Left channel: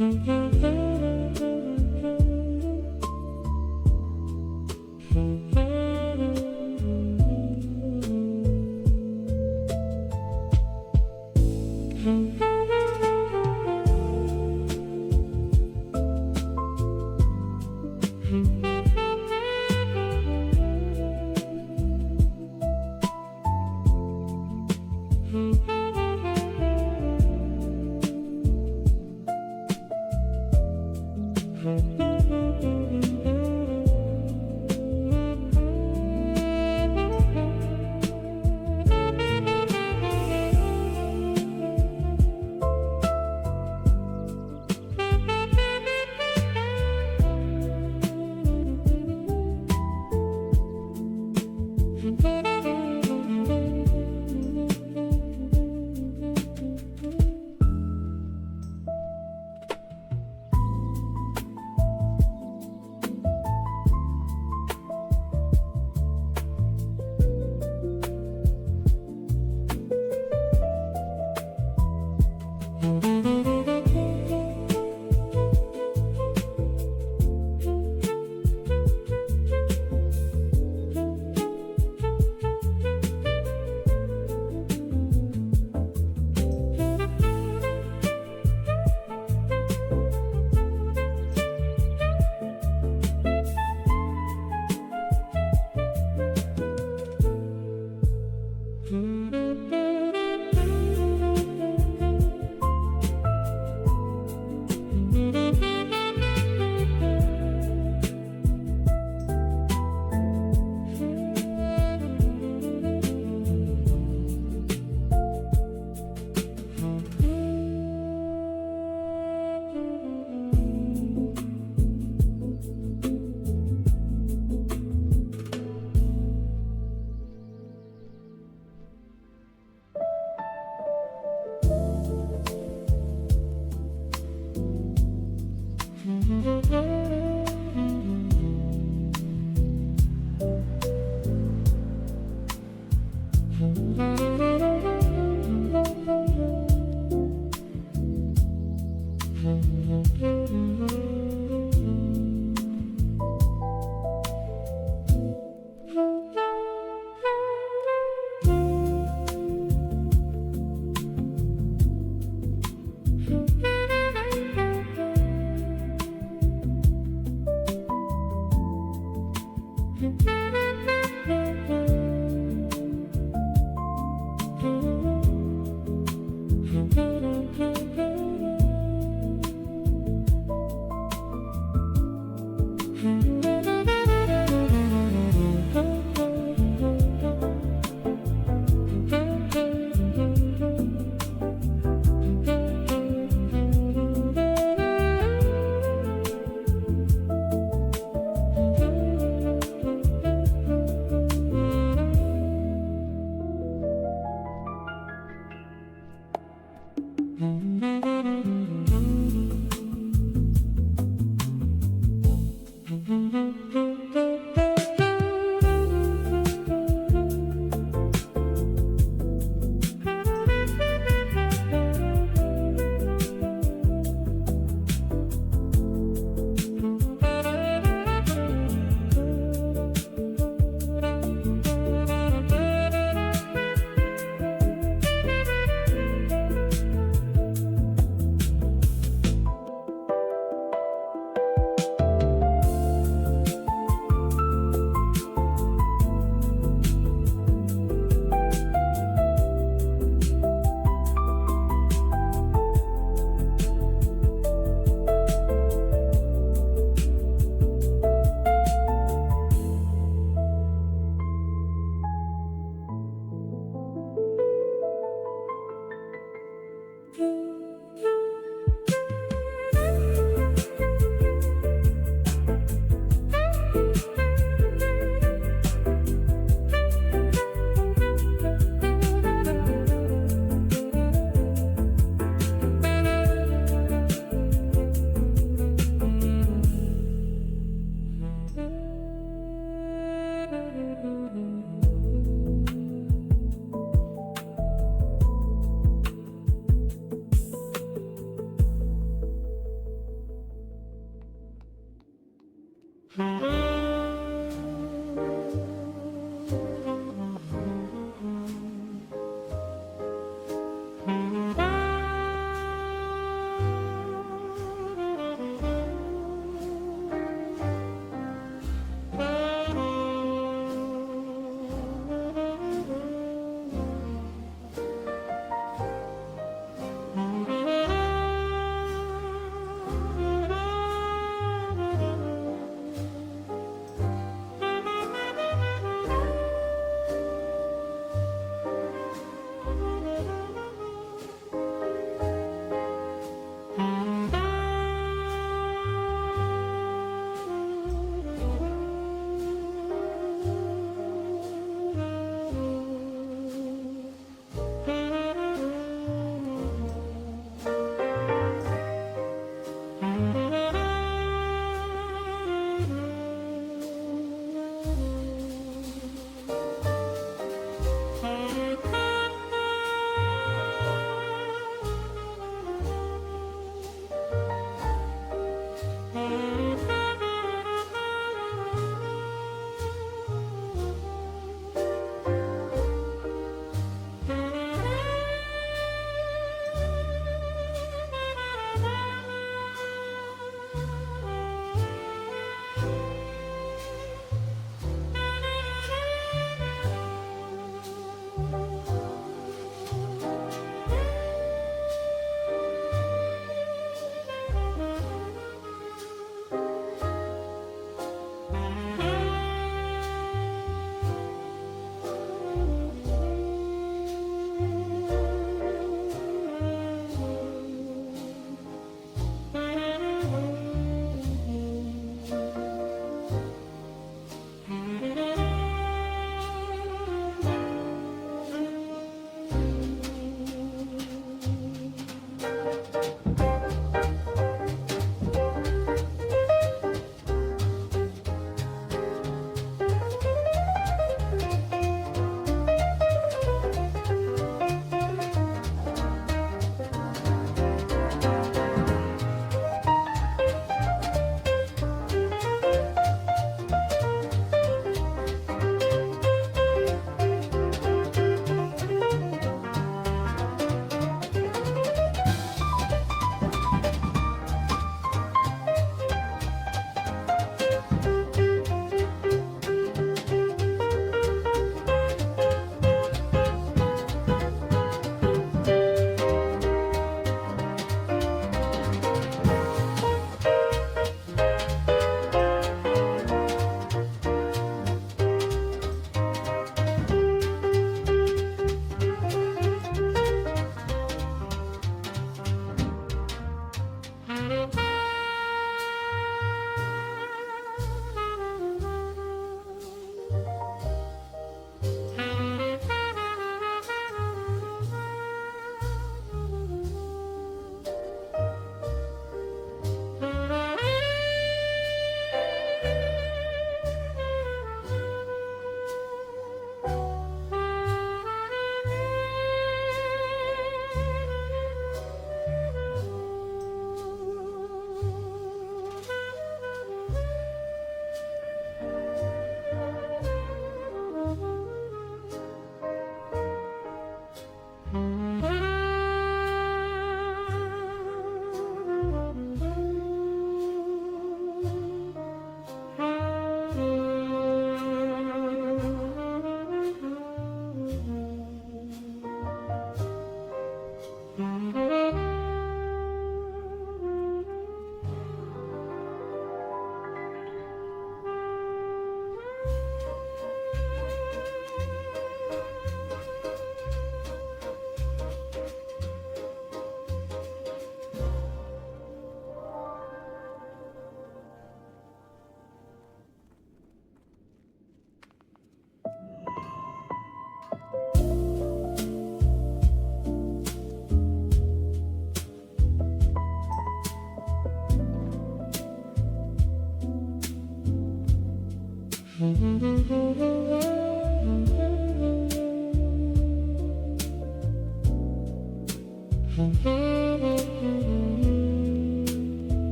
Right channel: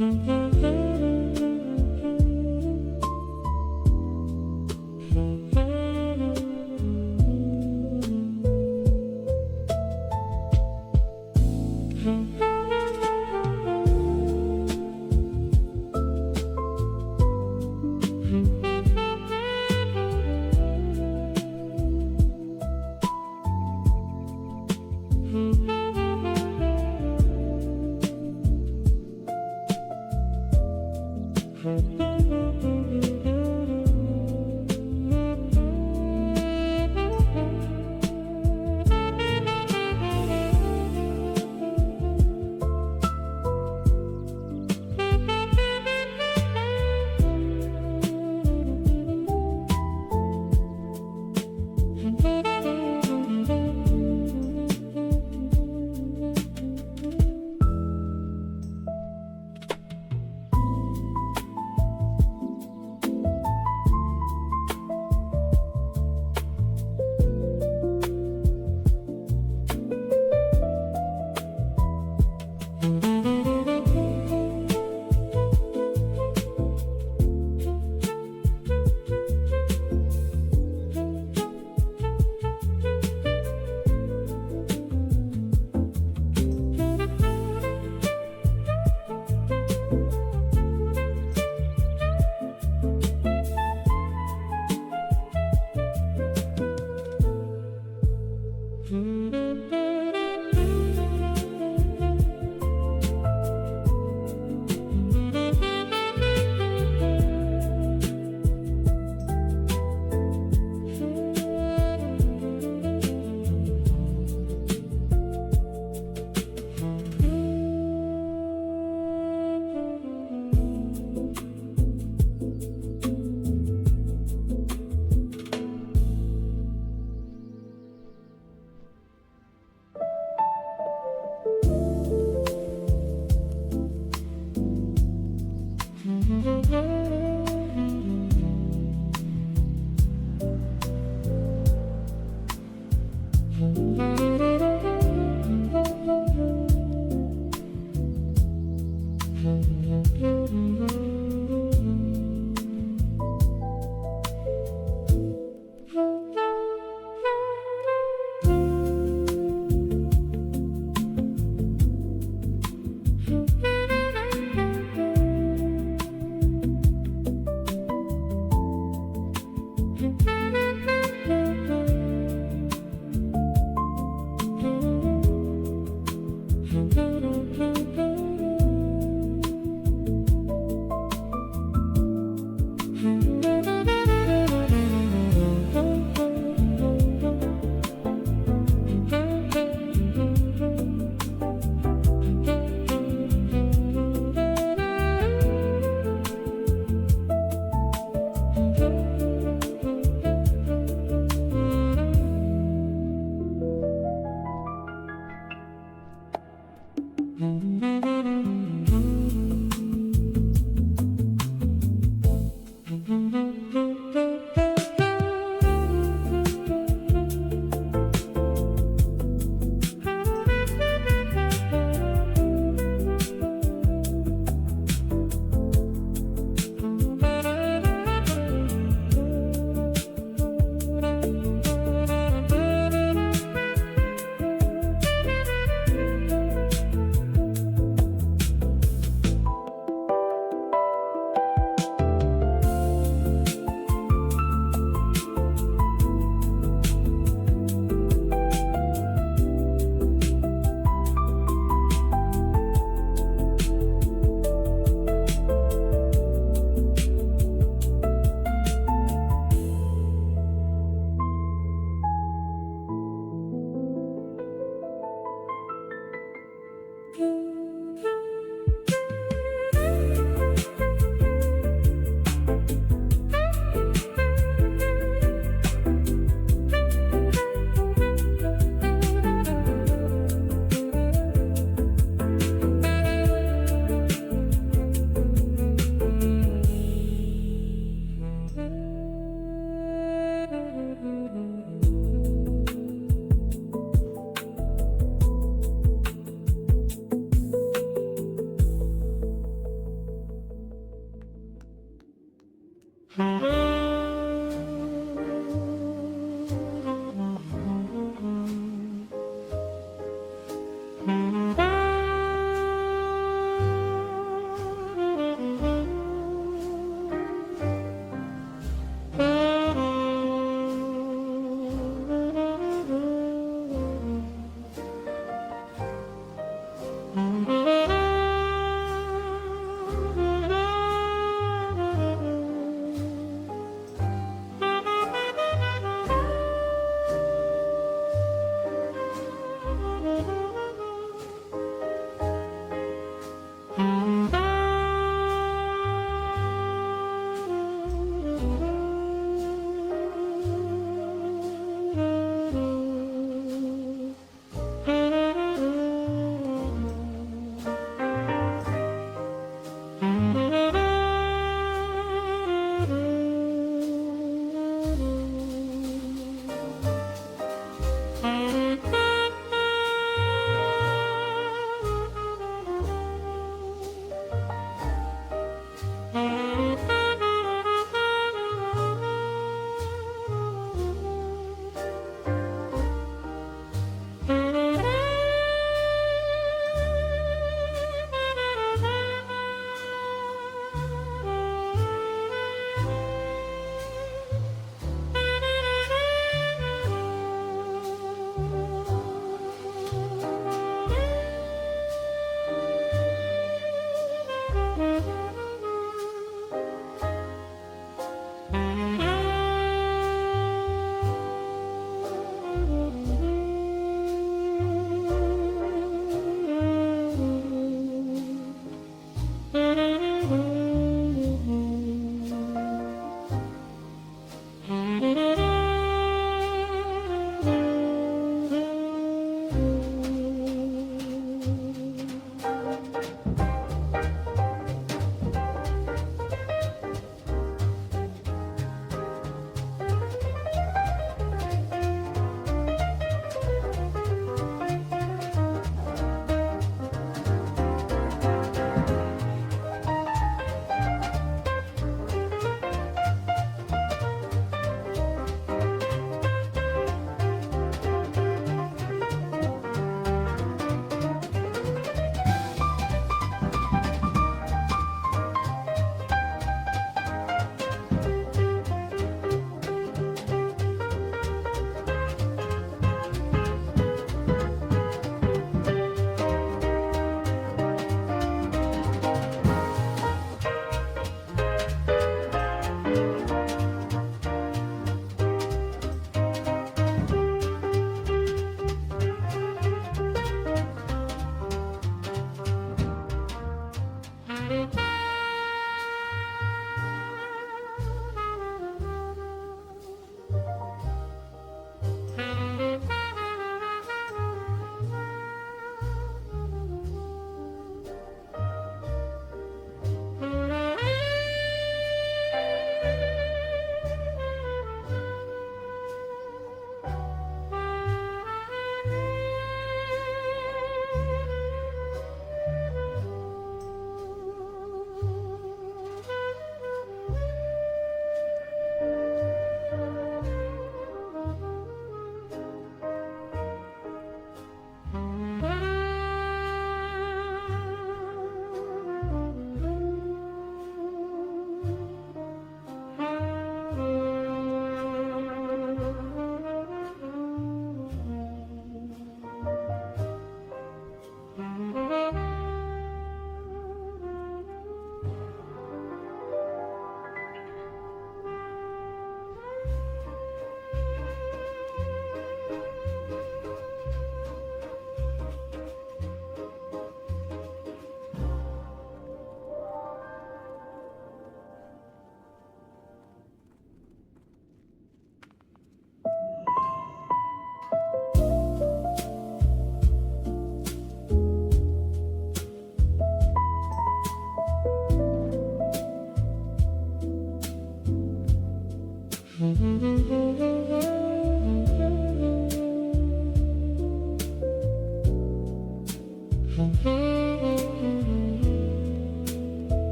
Mm-hmm.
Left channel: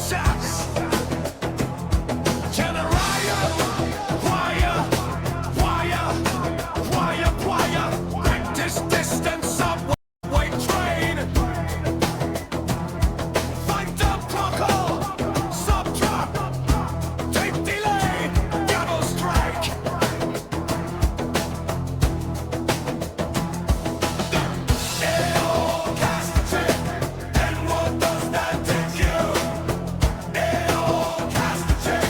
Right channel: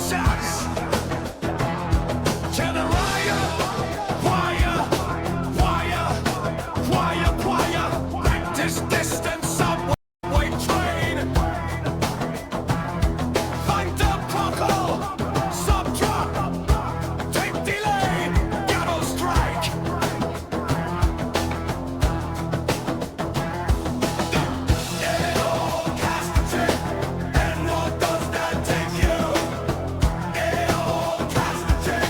shots. Tell the riot, wire, practice distance subway train. Find the procal, sub-drop, tape delay, double strike. They all cast a check, and what does that take you? They all cast a check,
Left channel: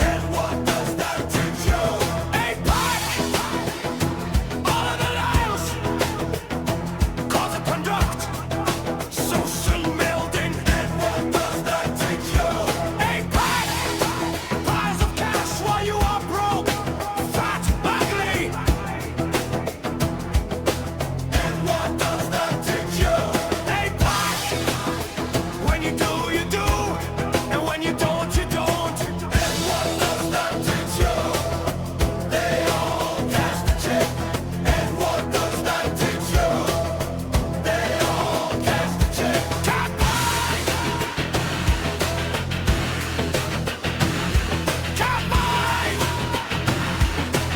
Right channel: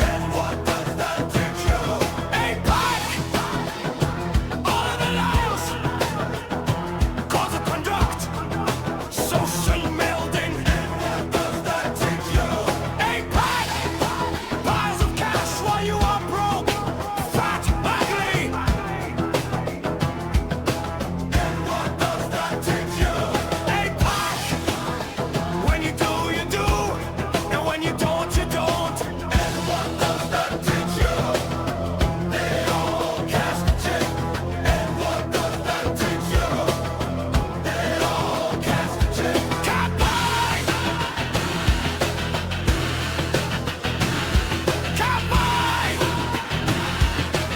and what does that teach you? A pack! All of the lives! Cause of conduct! Social melding! And what does that teach you? A pack! Piles of cash while you are broke! Fat, ugly! And what does that teach you? A pack! When you do, you do! And when you don't, you don't! And what does that teach you? They all cast a check. And what does that teach you? They all cast a check. Can't buy! Can't buy!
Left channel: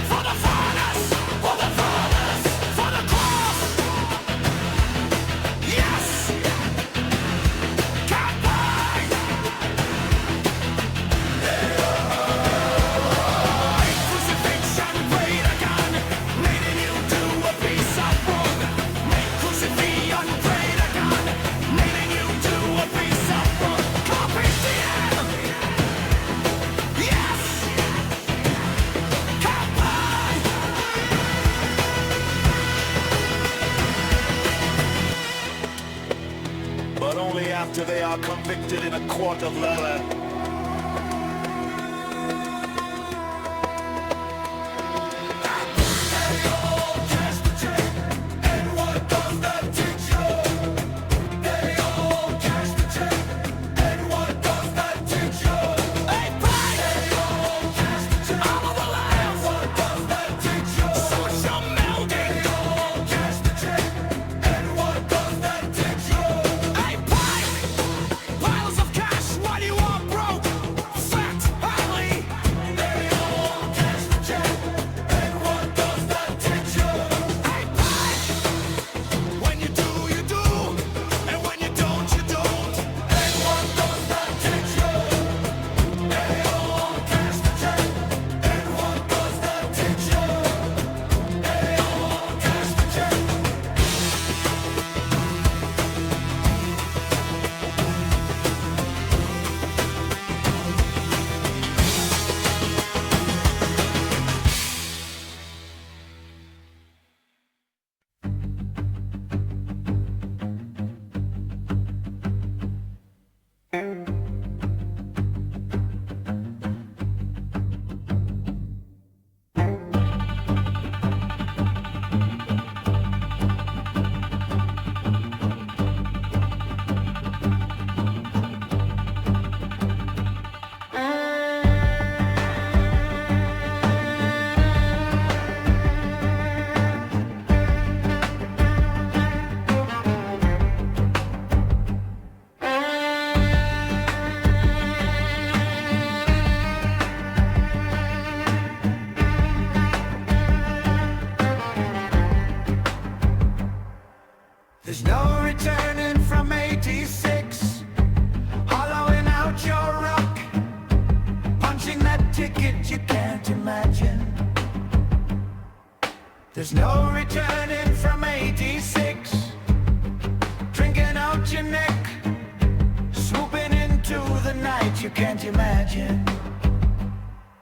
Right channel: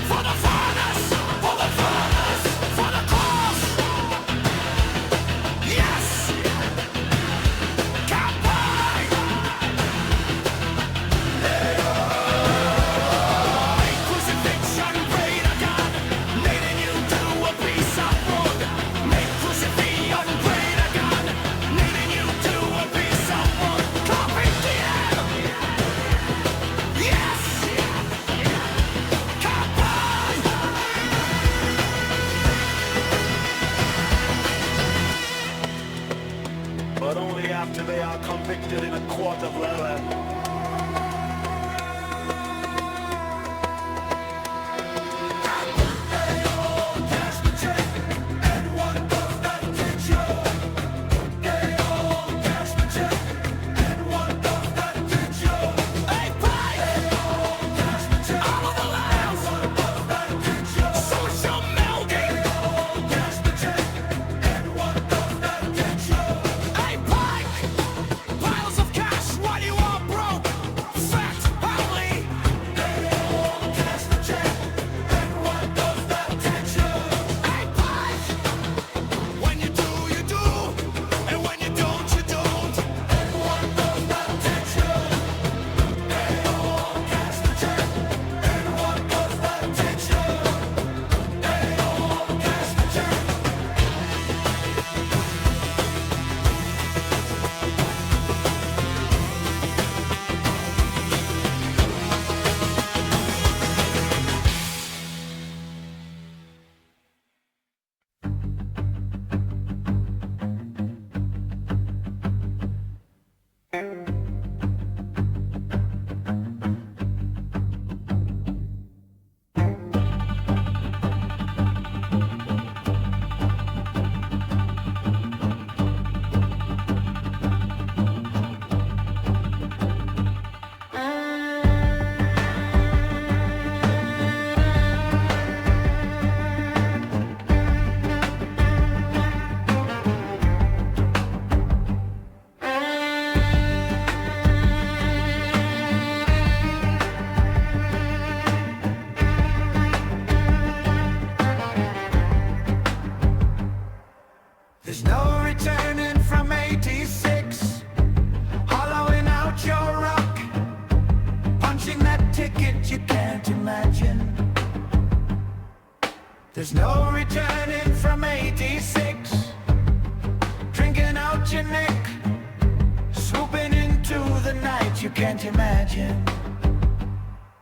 For the furnace! For the furnace! For the cross! Yes! Can't buy! A crucifixion, greater gun, needing you to a piece of wood. Make crucifixion, greater gun, needing you to a piece of wood. Copy DM! Yes! Can't buy! But only after they are convicted in a court of leather. Social melding! A pipe! Piles of cash while you are broke! Fat, ugly! A pipe! When you do, you do! And when you don't, you don't! And what does that teach you? They all cash the check. And what does that teach you? They all cash the check. There's no returning from 86, hollowing out your rock, punching that ticket you can't imagine. There's no returning from 86, drinking out your neck, swooping into the night you can't imagine.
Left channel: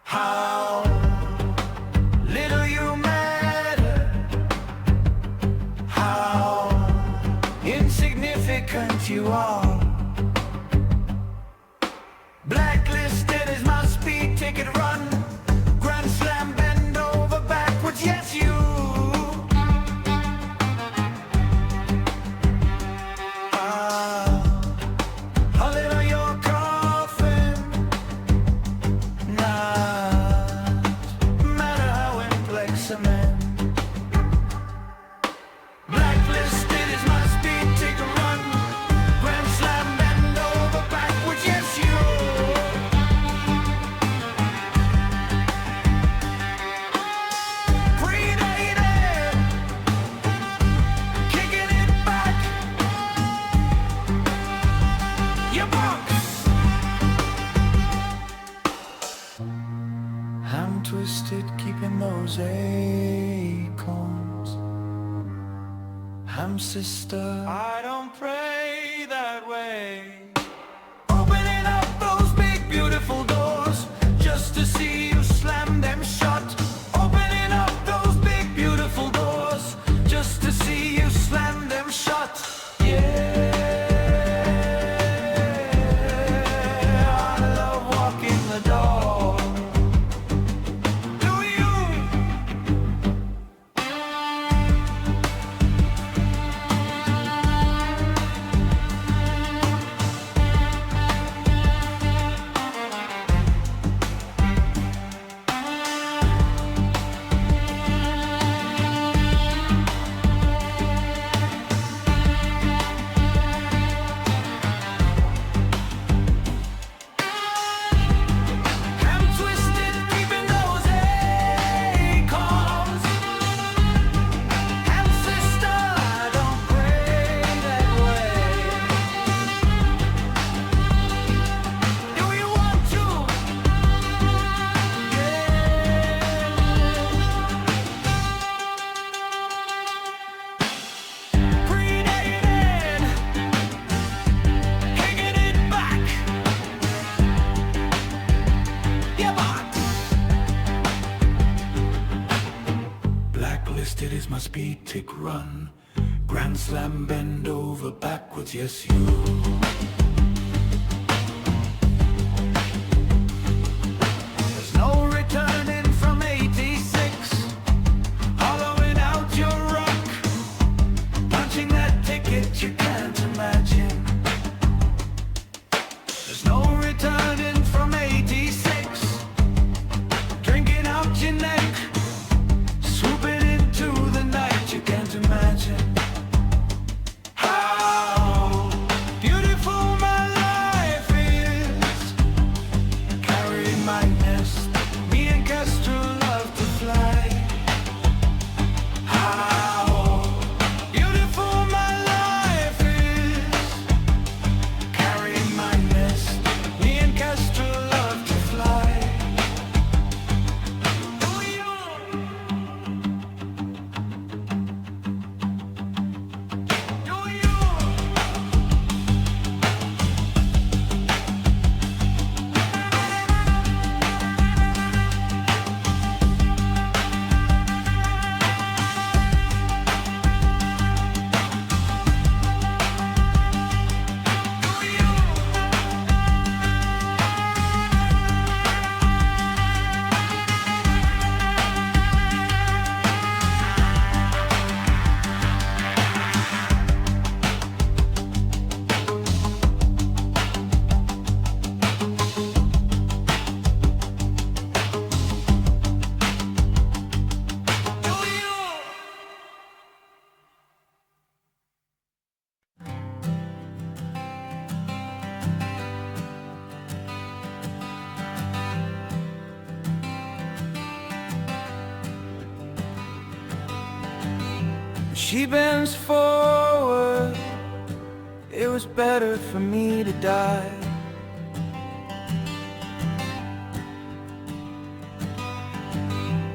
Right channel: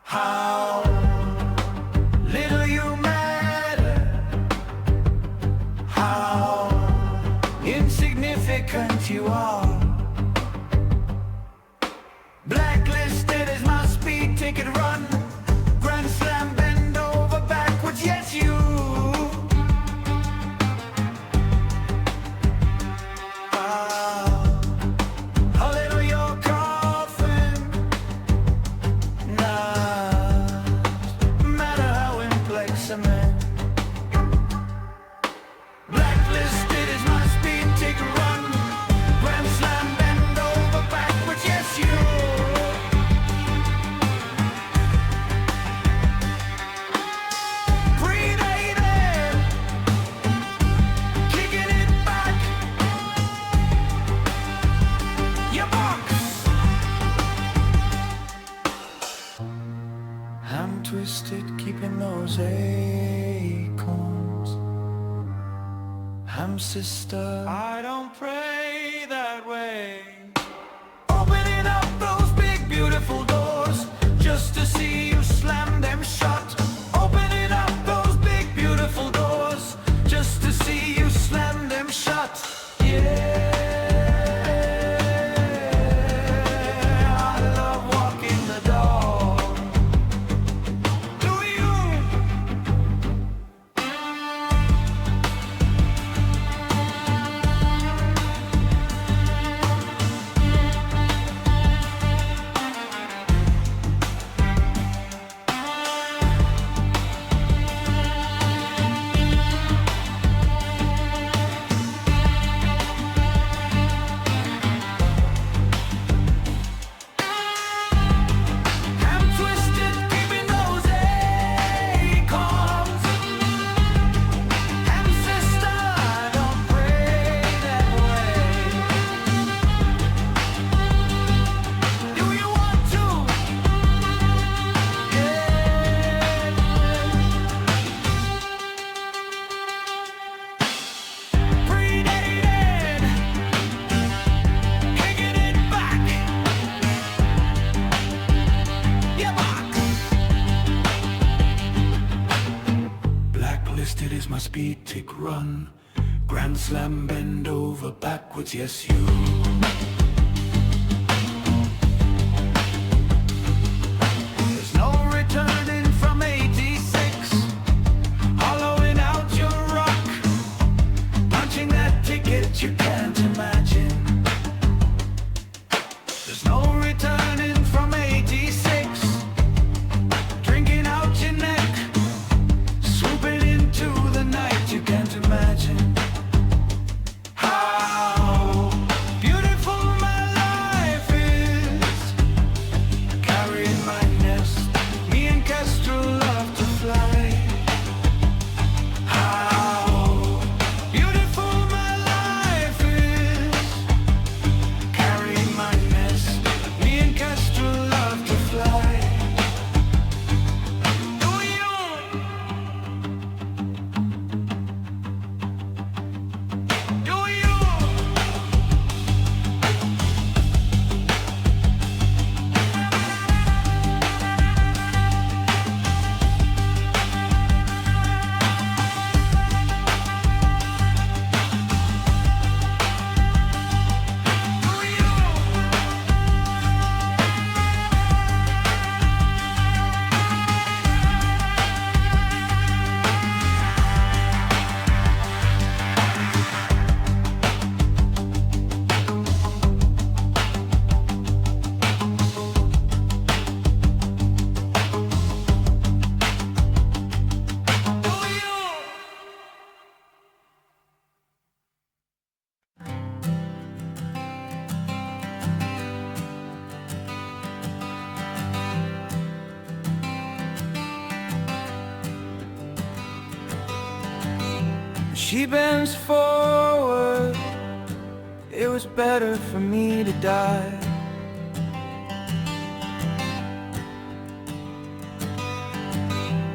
How little you matter, how insignificant you are. Blacklisted is my speed ticket run. Grand slam, bend over backwards, yes you. How little your coffin, not matter how implex cement. Blacklisted is my speed ticket run. Grand slam, bend over backwards, yes you. twisted, keeping those acorns. Ham sister, I don't pray that way. Opening up those big beautiful doors, just to see you slam them shut. Opening up those big beautiful doors, just to see you slam them shut. Yeah, I love walking the dog. Blacklisted is my speed tick run. Grand slam, bend over backwards, yes you. There's no returning from 86. Hollowing out your rock, punching that ticket you can't imagine. There's no returning from 86. Drinking out your neck, swooping into the night you can't imagine. How beautiful my life is, carrying my nest. Me and Kestrel love to fly. How beautiful my life is, carrying my nest. Me and Kestrel love to fly. She bends forward, it was better for me to die.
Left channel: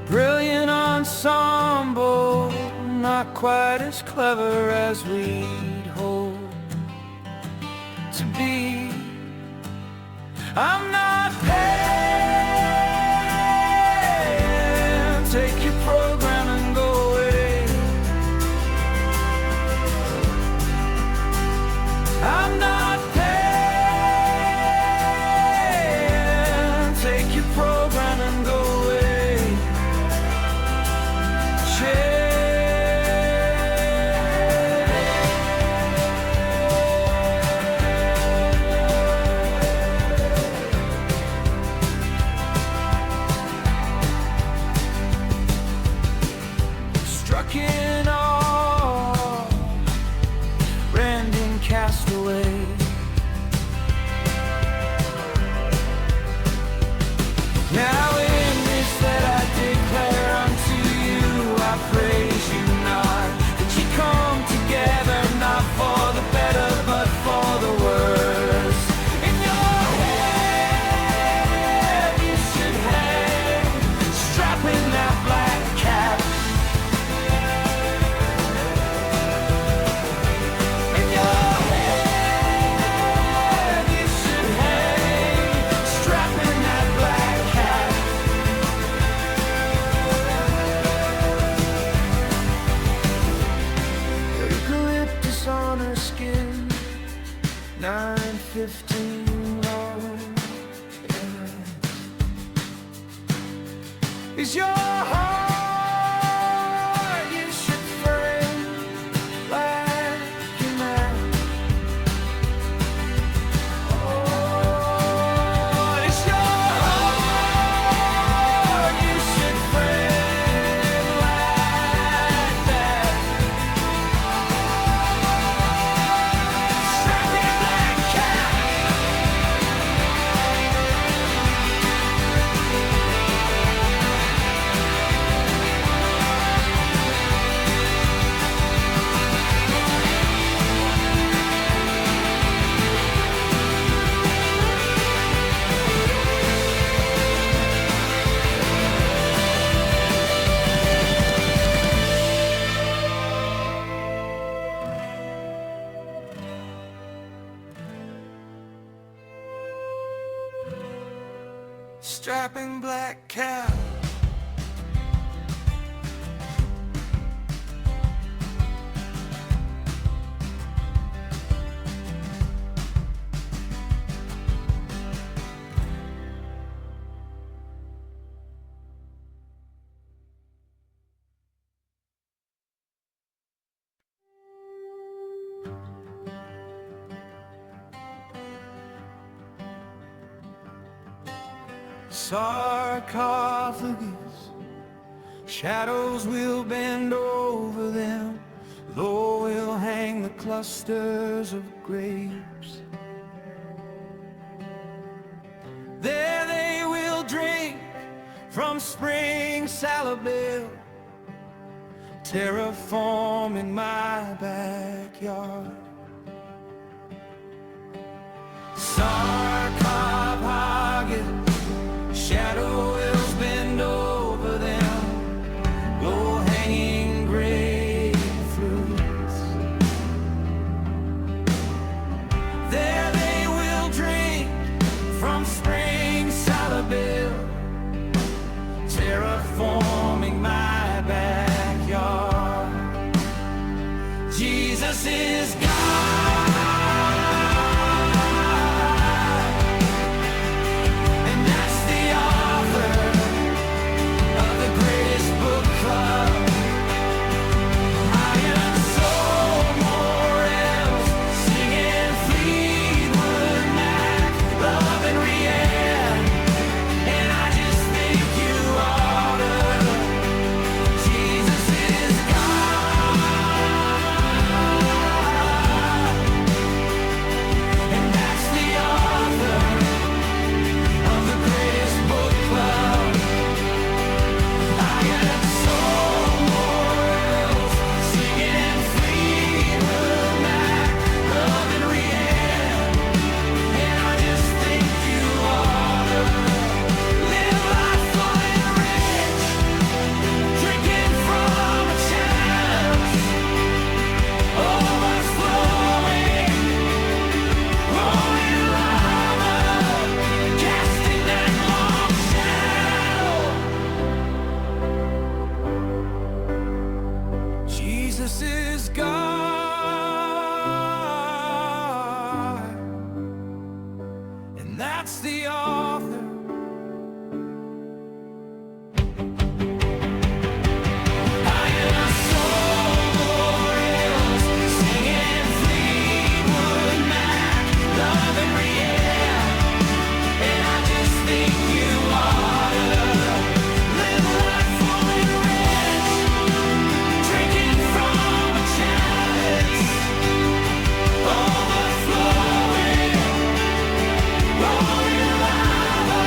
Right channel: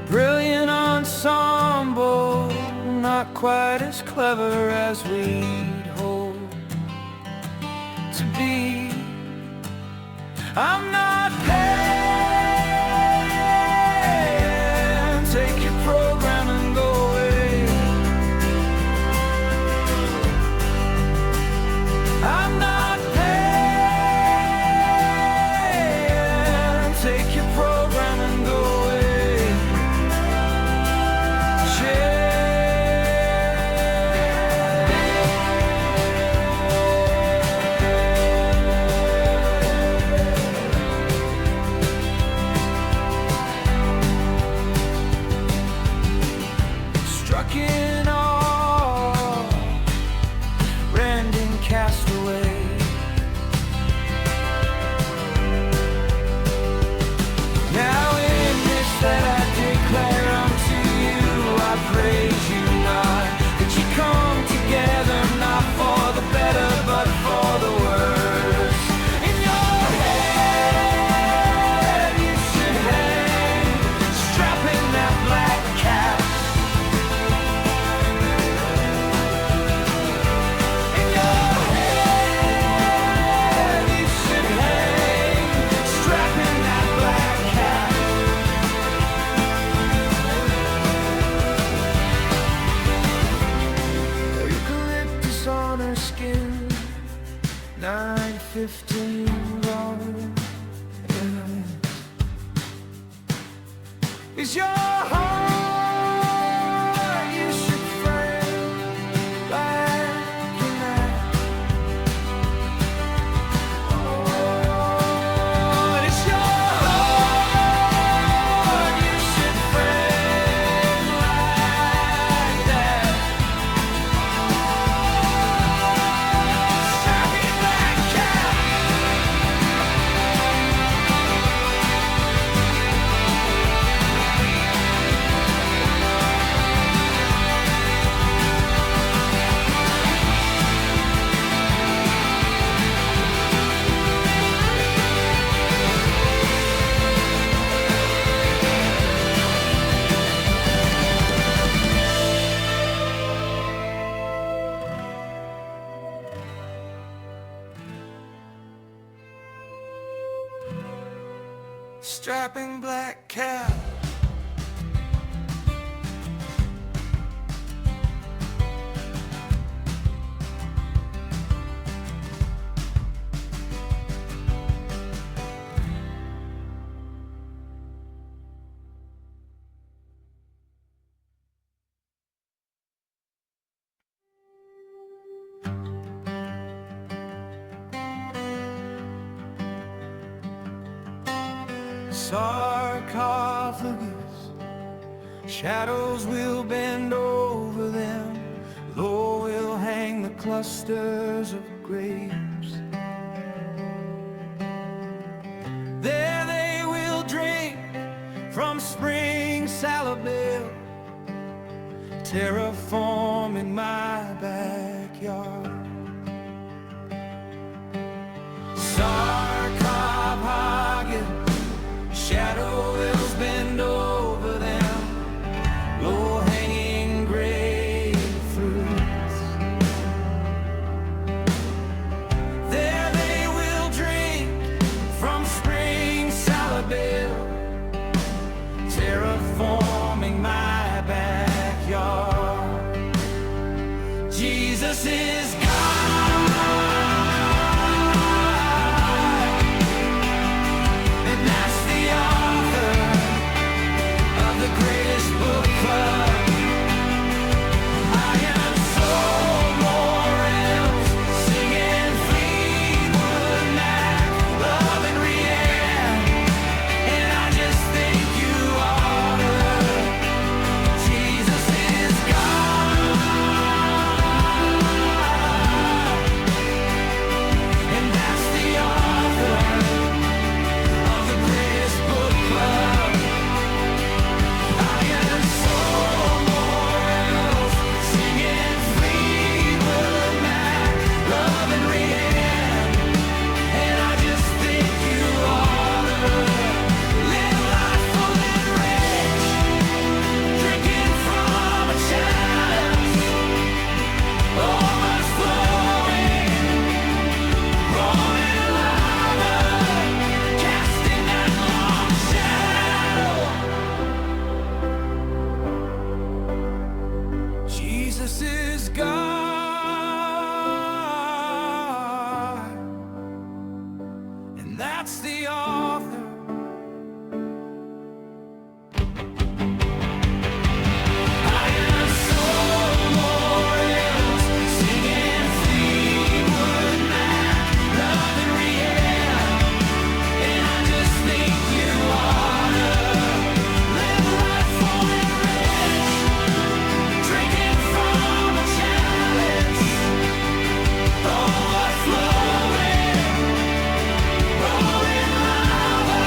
Brilliant ensemble, not quite as clever as we'd hope to be. I'm not paying, take your program and go away. I'm not paying, take your program and go away. Is your heart you should frame like you're mad? Oh, it's your heart you should frame like that. Strapping black cat. Strapping black cow. Sarcophagus, shadows will bend over them, low will hang the clusters of grapes. There they will drink from spring salabelle, terraforming my backyard. Sarcophagus, shadow wills bend over them, low-hanging grapefruits. There they will drink from spring salabelle, terraforming my backyard. Jesus is God. Book club. Iron soul, morels, singing Fleetwood Mac, love and Rianne, and I just think you oughta. Jesus is God, and that's the author of the greatest book club. Jesus is God, and that's the author. Iron soul, morels, singing Fleetwood Mac, love and Rianne, and I just think you oughta live life full and rich, drinking from a chalice, overflowing, rolling lava,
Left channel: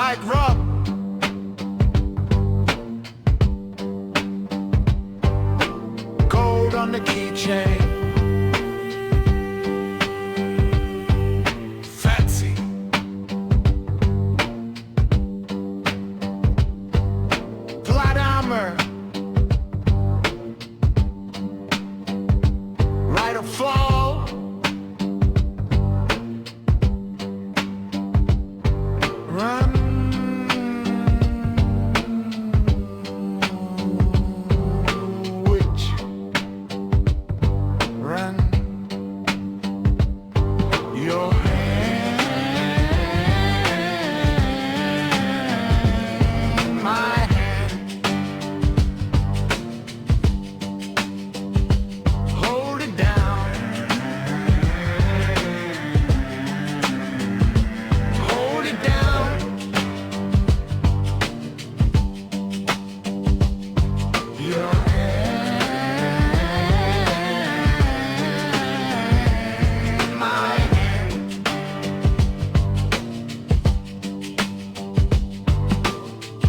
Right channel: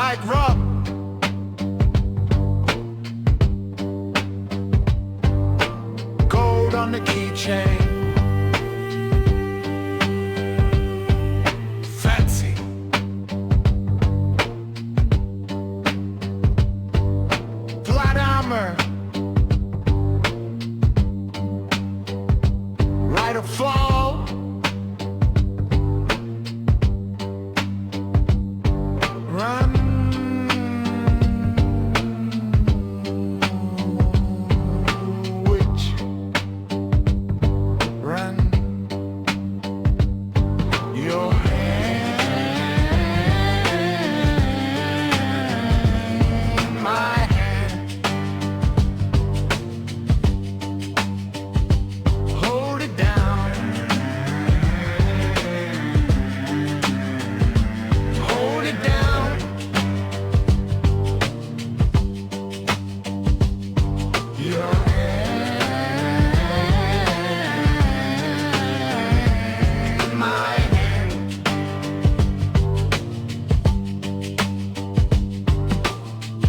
tight rub. Gold on the keychain. Fancy. Flat armor. Rite of fall. Run. Witch. Run. Your hand. My hand. Hold it down. Hold it down. Your hand, my hand.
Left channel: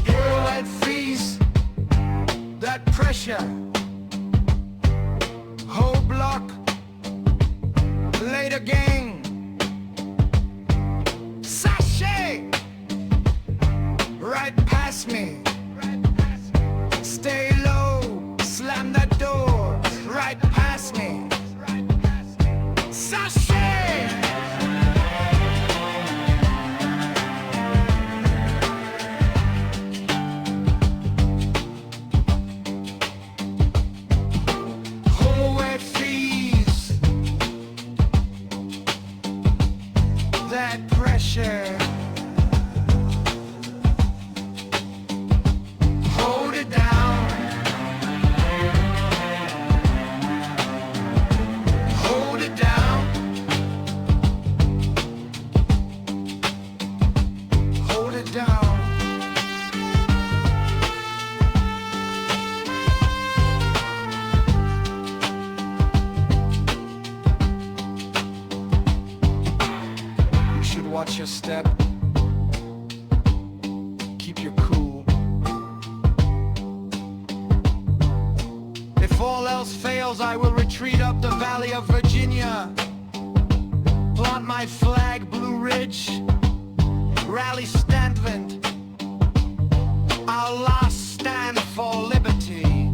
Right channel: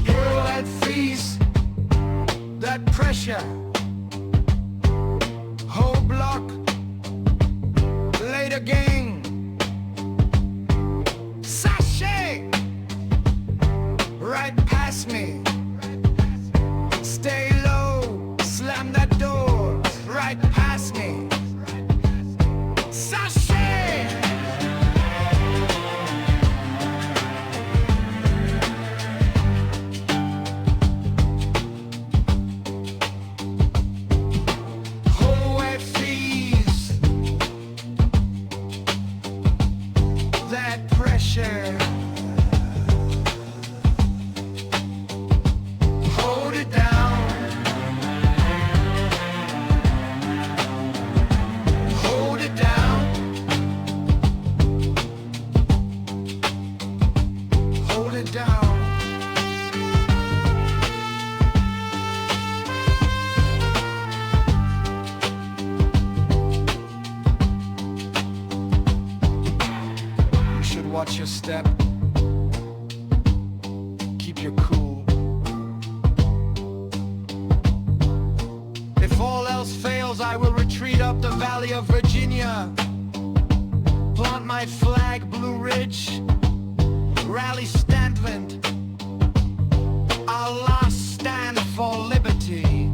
Girl that fees, that pressure. Whole block, later gang. Sachet, right past me. Stay low, slam that door, right past me. Sachet! Whole wet fees, that pressure. Hold it down. Hold it down. Hold it down. You should watch your step. Keep your cool. If all else fails, I will retreat up the Valley of Virginia. Plant my flag, Blue Ridge. Rally Stanton. Our last stand for liberty.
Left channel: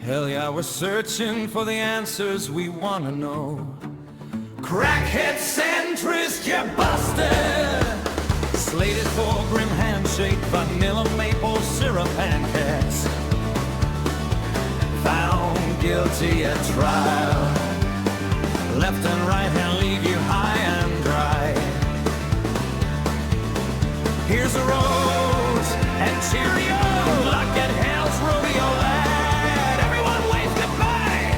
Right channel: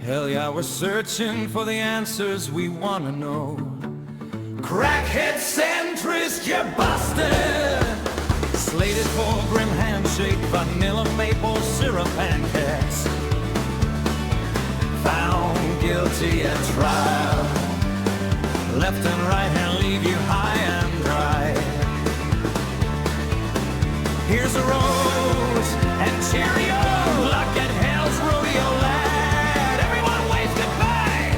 Hell yeah, we're searching for the answers we wanna know. Crackhead centrist, you're busted. Slated for grim handshake, vanilla maple syrup pancakes. Found guilty at trial. Left and right hand leave you high and dry. Here's a rose and Cheerios. Luck at hell's rodeo lad. Everyone wave goodbye.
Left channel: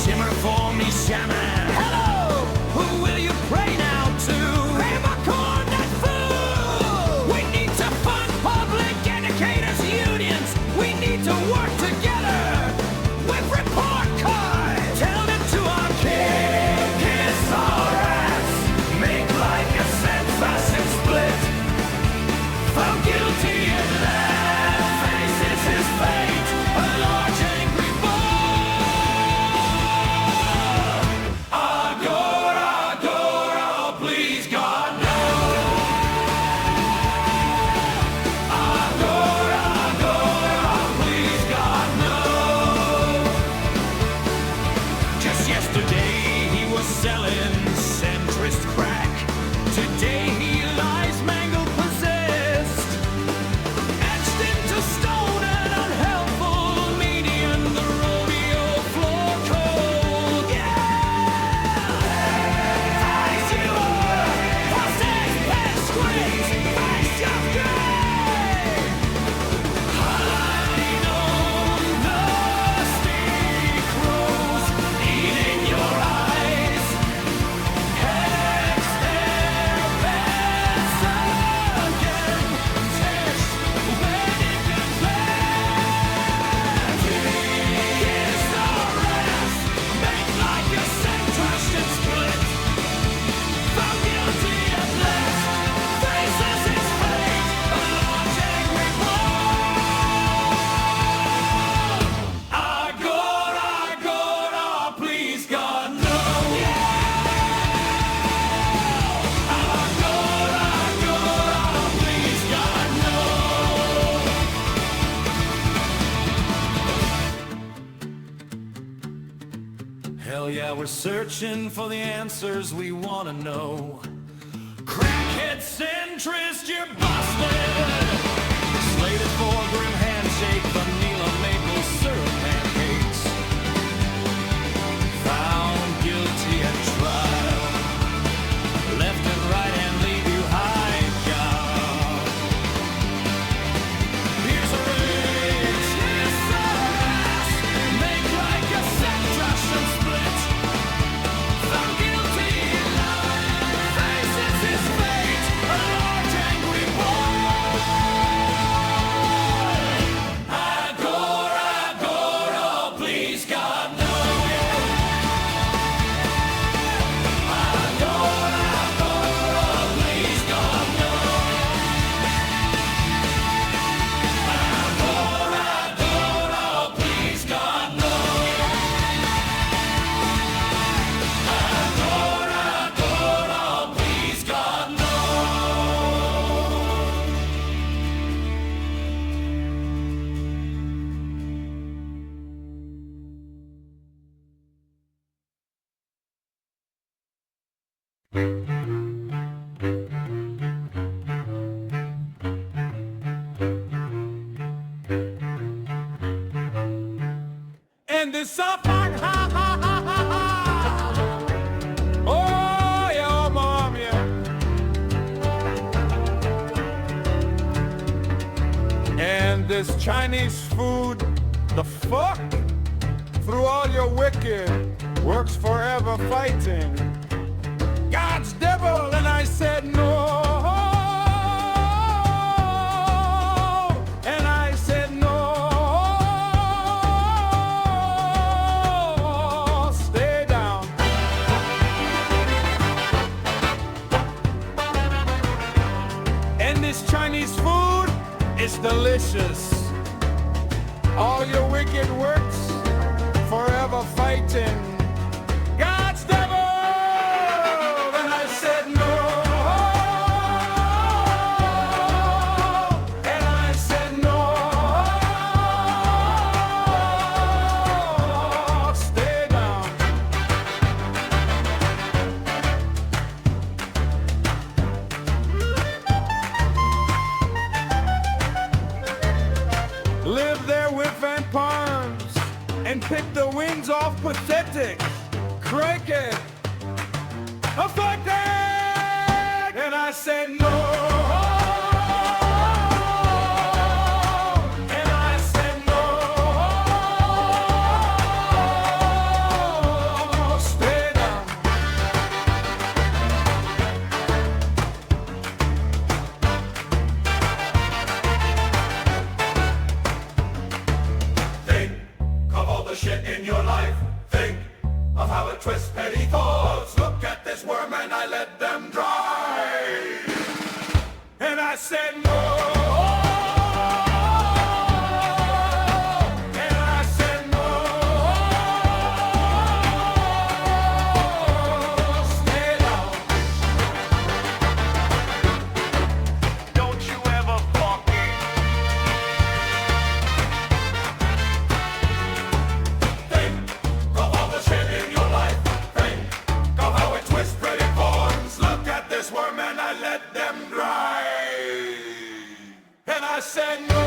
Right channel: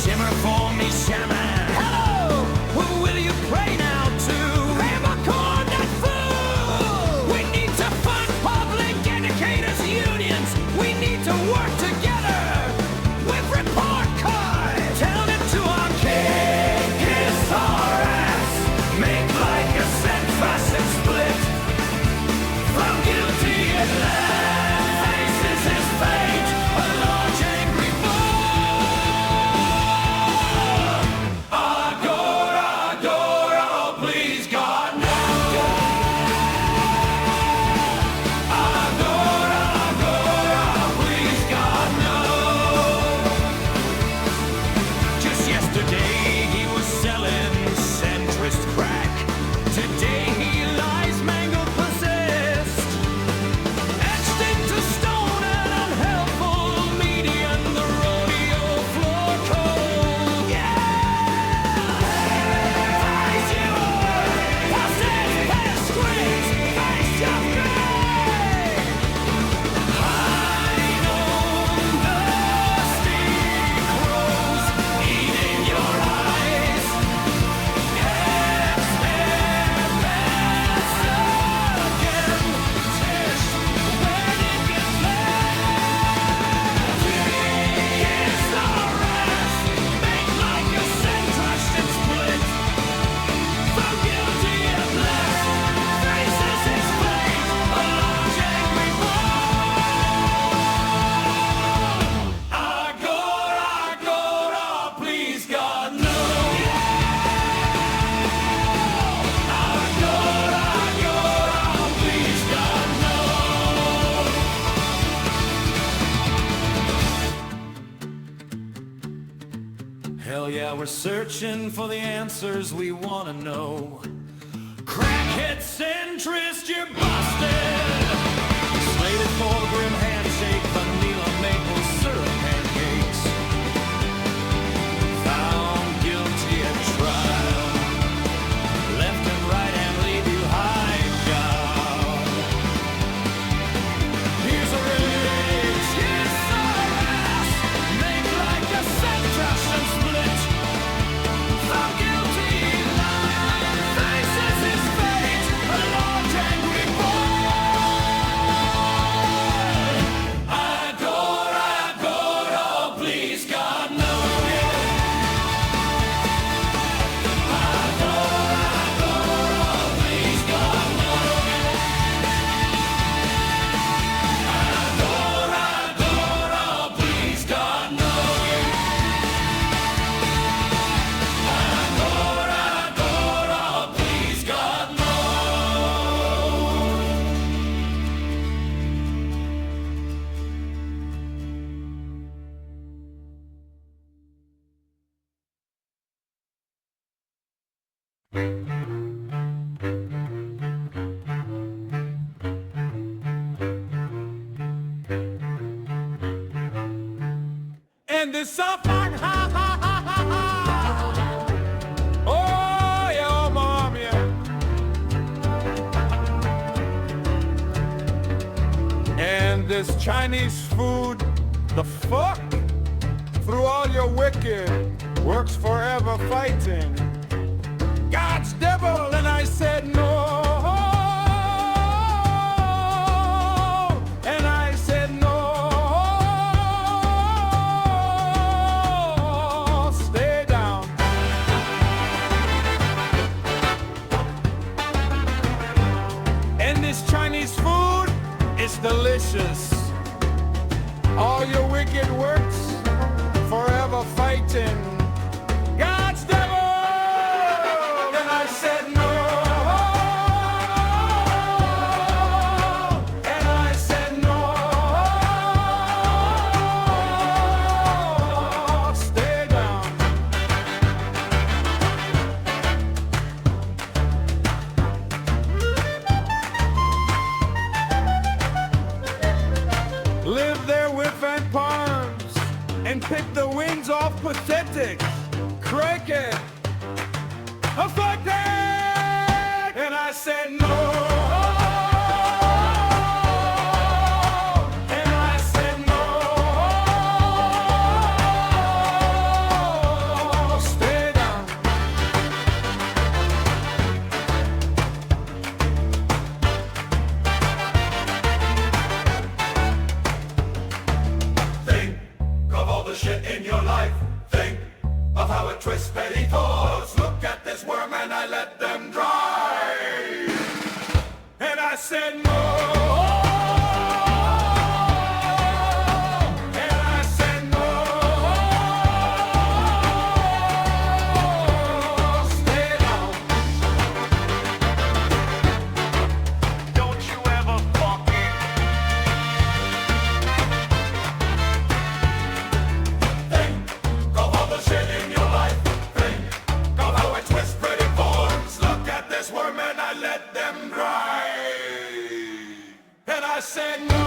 Shimmer for me, shaman. Hello, who will you pray now to? Grab a corn, that fool. We need to fund public educators unions. We need to work together with report cards. Tell it to our king, kiss our ass. Make like a cent facet split. Found guilty at Hell yeah, we're searching for the answers we want to know. Crackhead centrist, you're busted. Slated for grim handshake, vanilla maple syrup pancakes. Found guilty at trial. Left and right and leave you high, God. Here's a rage, yes, ass. Make like a set, crush and split. Found guilty, faces his fate. A large angry boy. Agora, please God, no. And this song, ha ha ha ha ha. Oh yeah, oh mom, yeah. And this Chinese food, the fuck? Through all your wicked works forever fighting God's devil, and I said no. And I said no. Stay down. And this Chinese food is delicious. All your wicked works forever fighting God's devil. And I said no. And I said no. Stay down. Live there with and palms and pick the wings off pathetic, cricket, affected. And I said no. And I said no. Stay down. Think of all the shit in your life. Think of how it twists petty thoughts. Look at this worm and I let them dry. And I said no. And I said no. Stay down. Don't you ever fuck it. Think of all the shit in your life. Think of how it twists pretty forms. Look at this worm and I let them dry. And I said no.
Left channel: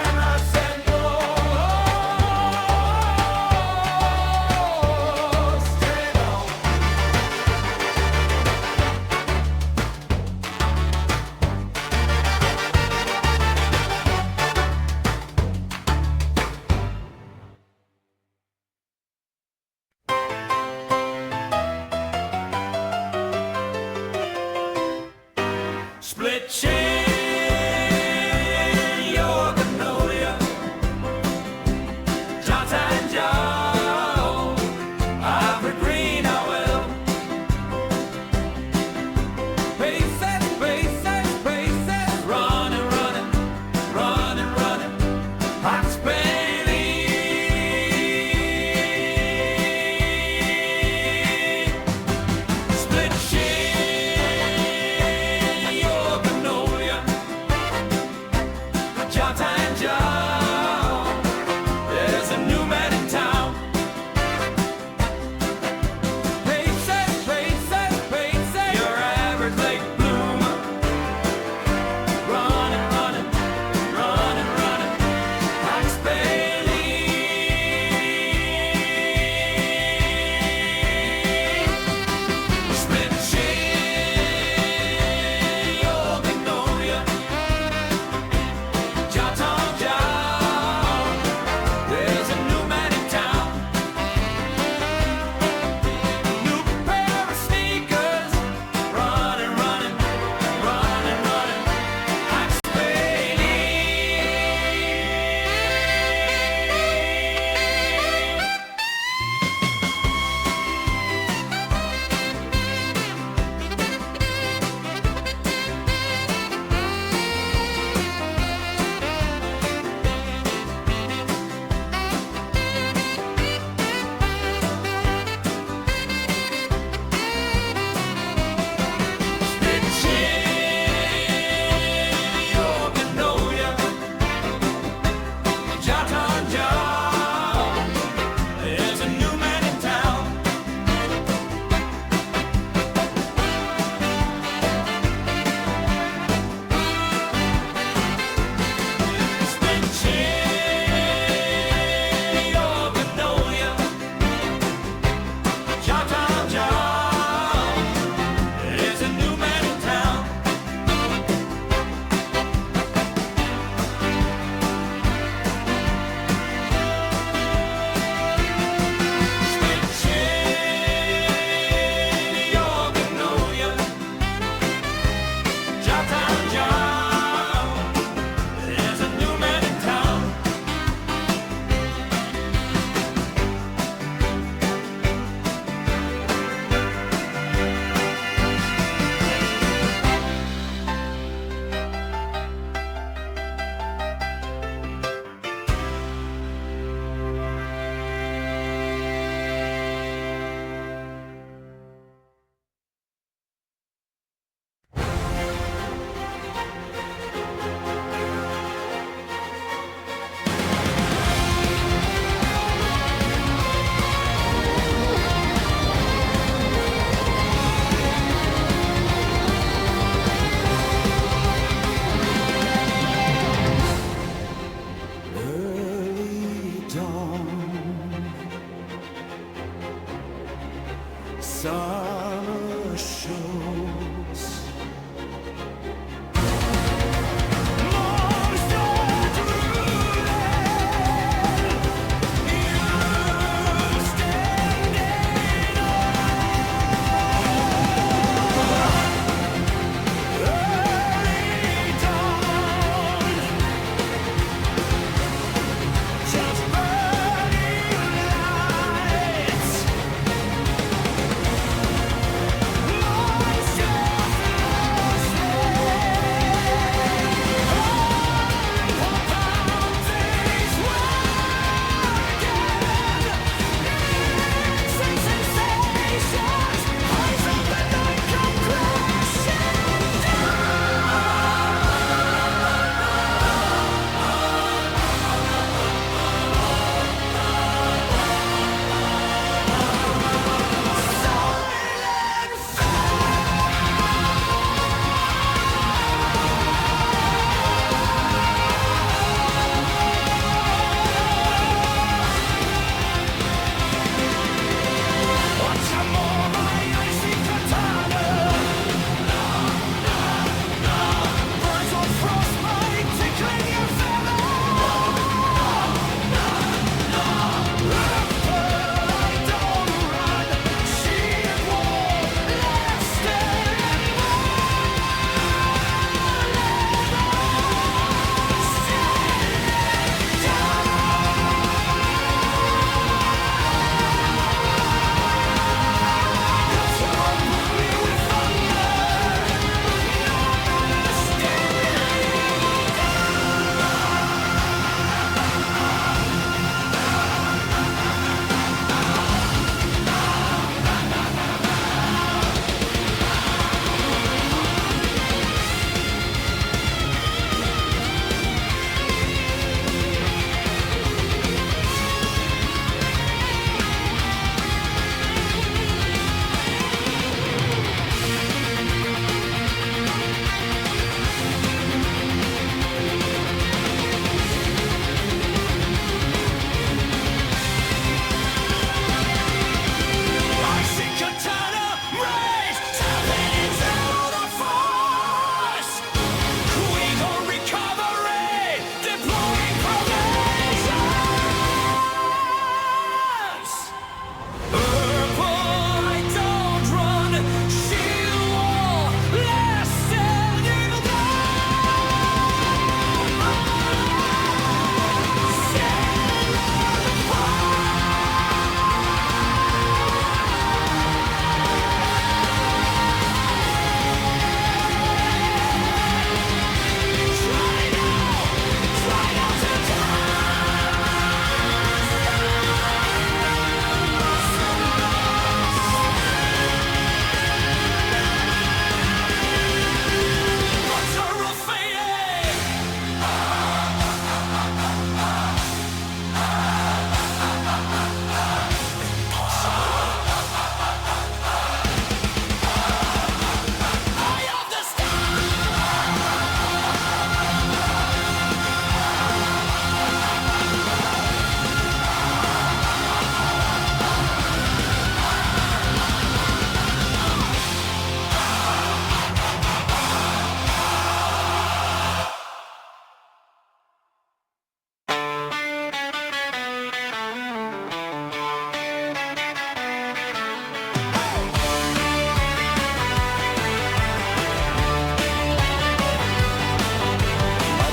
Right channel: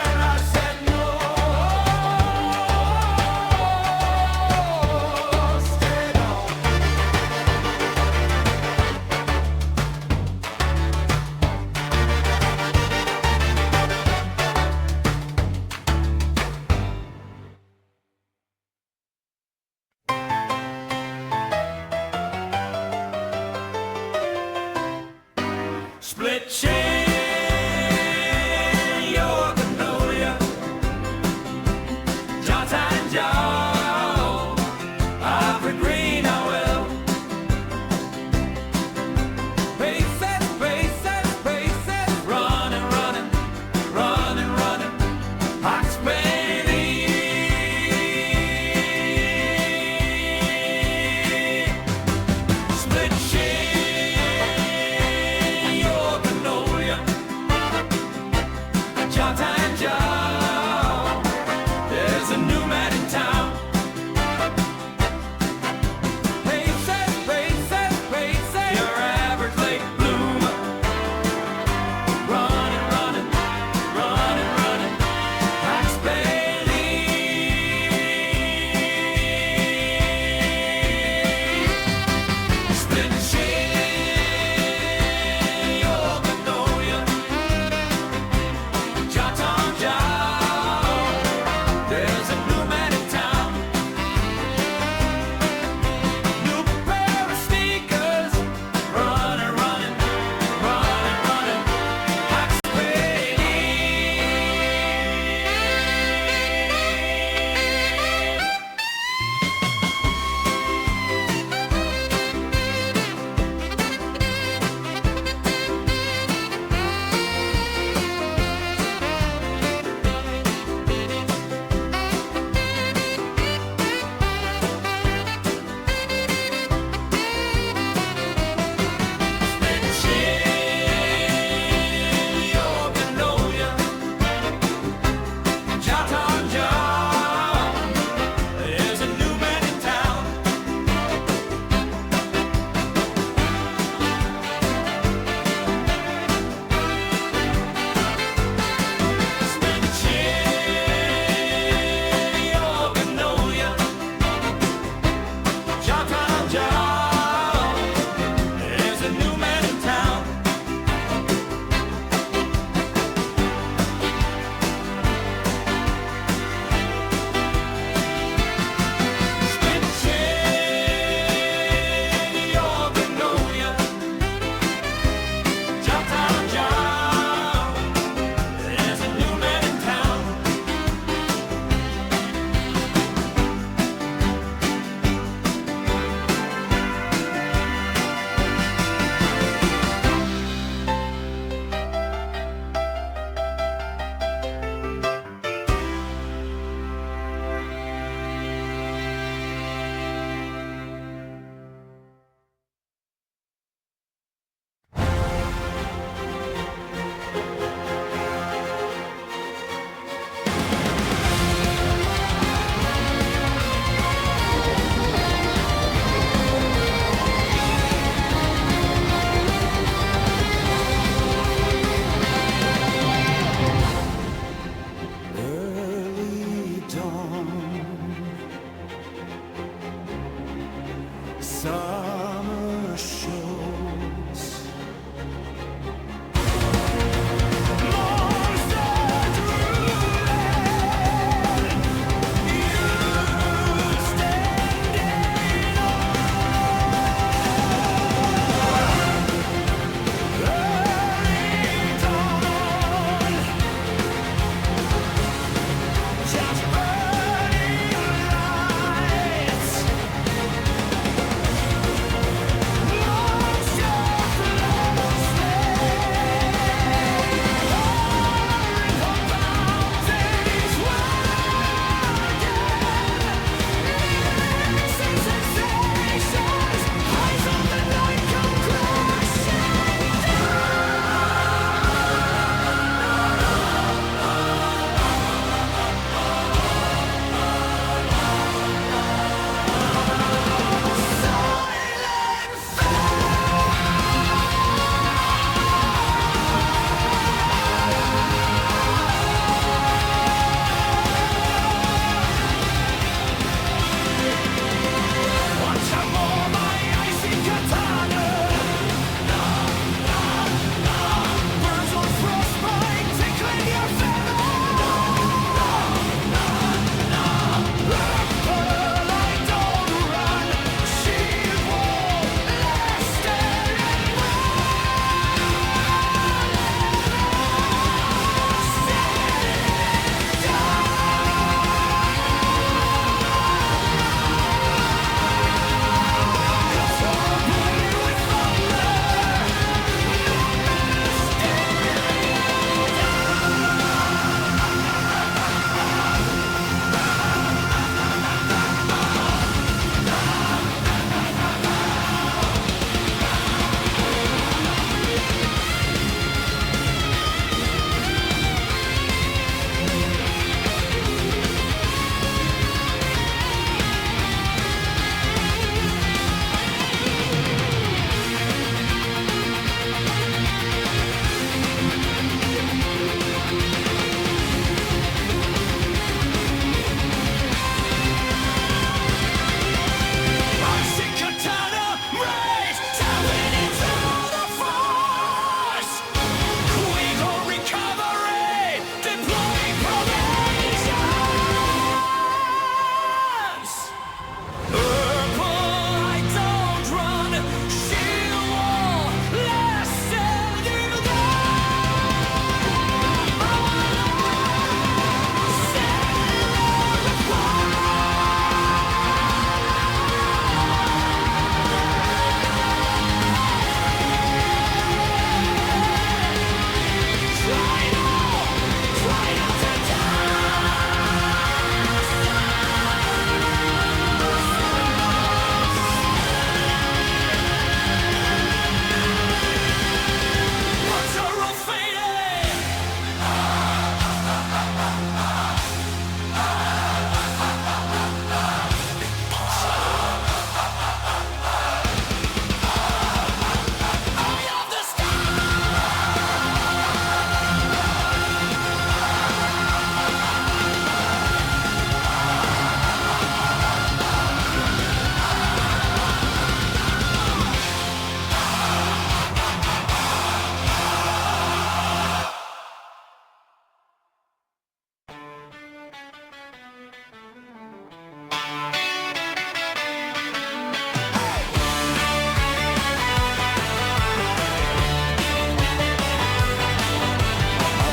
And I said no. Stay down. Split chain, your canolia, jaw and jaw, ivory green, I will. Paces, paces, paces, running, running, running, running, Hawks Bailey. Split chain, your canolia.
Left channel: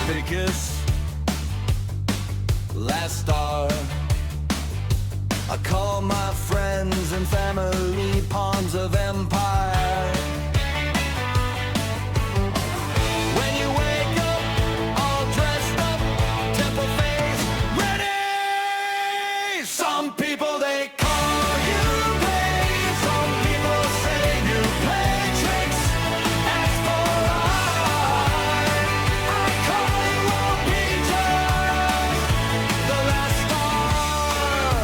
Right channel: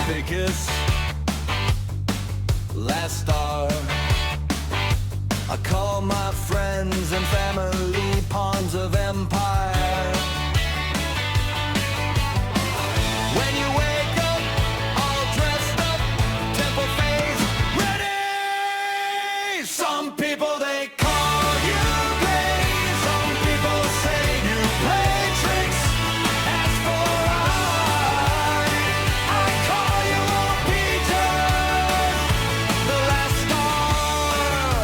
conspicuous. Last star. I call my friends and family pawns of empire. When you wake up, all dressed up, temple face, ready! Some people they call you gay. Some people say you play tricks. As for I call you won't be just the last star.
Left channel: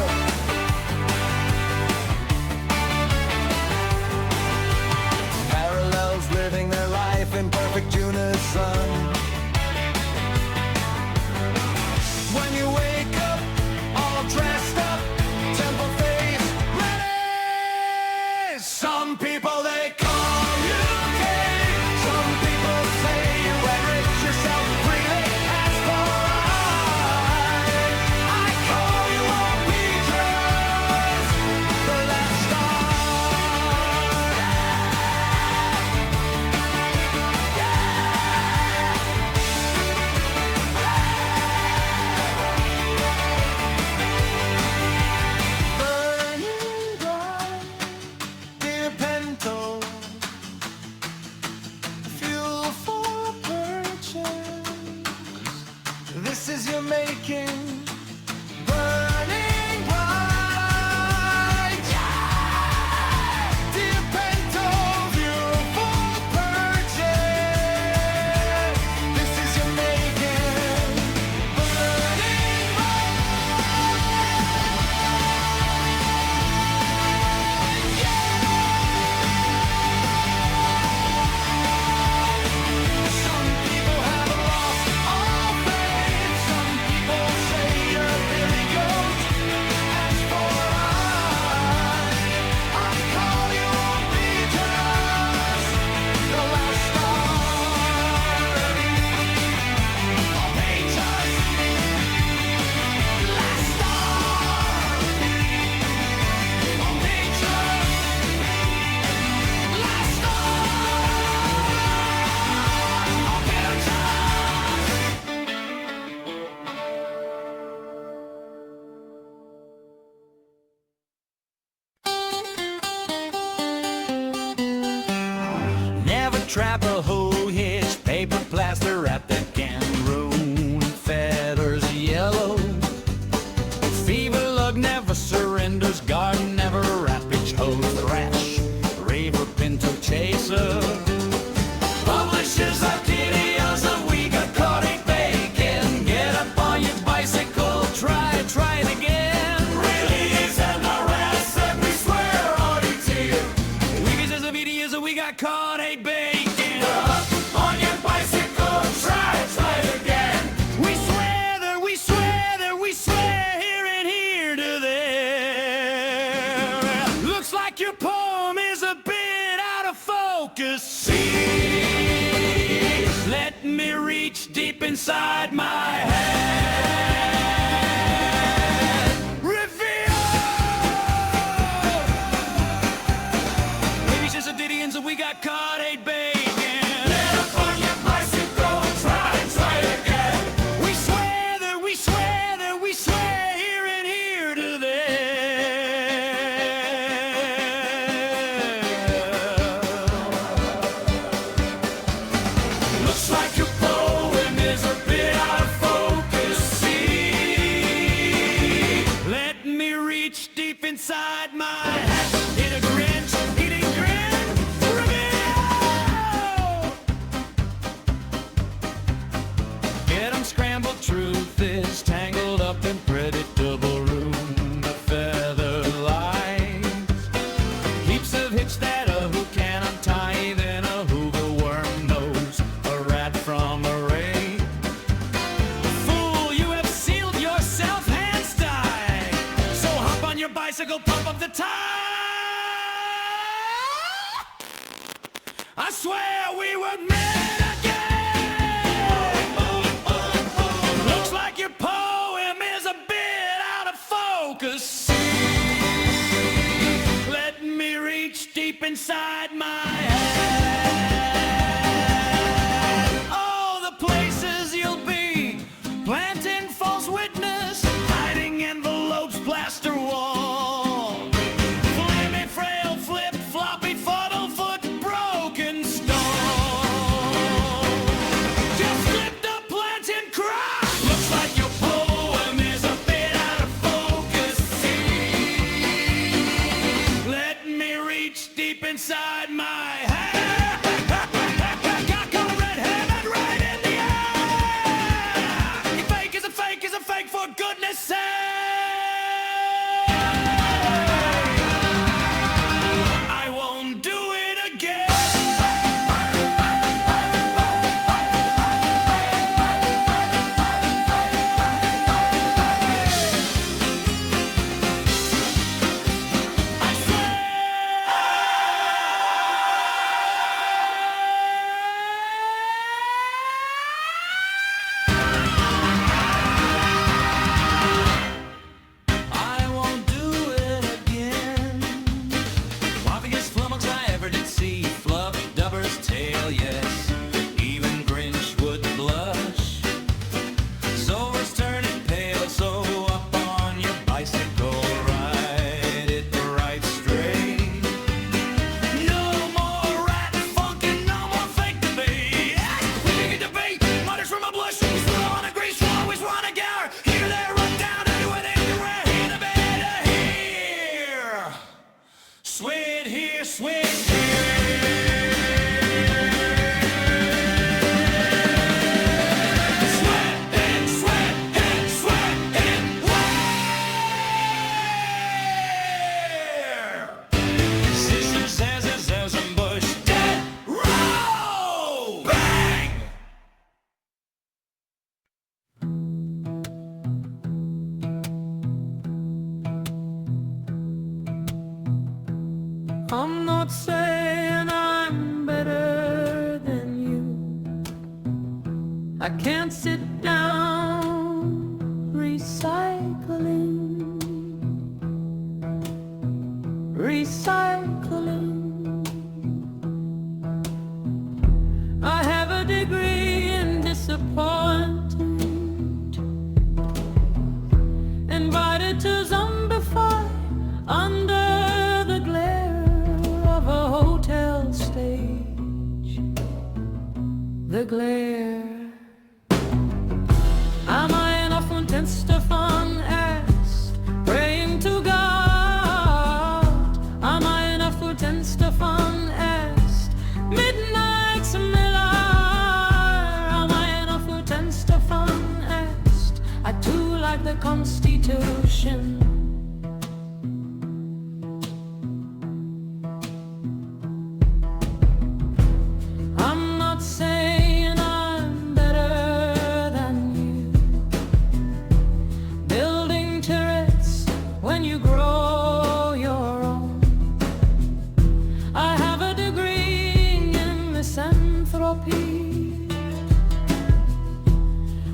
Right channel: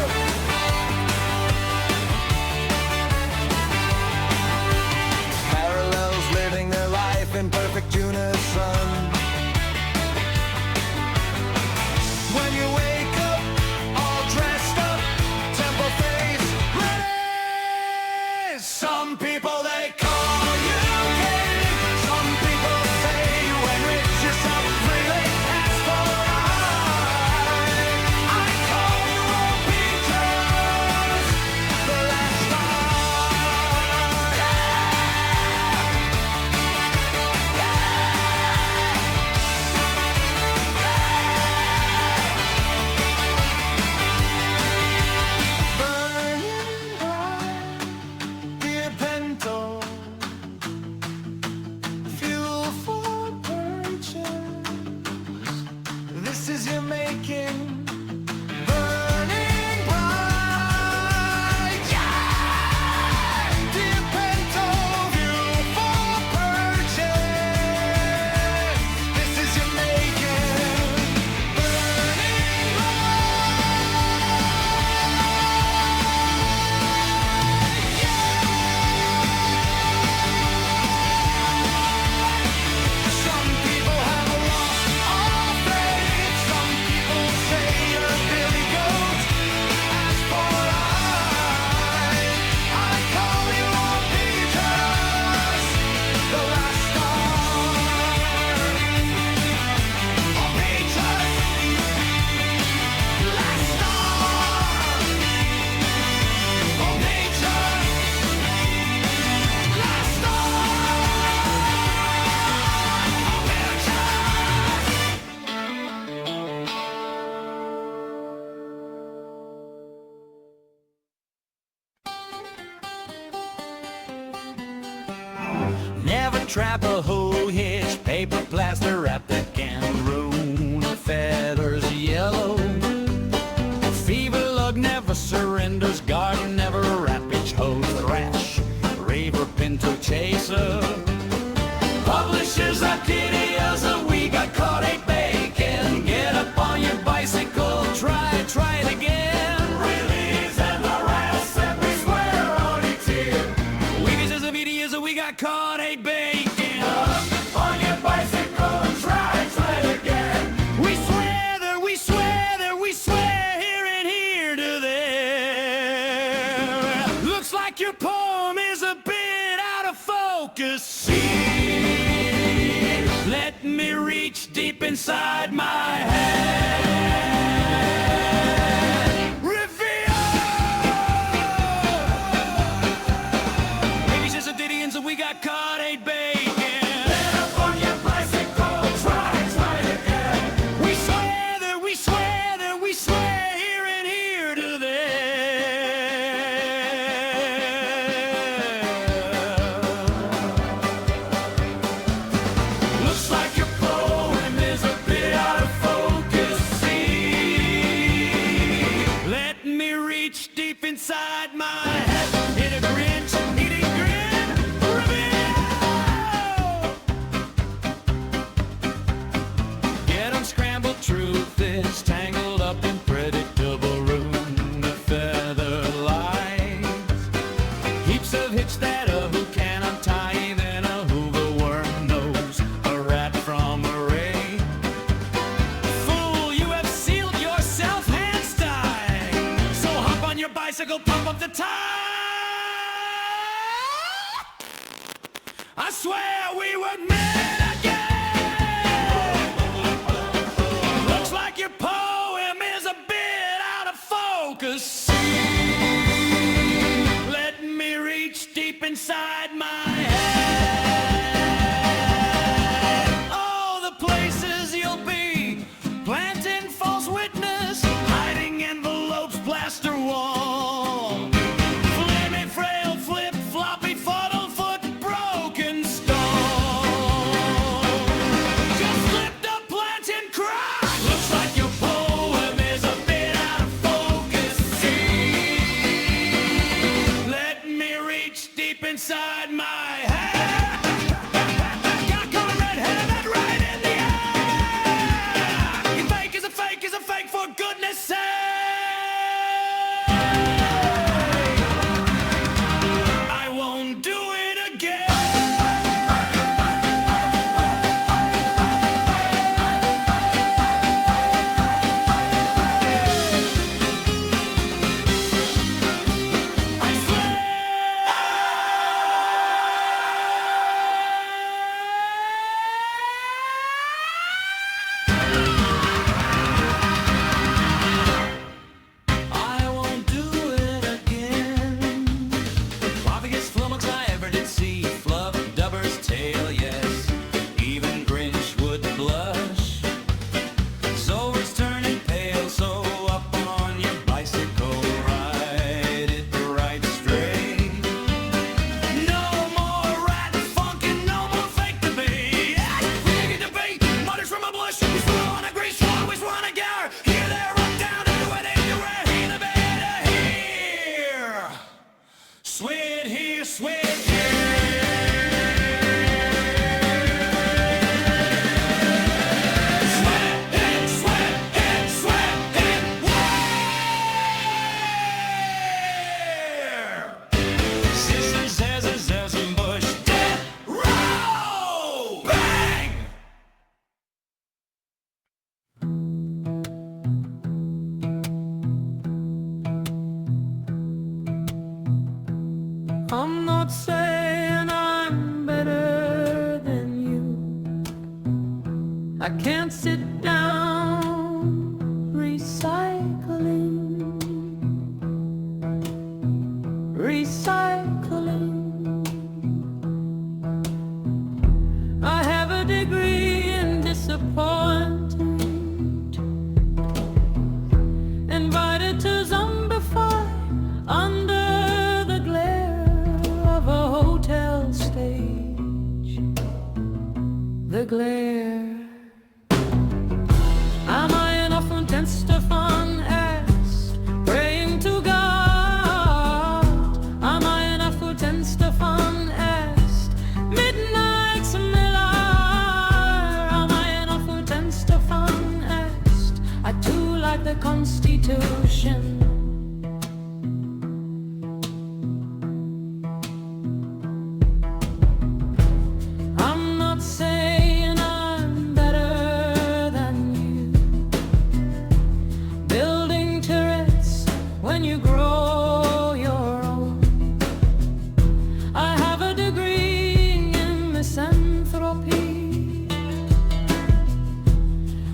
Parallels living their life in perfect unison. When you wake up, all dressed up, temple face, ready! Some people they call you gay. Some people say you enrich yourself freely. As for I call you won't be just the last star. Burning bright, dear Pinto, fuel for purchase. This is your making. Burning bright, yeah! Dear Pinto, fuel for purchase. This is your making. Burning bright, yeah! Some people have lost all faith. Some people say you're Billy Goat. As for I call you won't be just the last star. I'll be just last star. I'll be just last star. I'll be just. Never trap a hoe hitch, paper plaster wrap that can ruin feathers yellow. Fever lug never surrenders, garden never rampage, hoe thrash, raver pinto chaser. Publishers are videos of we got caught a bacon. Get up on your bicycle, try it again. Release and harass and we swear on each ear. Weebies as a videos of we got caught a bacon. Up on your bicycle, try it again. We swear that we swear that we swear here and here to there. Looks like your poem is a bit out of focus. See, let me reach deep inside my head. Reveal. Maybe it's just a ditty and so we got caught a bacon. Get up on your bicycle, try it again. We swear that we swear that we swear here and here to there. Looks like your poem is a bit out of focus. See, let me reach deep inside my head. Hit a grinch, eating grin, reveal. Get 'em scrambled, truth is tangled up in predictable room of feather lies. Heaps of hitch that a who can untie, then a hoover worm knows a rat from a rake. Fool, you have sealed yourself hands tied. So hop on your bicycle, pump up the tire. I swear we were meant again. Looks like your poem is a bit out of focus. See, let me reach deep inside my head. Oh, the places you'll be for goodness sake. I won't do it again. I swear. I won't do it again. Wobbiest flummox I ever did see. Fluff Dubber's tail, yes. Even Grinch would blush. Zover's turning pale, so up on your bicycle, ride it right straight. No more rat funk and no more fake debate. We make a debate, mutters from a bush. We swear on a grease one, we swear on a gower. Here, there, up, down, anywhere, anywhere. Here, the better here. Sweat here, sweat here. Sweat it, sweat it, sweat it. Where? Scissors, zazzers, zazzum, bush, dead, roll, bang! I'm not saying I'm better than you. I can't sit down recycling. I have a degree in disappointment. Invited to zombify under the glare of a hotel stage. The glare. Am I enough und Stefan asked, praying to God? Am I enough und Stefan asked, midnight Miller? Am I enough und Stefan asked, I too like the Constitution. I'm not saying I'm better than you. Building turrets when you grow your own. I have a degree in misanthropy.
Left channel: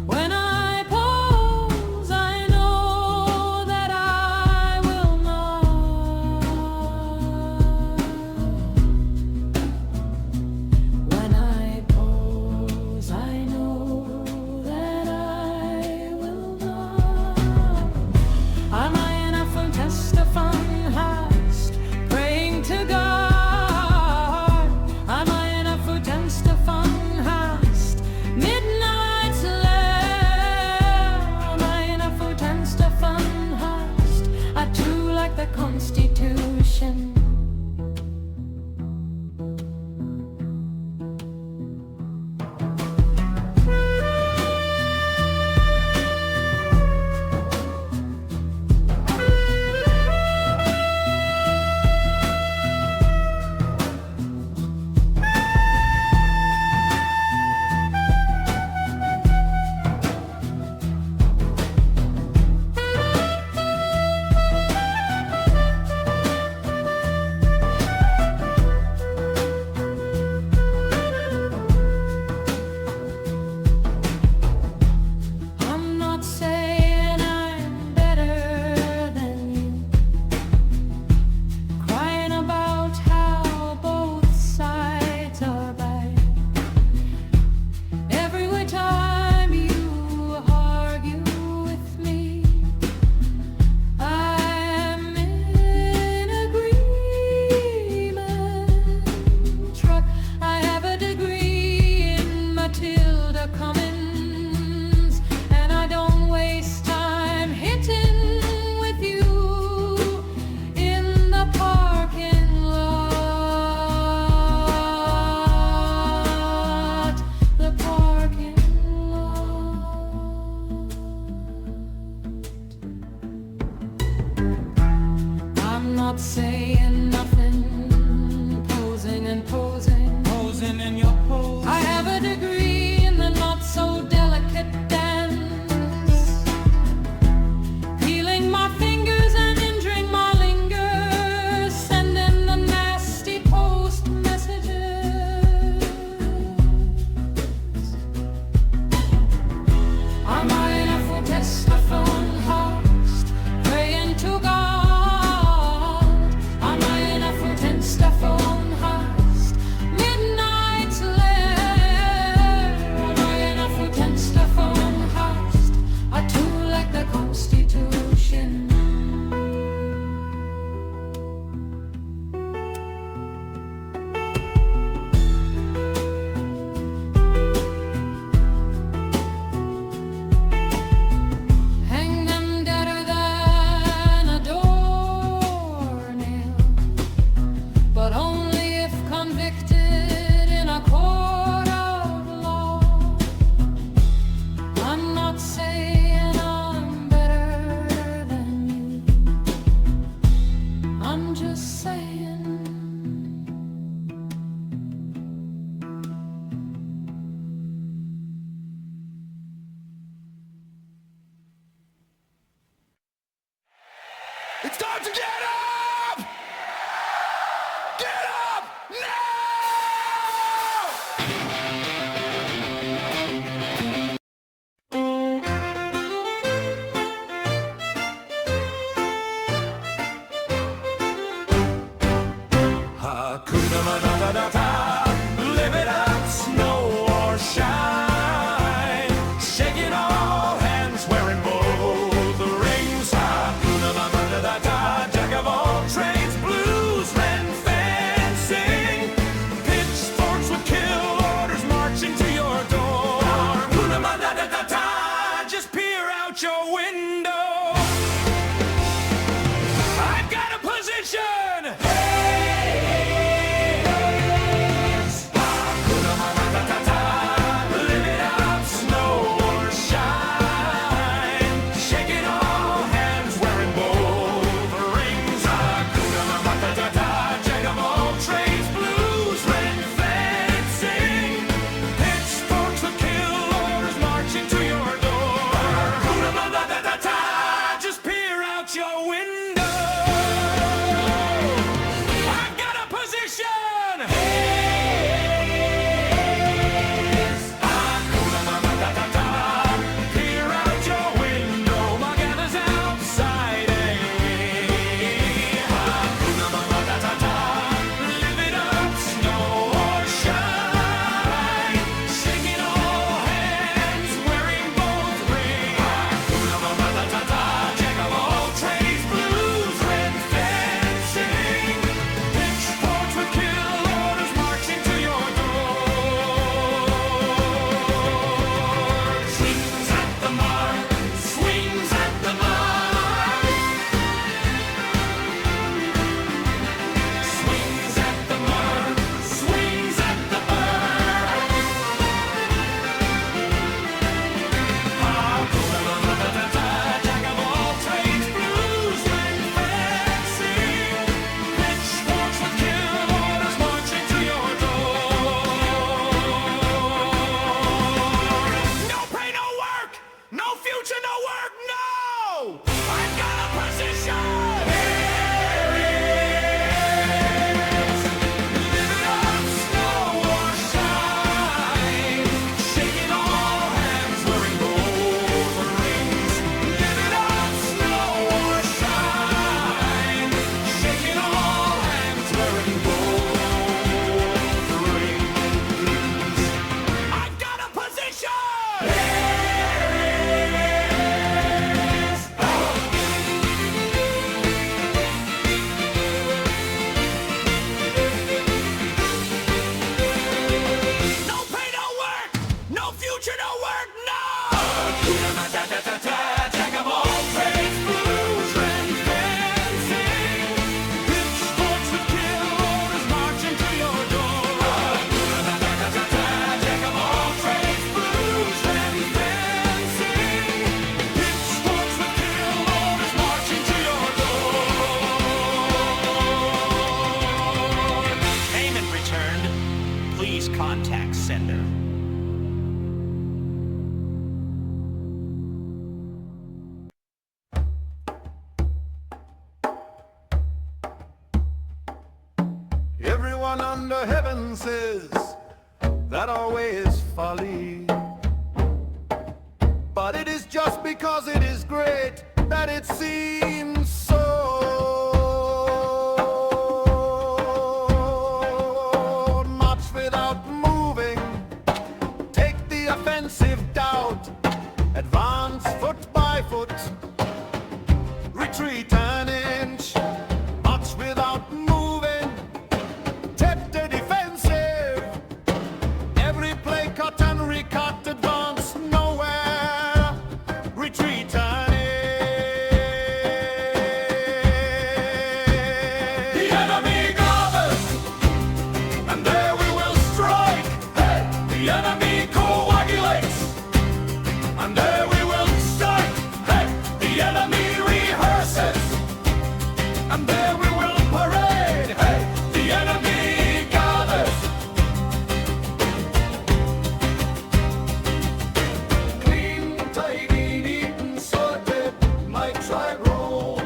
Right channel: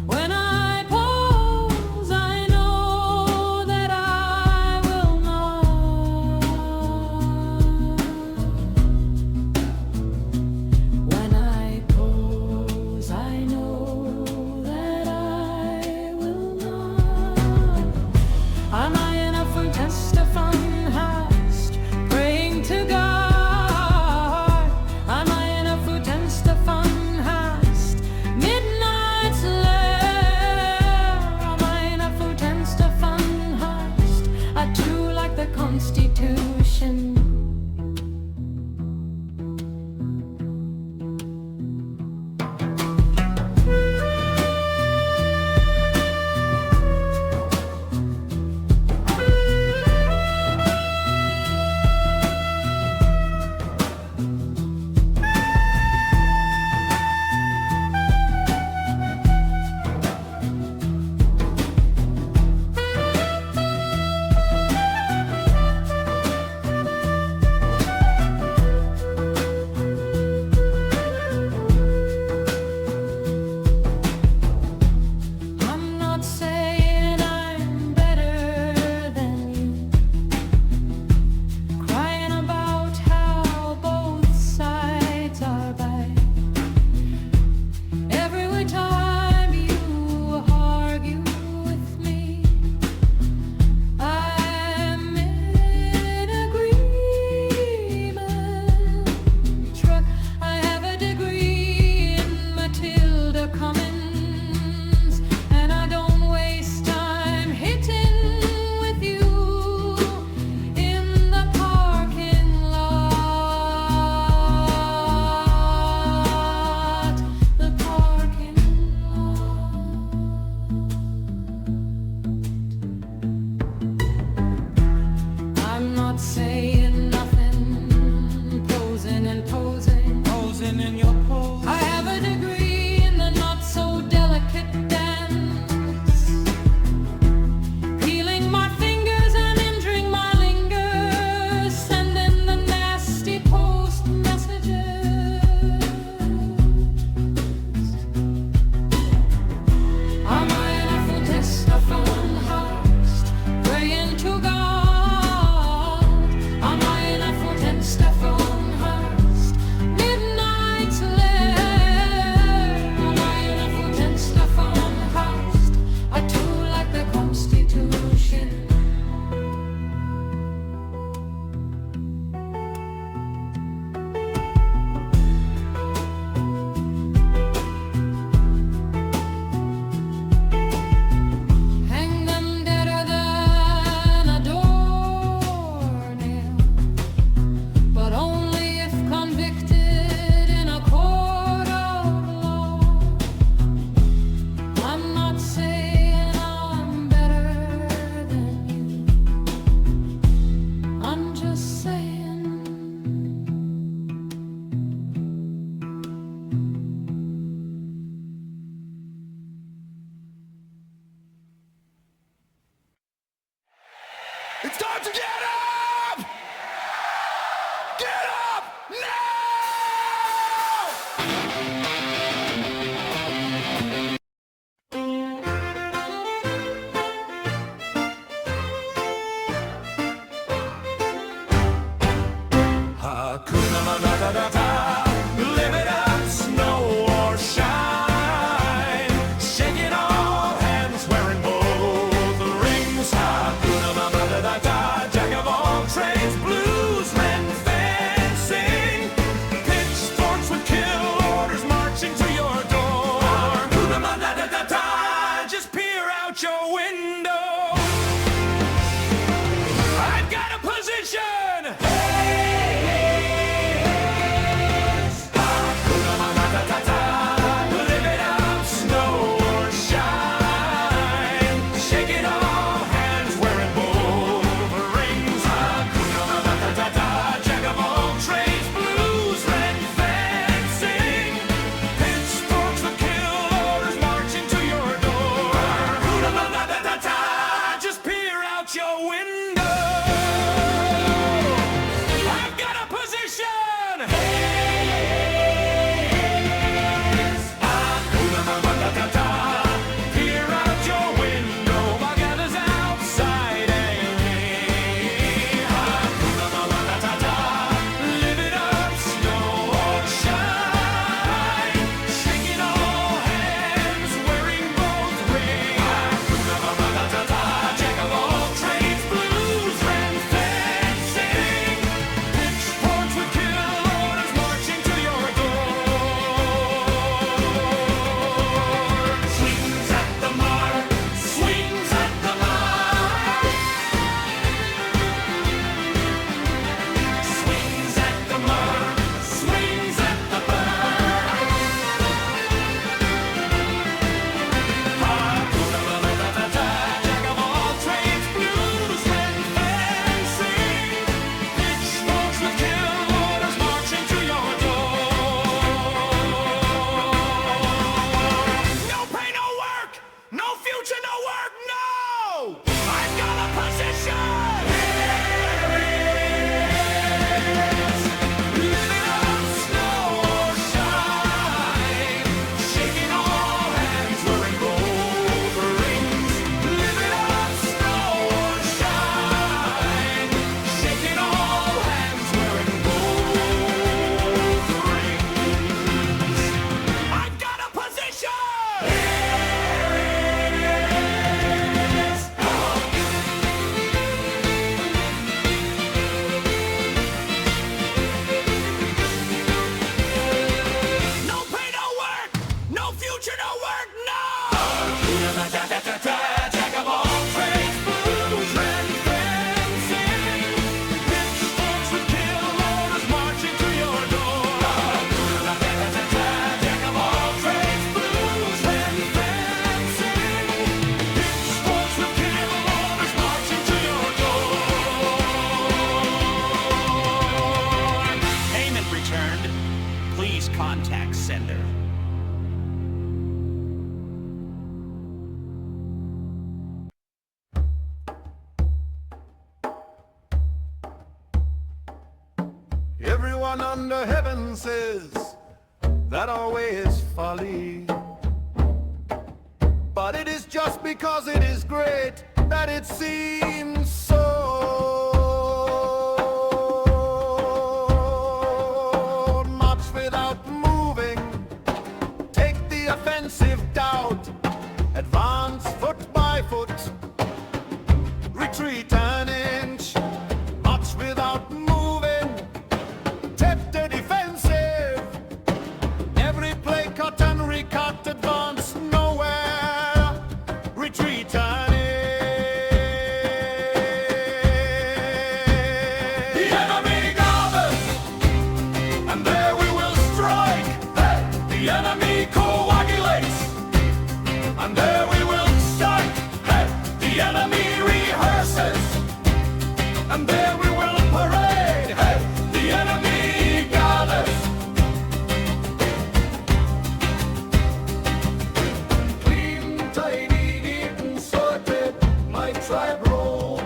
When I pause, I know that I will not. When I pause, I know that I will not. Am I enough und Stefan hast, praying to God? Am I enough und Stefan hast, midnight's lair? Am I enough und Stefan hast, I too like the Constitution. I'm not saying I'm better than you. Crying about how both sides are bad. Every time you argue with me, I'm in agreement. Truck, I have a degree in Matilda Cummins, and I don't waste time hitting with you in the parking lot. The parking lot. saying nothing, posing and posing, Posing in your pose. I have a degree in the not so delicate dance, peeling my fingers and injuring my lingers, sending the nasty post messages. Am I enough for testaphone host, praying to God? Am I enough for testaphone host, midnight's lair? Am I enough for testaphone host, I too like the Constitution. Hang them deader than a doornail, but only if convicted in a court of law. I'm not saying I'm better than you, I'm just saying. It's time to get up! Get up now! Hakuna Matata, live it up, snow or shine. Shaking all hands, wearing both the rings. Hakuna Matata, jack of all trades, blues and fencing. Pitchforks with kill orders marching to your door. Hakuna Matata, just peer out your window. I've got a position. Hakuna Matata, live it up, snow or shine. Shaking all hands, wearing both rings. Hakuna Matata, jack of all trades, blues and fencing. Pitchforks with kill orders marching to your door. Hakuna Matata, just peer out your window. I've got a position. Hakuna Matata, peer out your window. My gather's outside me. Hakuna Matata, live it up, snow or shine. Shaking all hands, wearing both rings. Hakuna Matata, jack of all trades, blues and fencing. Pitchforks with kill orders marching to your door. Swings at the mark, swings at the mark. Swings at the mark, swings at the mark. Hakuna Matata, jack of all trades, blues and fencing. Pitchforks with kill orders marching to your door. No pay, no work, no future, no work, no! I've got a position! Live it up, snow or shine. Shaking all hands, wearing both rings. Live it up, snow or shine. Shaking all hands, wearing both rings. I've got a position! No pay, no work, no future, no work, no! Hakuna Matata, jack of all trades, blues and fencing. Pitchforks with kill orders marching to your door. Hakuna Matata, jack of all trades, blues and fencing. Pitchforks with kill orders marching to your door. sender. Everyone under heaven says that our way is folly. But it is just because it is great that it seems so. Much without moving, take the offensive doubt. Advance foot by foot, retreat an inch. Much without moving, take the defensive. Every play cut and recut, advance nowhere, retreat an inch. The enemy gathers, and there we will strike. Hey! The enemy coagulates, and there we will strike. Hey! The enemy rehearses, and there we will parade. Hey! The enemy gathers. Clean, tidy, neat and sorted, my tribe rolls.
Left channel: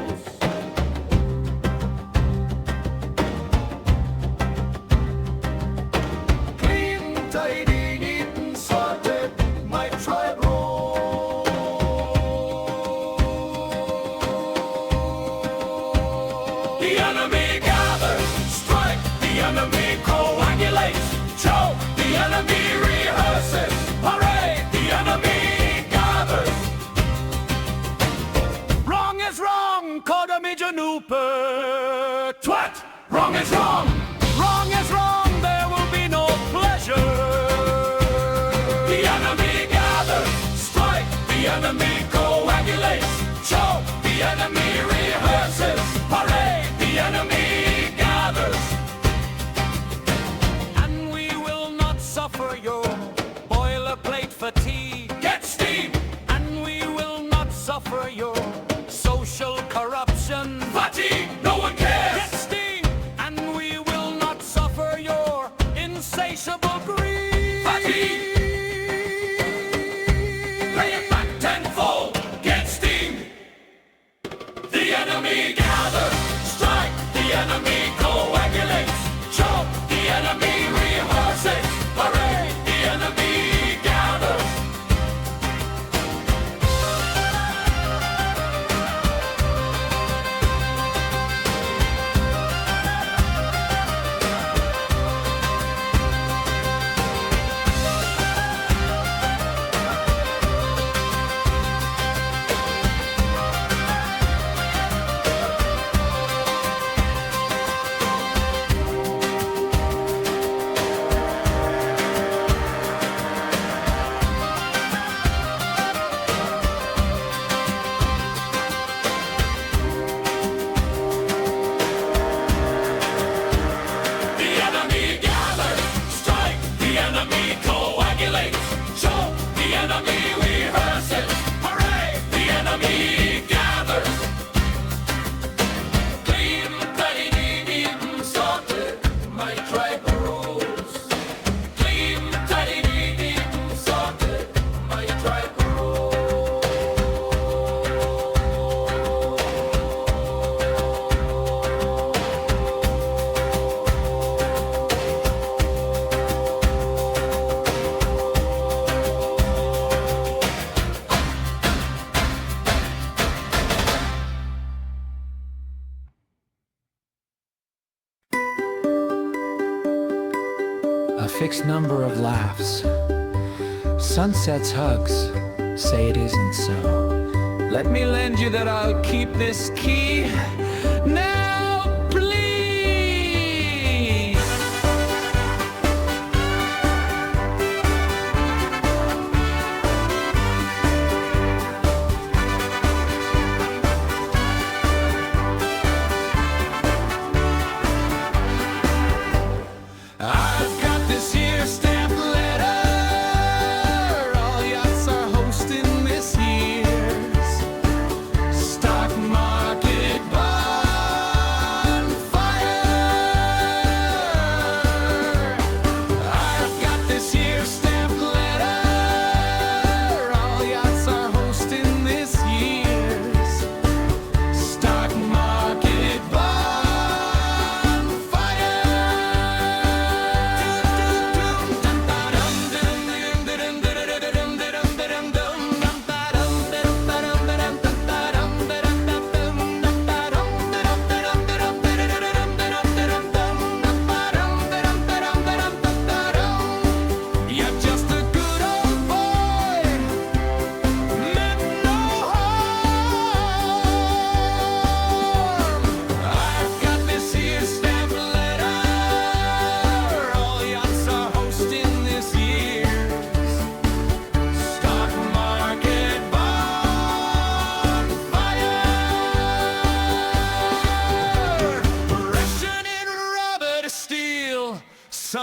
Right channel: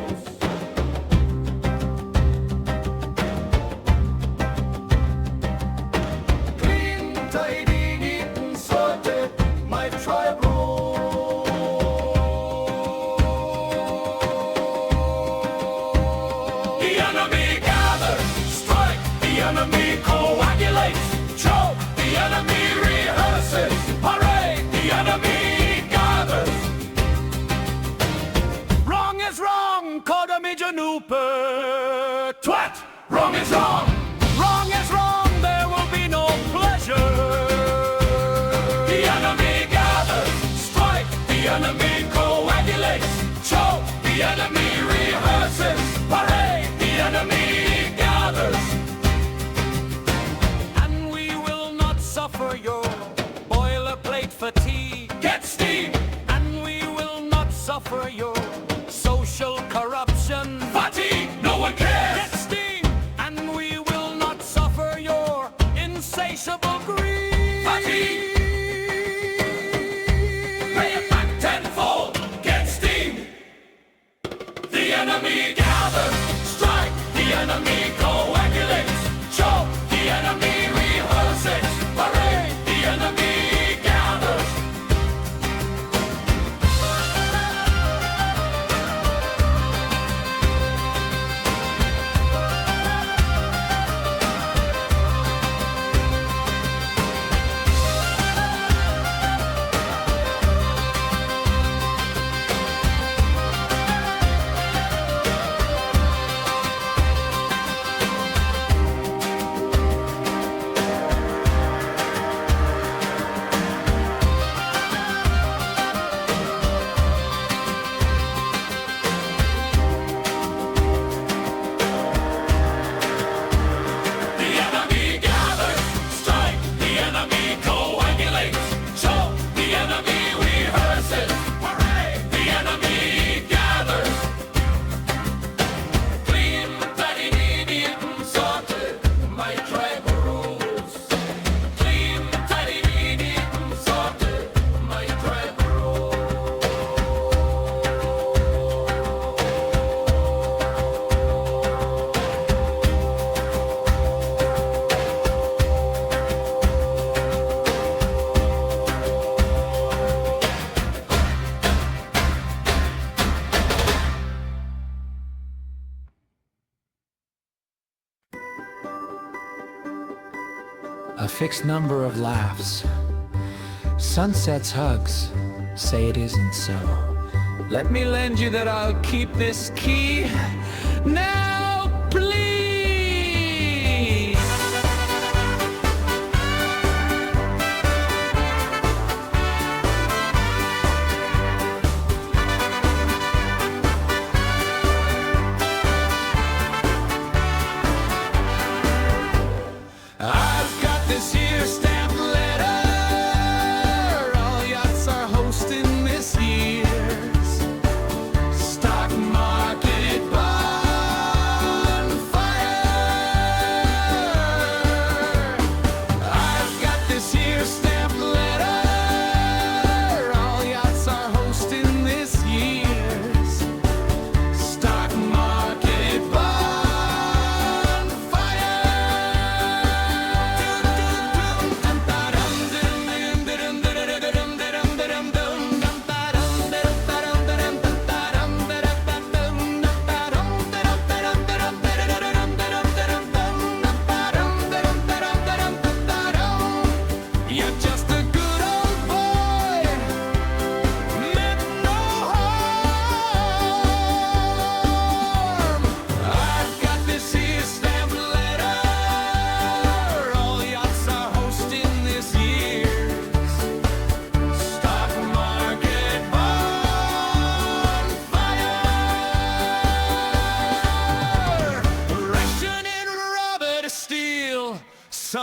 Clean, tidy, neat and sorted, my tribe rolls. The enemy gathers, strike, the enemy coagulates, choke, the enemy rehearses, parade, the enemy gathers. Wrong is wrong, coda major nooper, twat, wrong is wrong, wrong is wrong, there will be no pleasure. The enemy gathers, strike, the enemy coagulates, choke, the enemy rehearses, parade, the enemy gathers. And we will not suffer your boilerplate fatigue. Get steam! And we will not suffer your social corruption. Fatigue! No one cares! Get steam! And we will not suffer your insatiable greed. Fatigue! Pay it back tenfold! Get steam! The enemy gathers, strike, the enemy coagulates, choke, the enemy rehearses, parade, the enemy gathers. The enemy gathers, strike, the enemy coagulates, choke, the enemy rehearses, parade, the enemy gathers. Clean, tidy, neat and sorted, my tribe rules. Clean, tidy, neat and sorted, my tribe A fixed number of laughs. Sunset's hugs say it isn't so. Let me lend you that I'll keep this key. Now, please! I've got this here stamped letter. All yachts are hosting this year's stock market bar.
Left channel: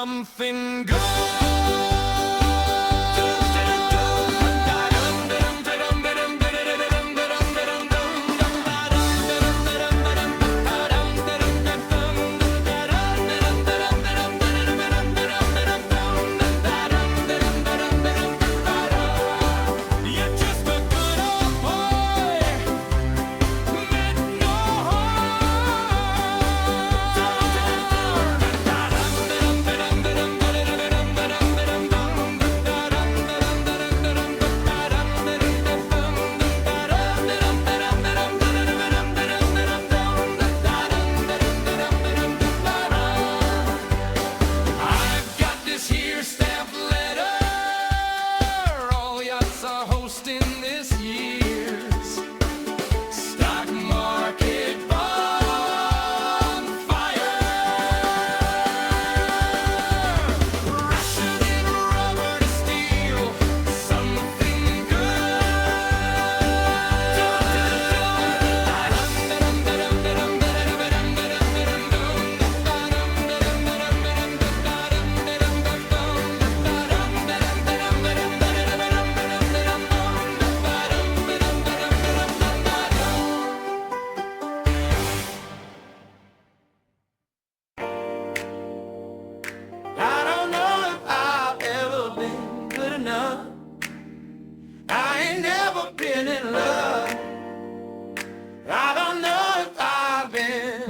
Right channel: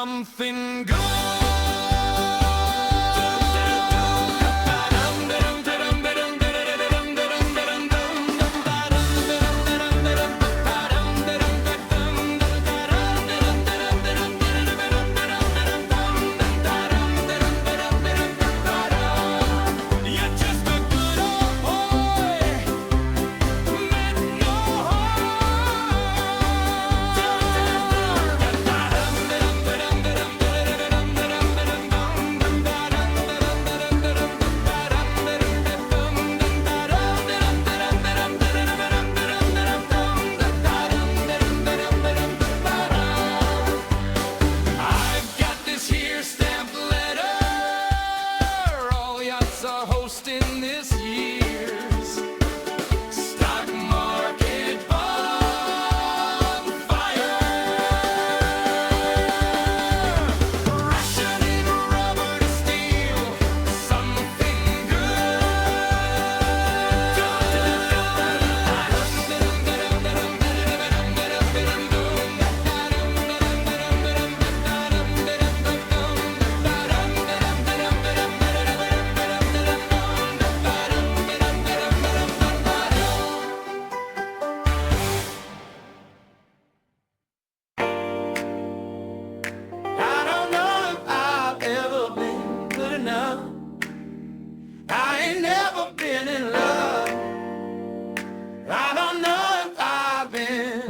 something good. You're just a good old boy, meant no I've got this here stamped letter, all yachts are hosting this year's stock market bonfire. Rationing rubber to steel something I don't know if I've ever been good enough. I ain't never been in love. I don't know if I've been.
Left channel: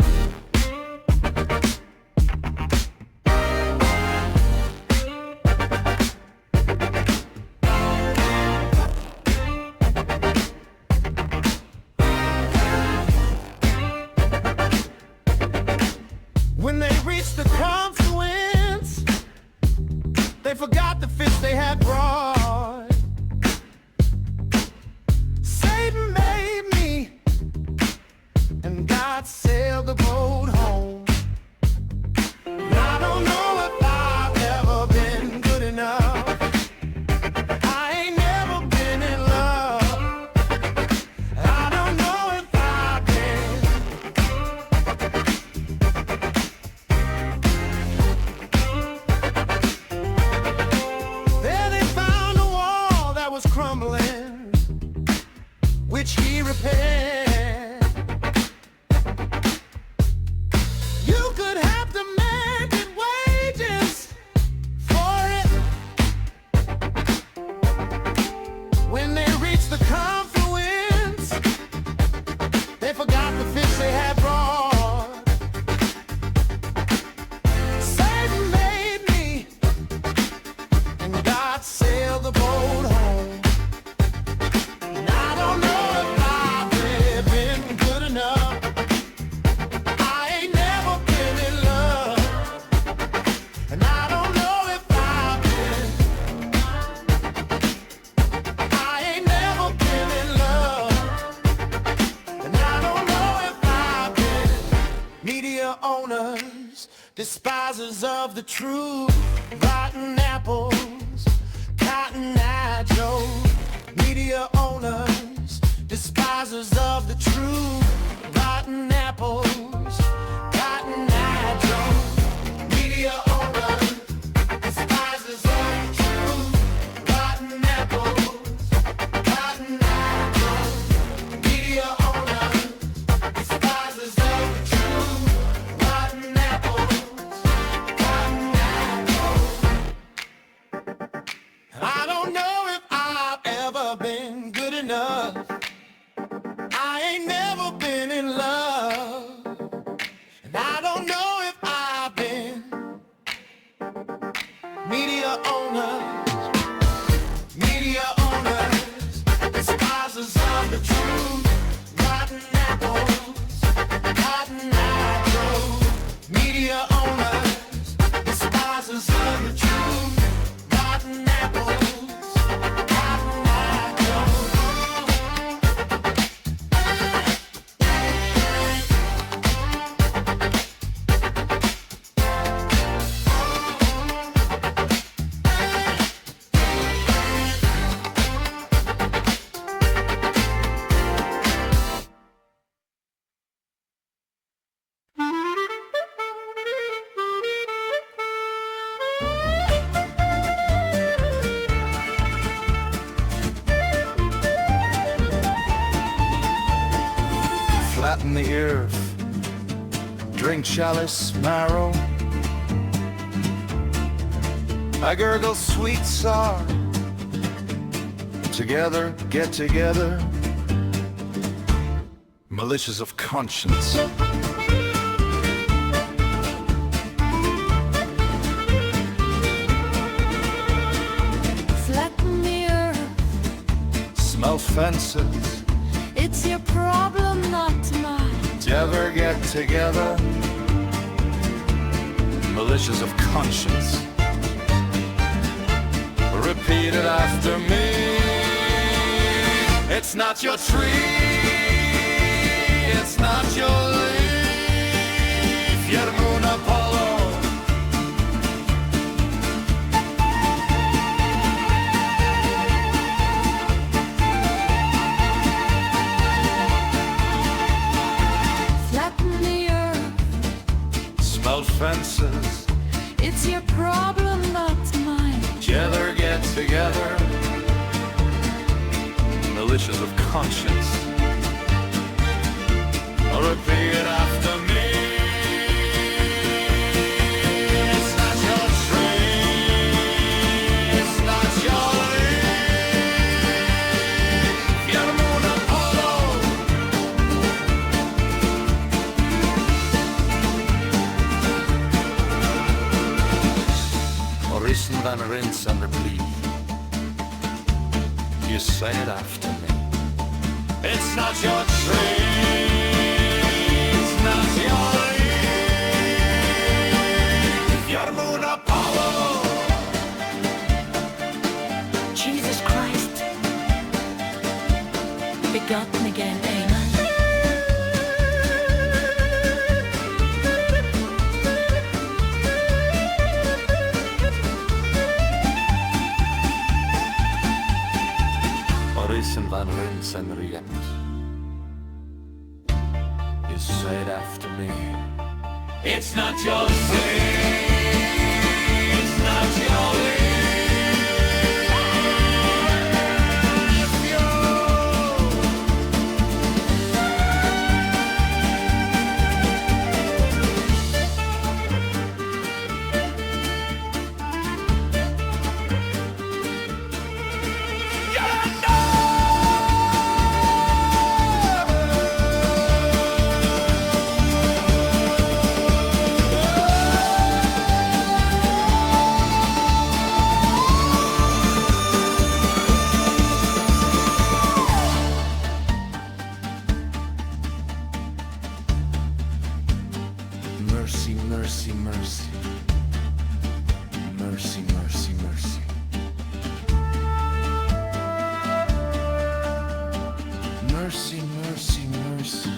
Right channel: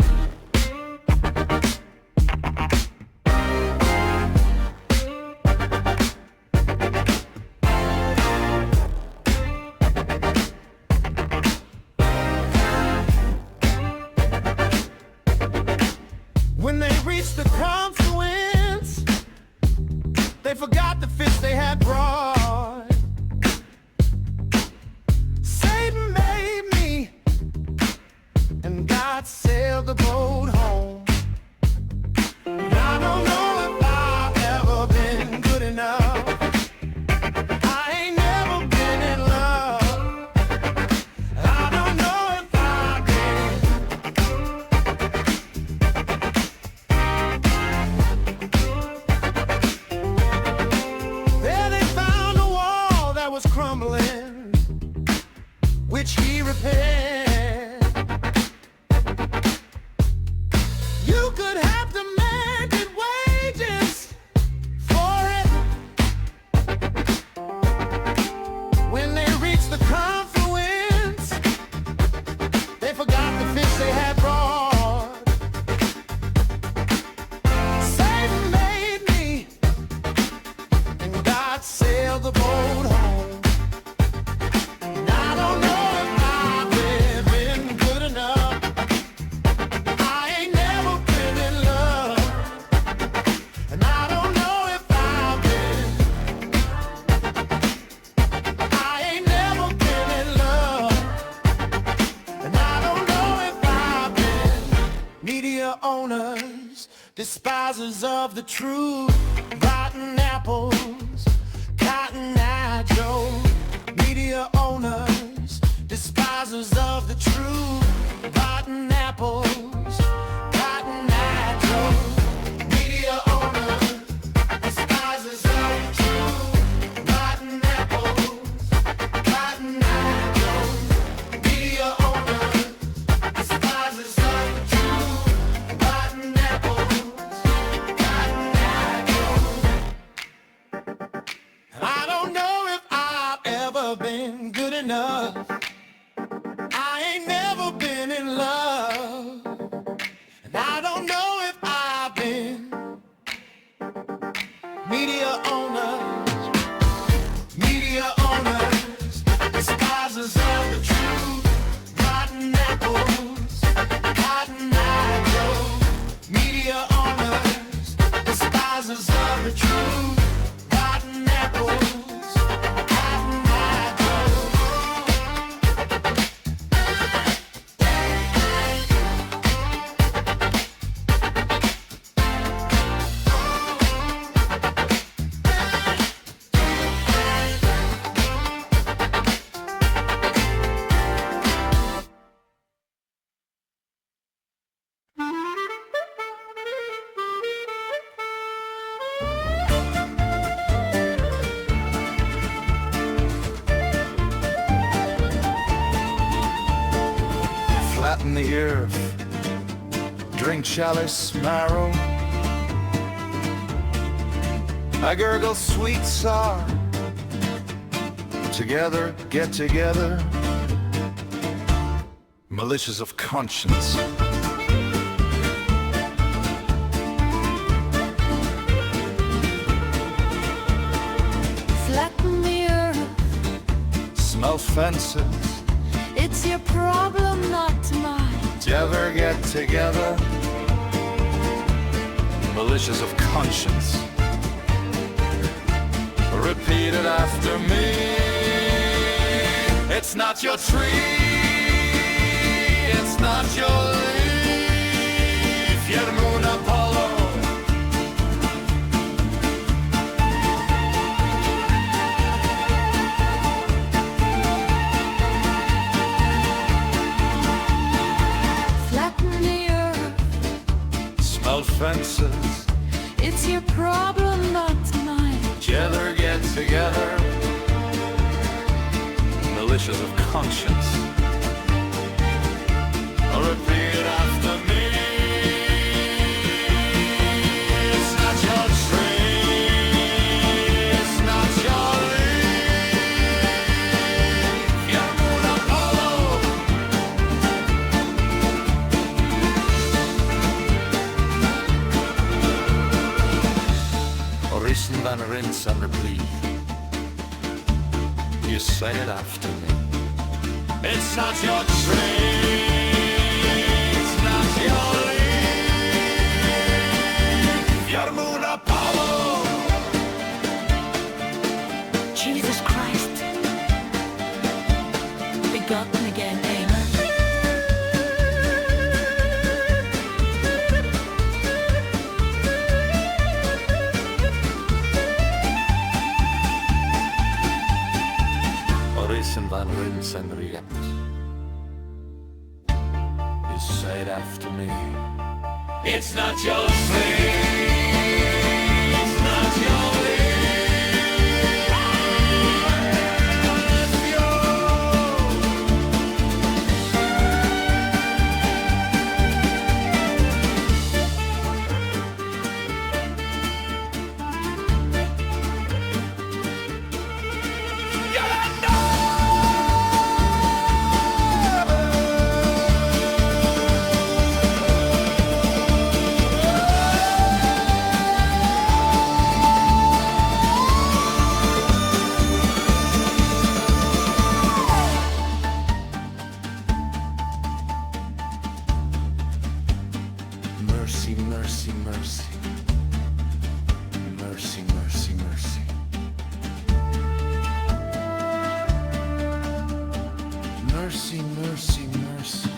When they reached the confluence, they forgot the fish they had brought. Satan made me, and God sailed the boat home. And I don't know if I've ever been good enough. I ain't never been in love. I don't know if I've been. There they found a wall that was crumbling, which he repaired. You could have demanded wages for it. When they reached the confluence, they forgot the fish they had brought. Satan made me, and God sailed the boat home. And I don't know if I've been good enough. I ain't never been in love. And I don't know if I've been. I ain't never been in love. And I don't know if I've been. Media owners, despisers of the truth, rotten apples, Cotton Eye Joe. Media owners, despisers of the truth, rotten apples, Cotton Eye Joe. Media owners, despisers of the truth, rotten apples, Cotton Eye Joe. Media owners, despisers of the truth, rotten apples, Cotton Eye Joe. I don't know if I've ever been good enough. I ain't never been in love. And I don't know if I've been. Media owners, despisers of the truth, rotten apples, Cotton Eye Joe. Media owners, despisers of the truth, rotten apples, Cotton Eye Joe. flatten the earth, drink chalice marrow. I gurgle sweet sour, together, get together, militias of conscience. Flatten the earth, Smell fences, it's your problem, not mine. together, get together, militias of conscience. Repeat it after me. It's not your tree, it's not your leaf, your moon Apollo. Flatten the earth, Smell fences, it's your problem, not mine. together, get together, militias of conscience. Repeat it after me. It's not your tree, it's not your leaf, your moon Apollo. Orison van Rins and the Blee. You say it after me. It's not your tree, it's not your leaf, your moon Apollo. Jesus Christ, begotten again, amen. Orison van Rins and Riet. You say it after me. It's not your tree, it's not your leaf, Mercy, mercy, mercy. Mercy, mercy, mercy. Mercy, mercy, mercy.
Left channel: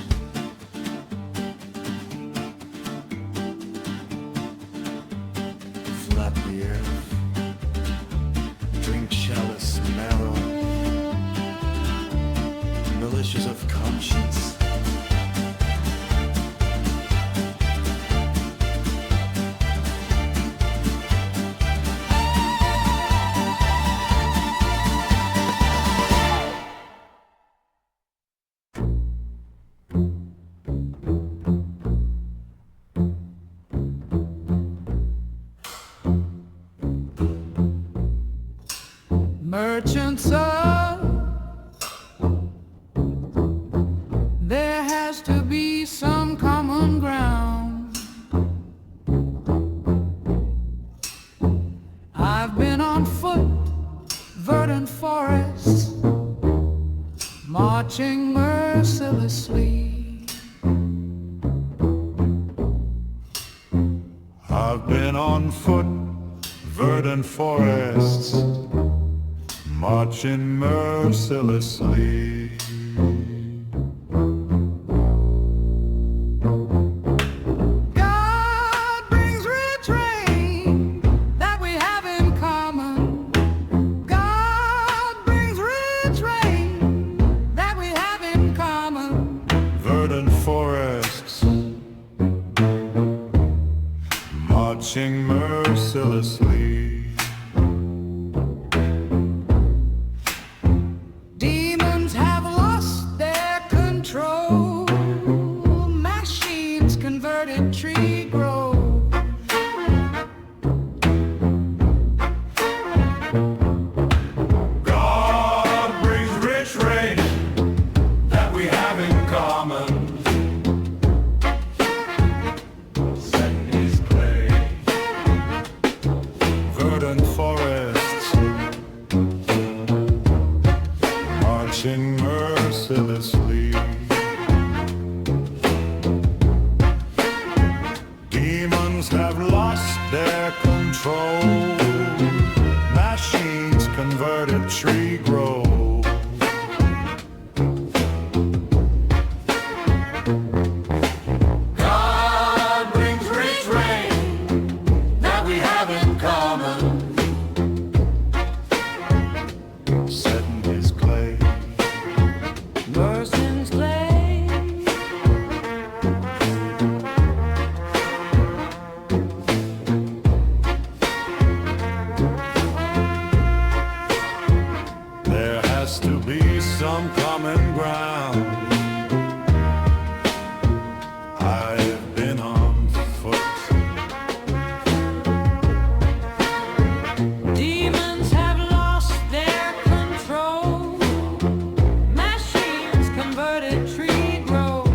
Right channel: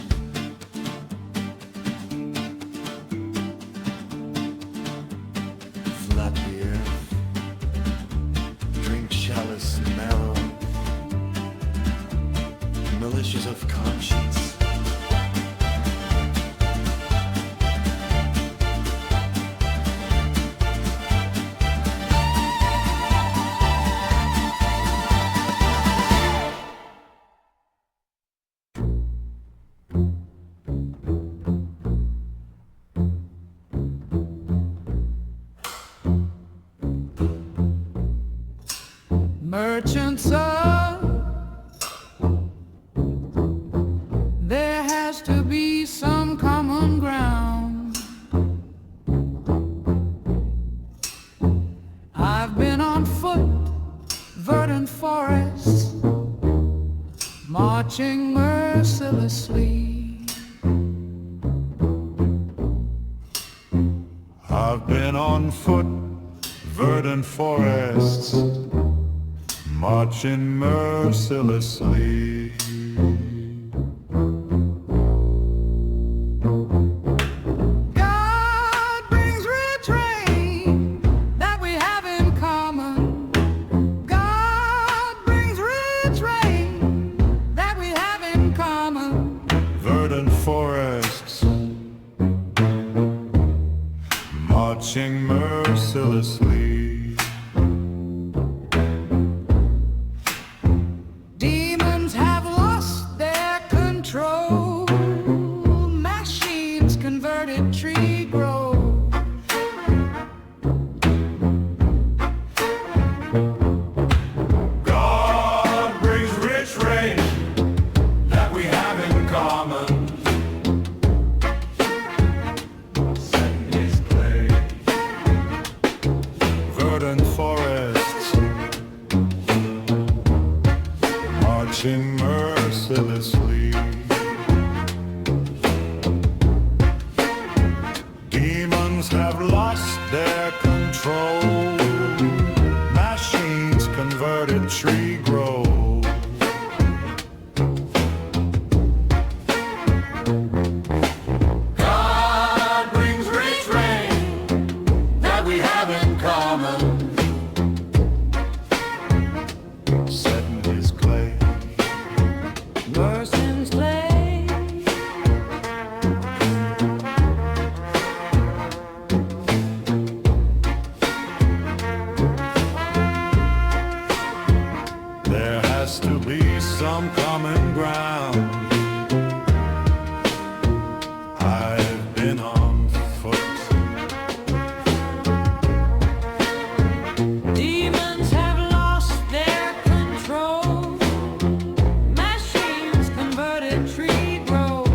Flat the earth, drink chalice marrow, militias of conscience. Merchants of, there has to be some common ground. I've been on foot, verdant forests, marching mercilessly. I've been on foot, verdant forests, marching mercilessly. God brings rich rain that we have in common. God brings rich rain that we have in common. Verdant forests, marching mercilessly. Demons have lost train that we have in common. Set in his clay. Verdant forests marching mercilessly. Demons have lost their control. Machines converted tree groves. God brings rich rain that we have in common. Set in his clay. Mercin's clay. There has to be some common ground. I've been on foot. Demons have lost their control. Machines converted tree groves.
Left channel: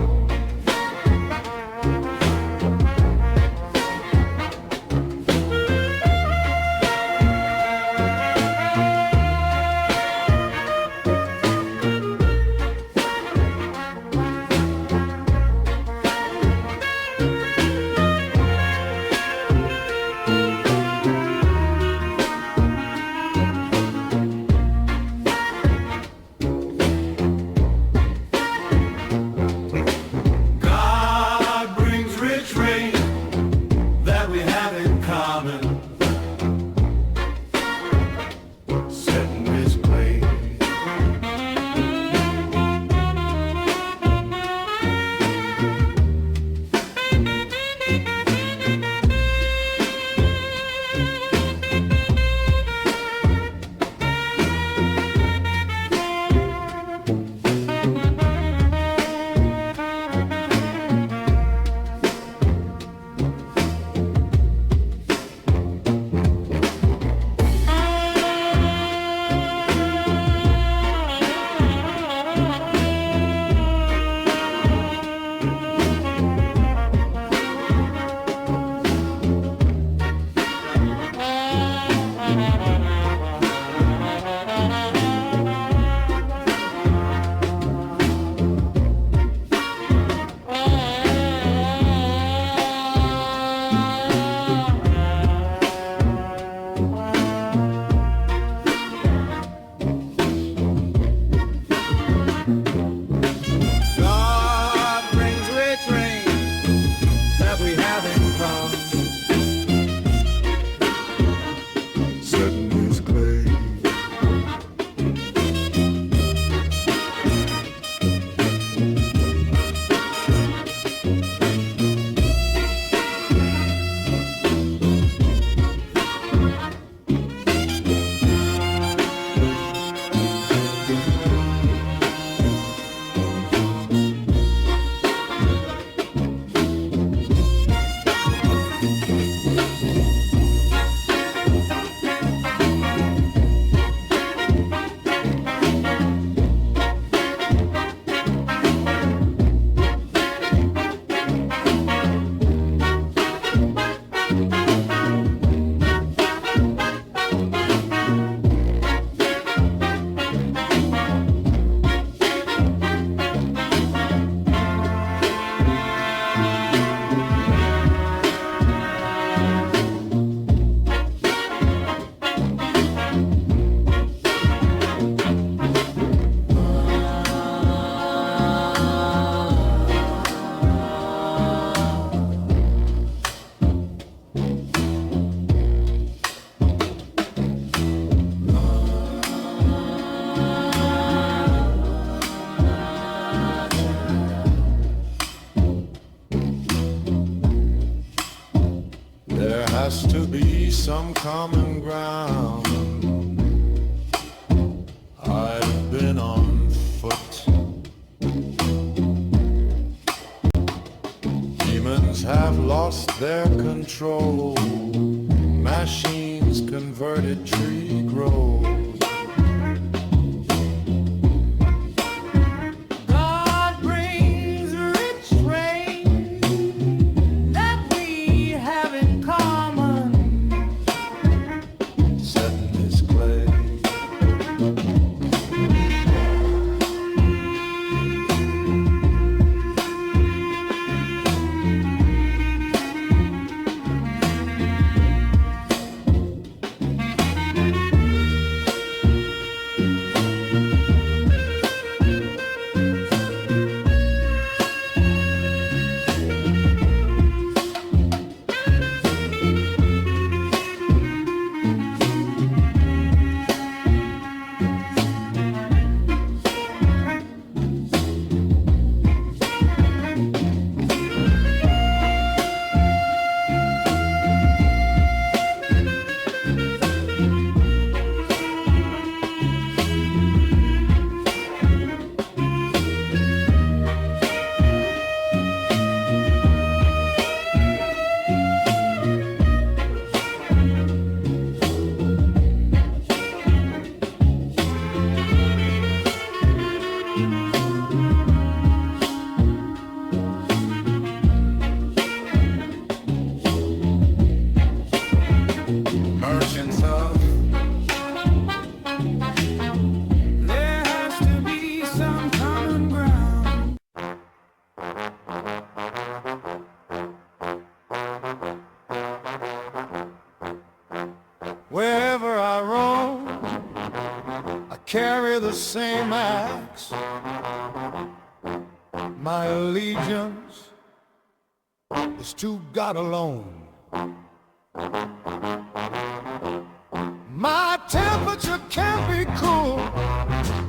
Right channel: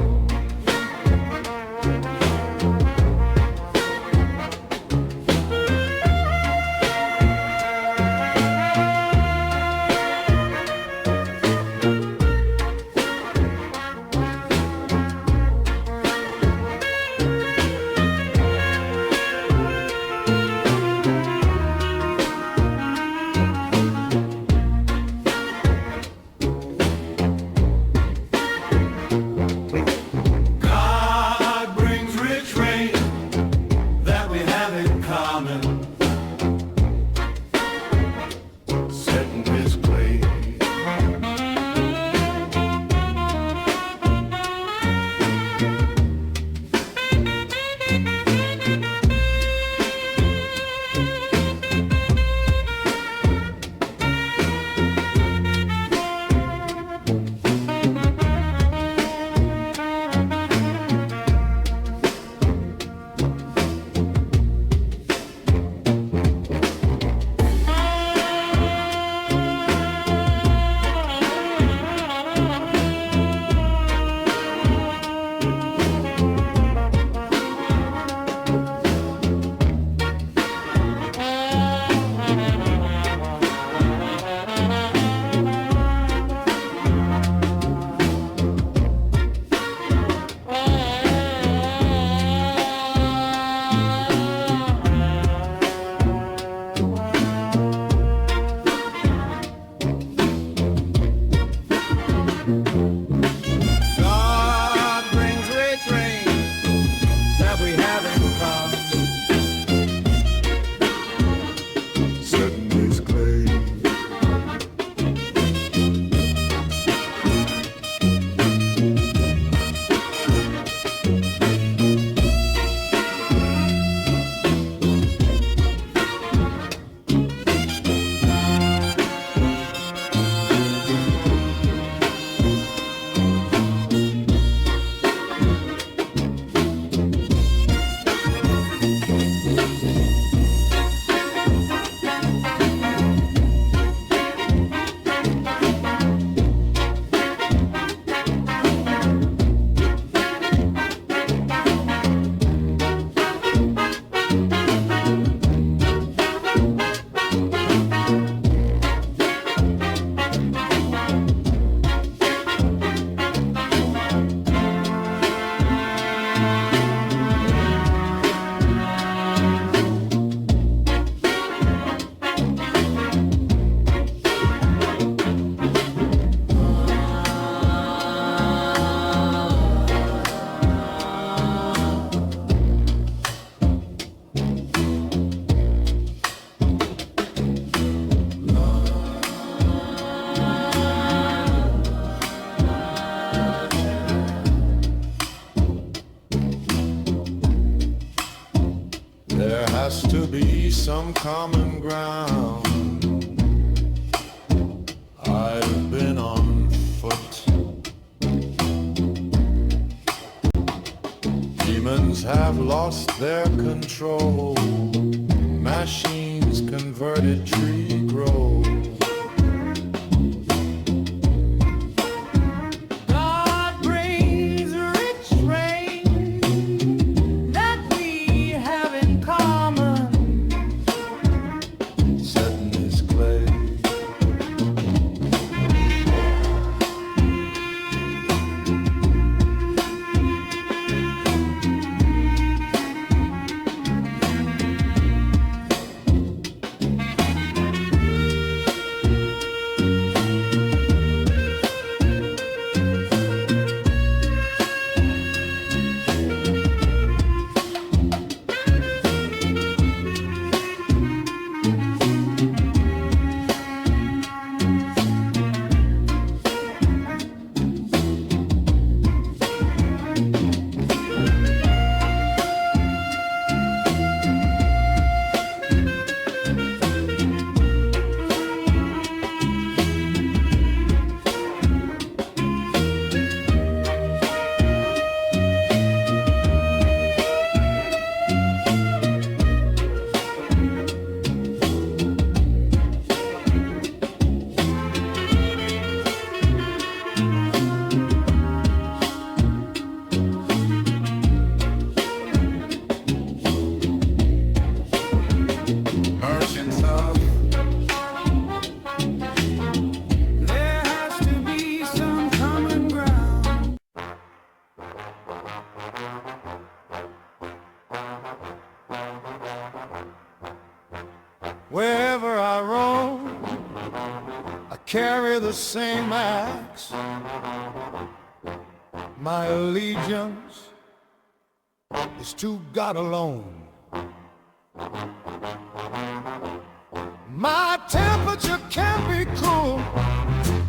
God brings rich rain that we have in common. Set in his clay. God brings rich rain that we have in common. Set in his clay. There has to be some common ground. I've been on foot. Demons have lost their control. Machines converted tree grow. the same axe. My allegiance is to God alone. My temperature can't be cool.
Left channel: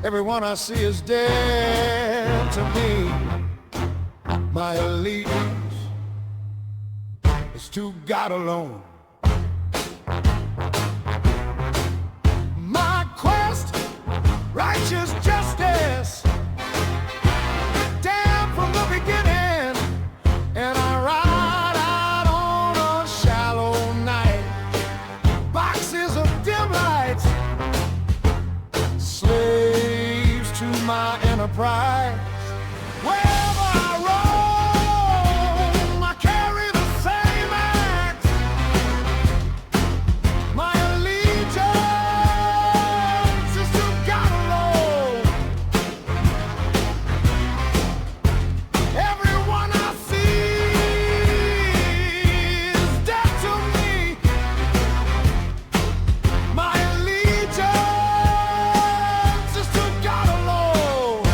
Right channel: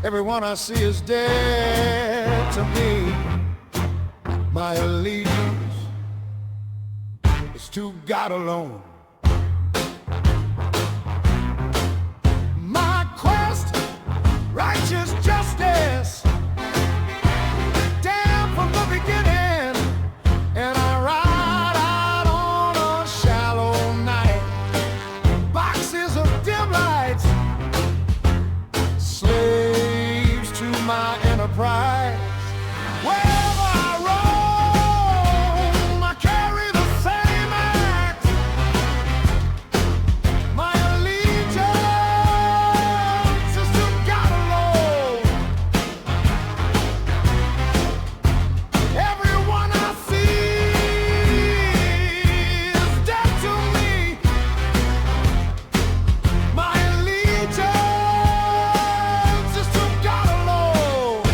Everyone I see is dead to me. My allegiance is to God alone. My quest, righteous justice, damn from the beginning, and I ride out on a shallow night. Boxes of dim lights, slaves to my enterprise. Wherever I roam, I carry the same axe. My allegiance is to God alone. Everyone I see is dead to me. My allegiance is to God alone.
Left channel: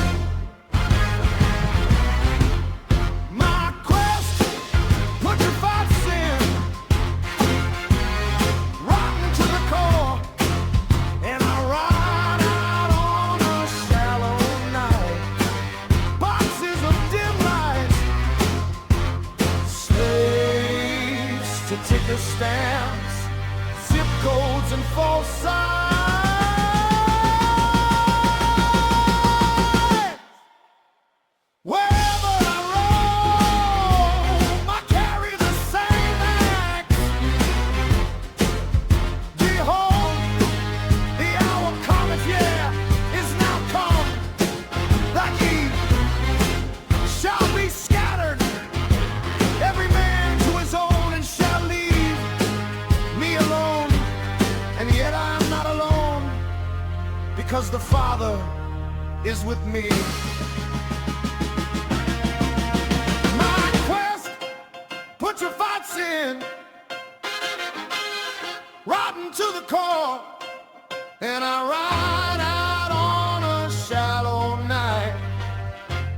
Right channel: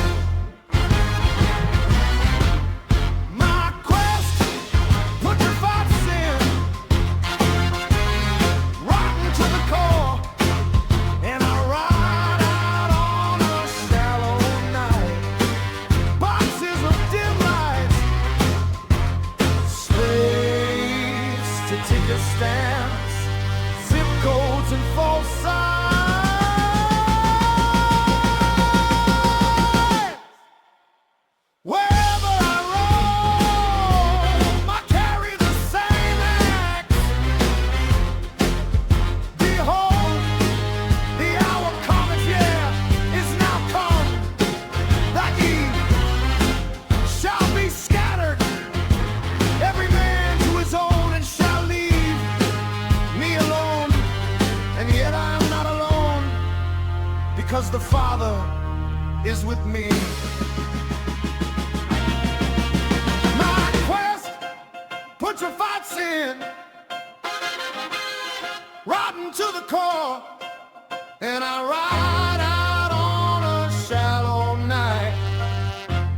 My quest, putrefied sin, rotten to the core, and I ride out on a shallow night. Boxes of dim lights, slaves to ticker stamps, zip codes and false signs. Wherever I roam, I carry the same axe. Behold, the hour cometh, yeah, is now come, that ye shall be scattered, every man to his own, and shall leave me alone. And yet I am not alone, because the Father is with me. My quest, putrefied sin, rotten to the core, and I ride out on a shallow night.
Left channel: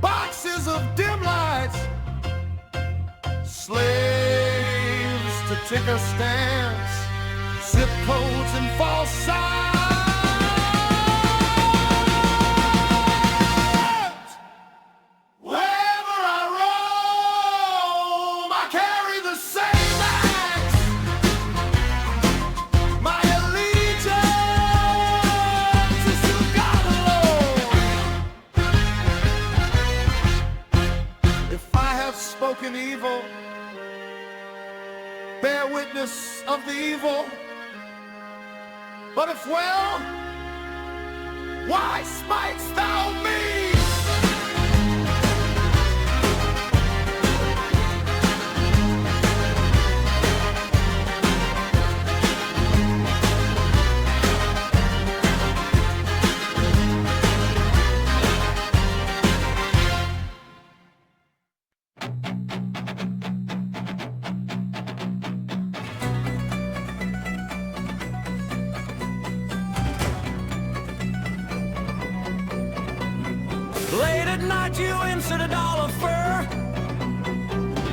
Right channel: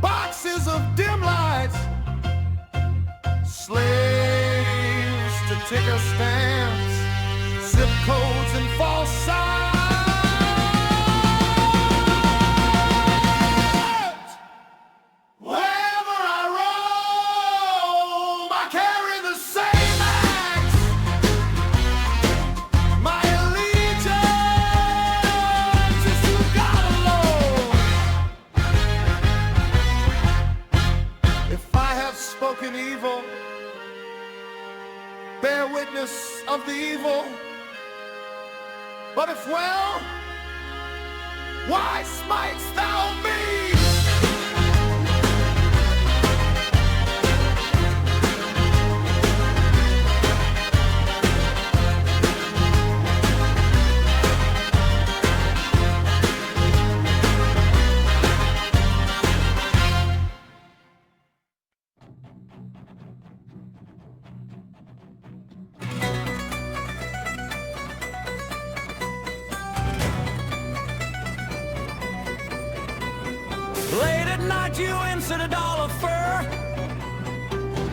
Boxes of dim lights, slaves to ticker stamps, zip codes and false signs. Wherever I roam, I carry the same axe. My allegiance is to God alone. If I have spoken evil, bear witness of the evil. But if well, why smitest thou me? Late at night you insert $1 fur,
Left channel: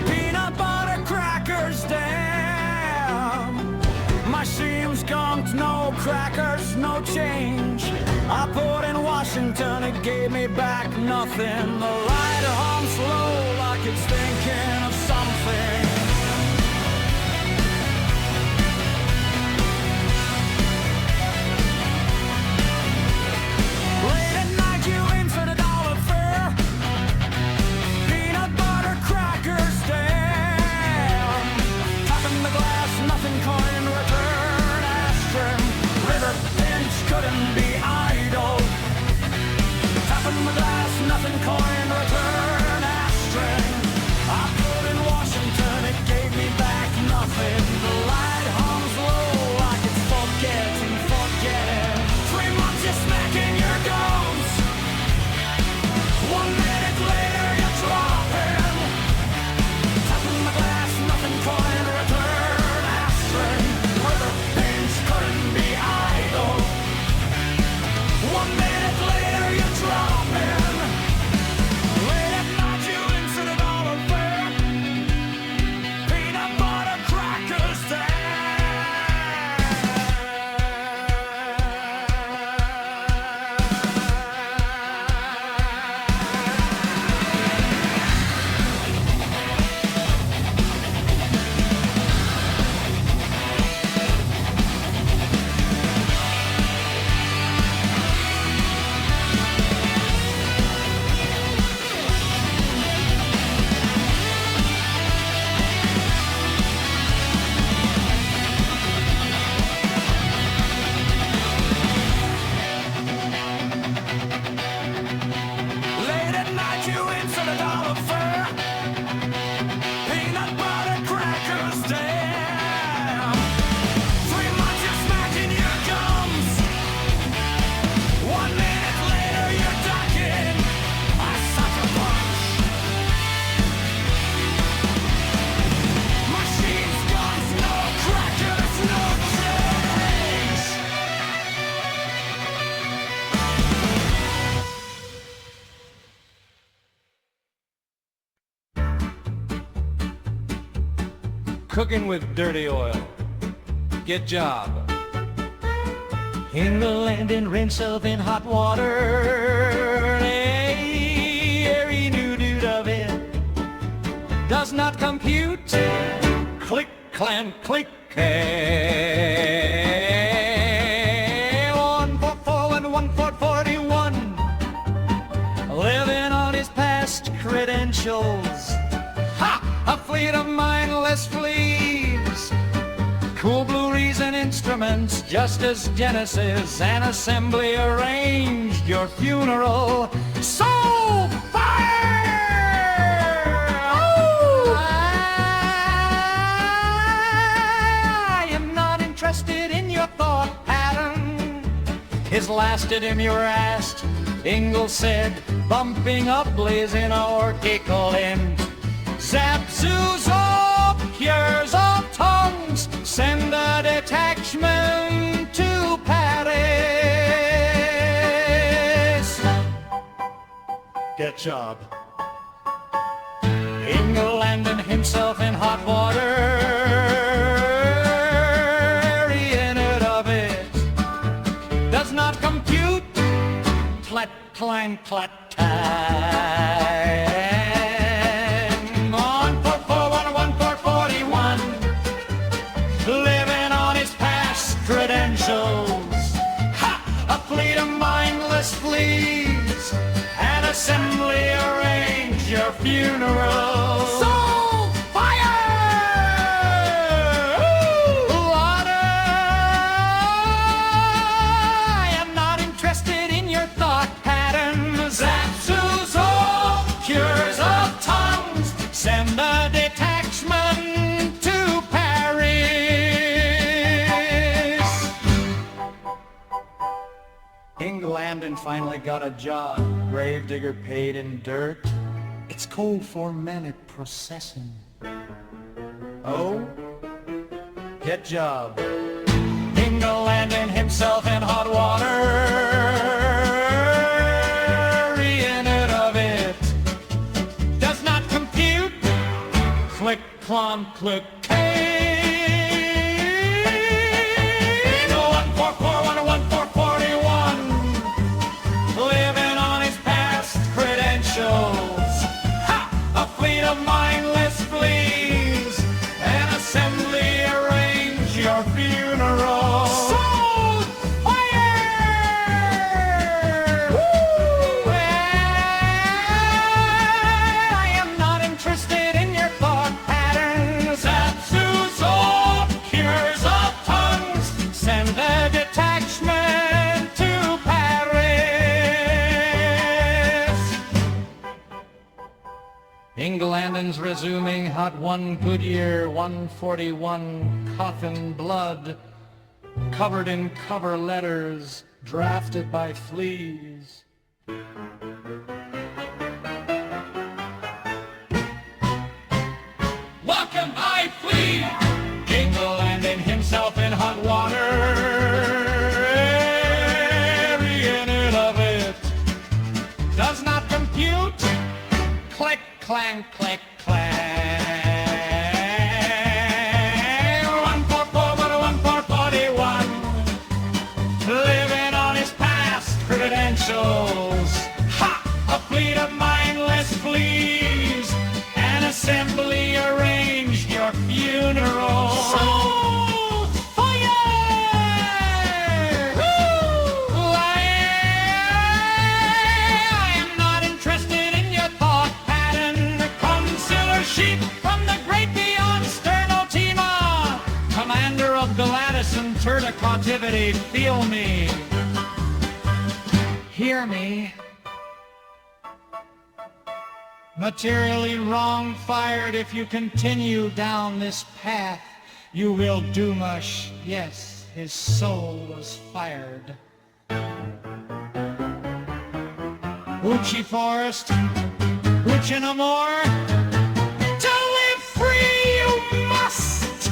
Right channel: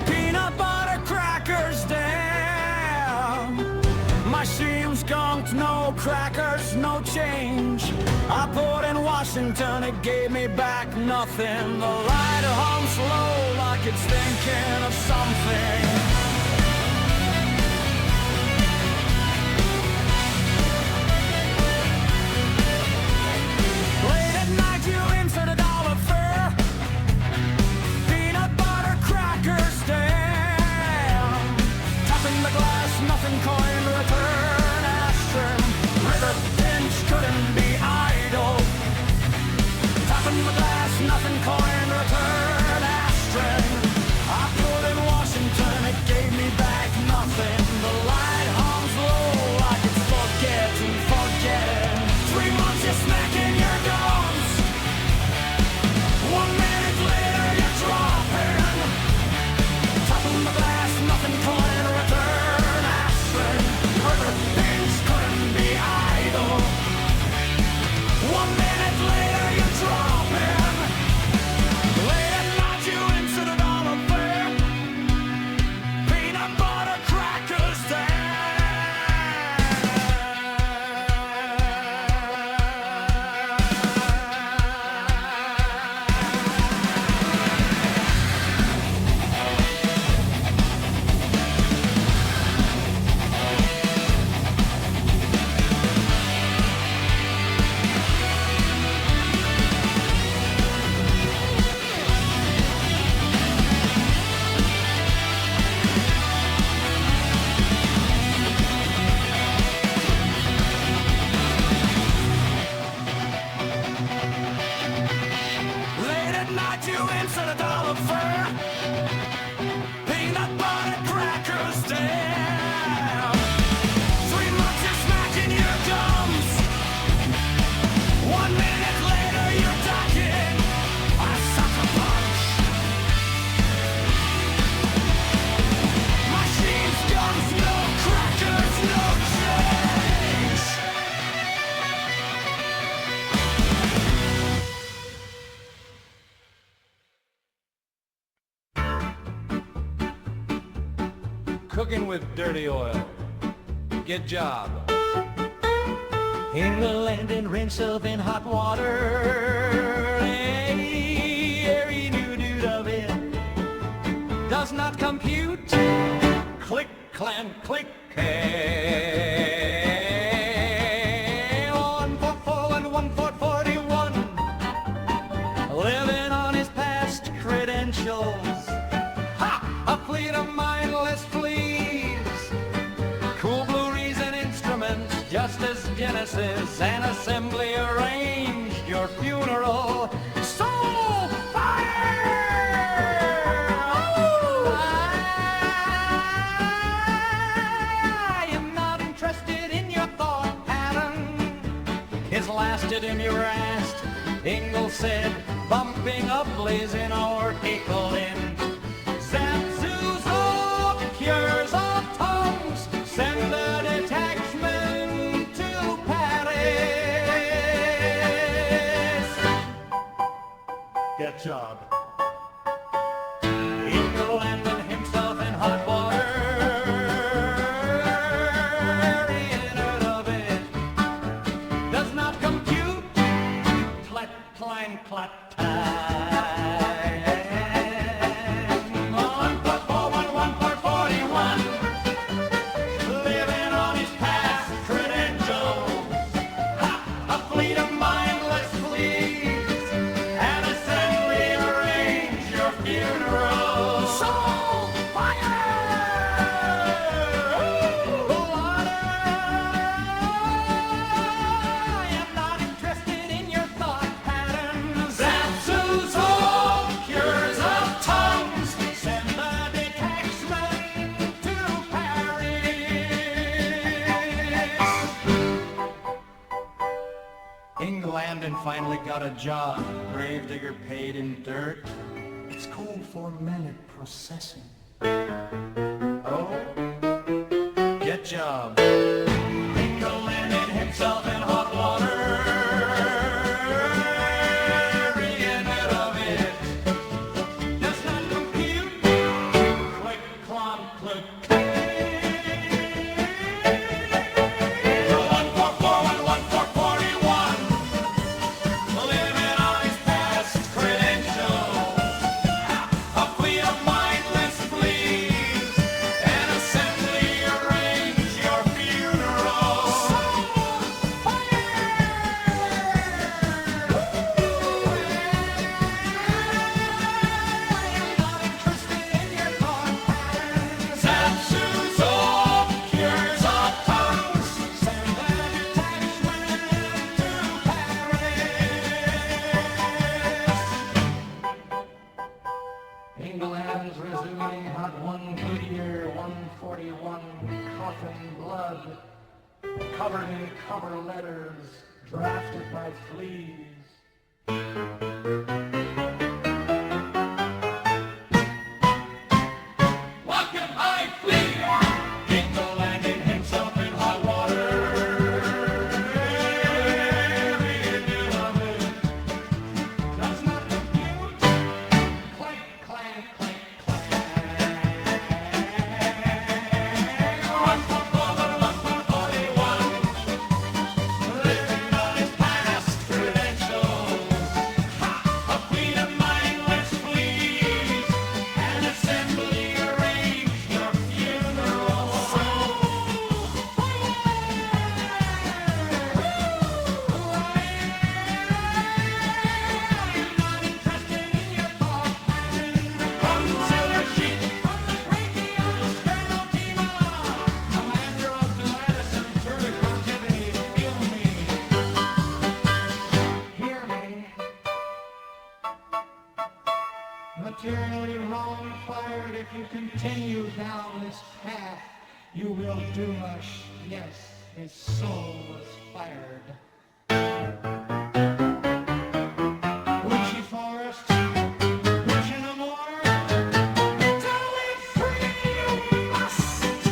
peanut butter crackers, damn. My seams skunked, no crackers, no change. I put in Washington, it gave me back nothing. The light hums slow like it's thinking of something. Late at night you insert $1 fur, peanut butter crackers, damn. Tapping the glass, nothing coin, return ashtray. River pinch couldn't be idle. Tapping the glass, nothing coin, return ashtray. I put in Washington, it gave me back nothing. The light hums low like it's forgetting. 3 months you're smacking your gums. 1 minute later you're dropping. Tapping the glass, nothing coin, return ashtray. River pinch couldn't be idle. 1 minute later Tonight you insert $1 fur, peanut butter crackers, damn. 3 months you're smacking your gums, 1 minute later you're docking a sucker punch. Machines, guns, no crackers, no change. Cooking with dirty oil. Get job. England and rinse of in hot water. Every new dude of it does not compute. Click, clan, click. 1 for 4 and 1 for 41. Living on his past credentials. Ha! A fleet of mindless fleas. Cool blue reason instruments, just as Genesis and Assembly arranged your funeral. Soul fire! Oh! I am not interested in your thought pattern. His last idiom you were asked, Ingalls said, bumping up blazing orchical end. Zap, Zuzo, cures of tongues, send a detachment to Paris. Get job. Ingle landing himself in hot water, in it of it does not compute. Clat, clang, clat, tang. 1 for 4, 1 for 41. Living on his past credentials. Ha! A fleet of mindless fleas. An assembly arrange your funeral. Soul fire! Water! I am not interested in your thought patterns. Zapsuzo, cures of tongues. Send a detachment to Paris. England and finally got a job. Gravedigger paid in dirt. It's cold for minute processing. Oh, get job. England landing himself in hot water. In it of it does not compute. Click, clon, click, Go 1 for 4, 1 for 41. Living on his past credentials. Ha! A fleet of mindless fleas. An assembly arrange your funeral. Soul fire! Woo! I am not interested in your thought patterns. Zapsuzo, cures of tongues. Send a detachment to Paris. England's resuming hot 1 Goodyear 141 coffin blood, covered in cover letters, drafted by fleas. Welcome, I flee! Jingle landing himself in hot water. In it of it does not compute. Click, clang, click, clang. 1 for 4, 1 for 41. Living on his past credentials. Ha! A fleet of mindless fleas. An assembly arranged your funeral. Soul fire! Woo! I am not interested in your thought pattern. Consular sheep from the great beyond Sternotima. Commander of Galatis and Turda cautivity, feel me. Hear me. Materially wrong fired. If you continue down this path, you will doomush. Yes, his soul was fired. Uchi Forest, Uchi no more. To live free you must.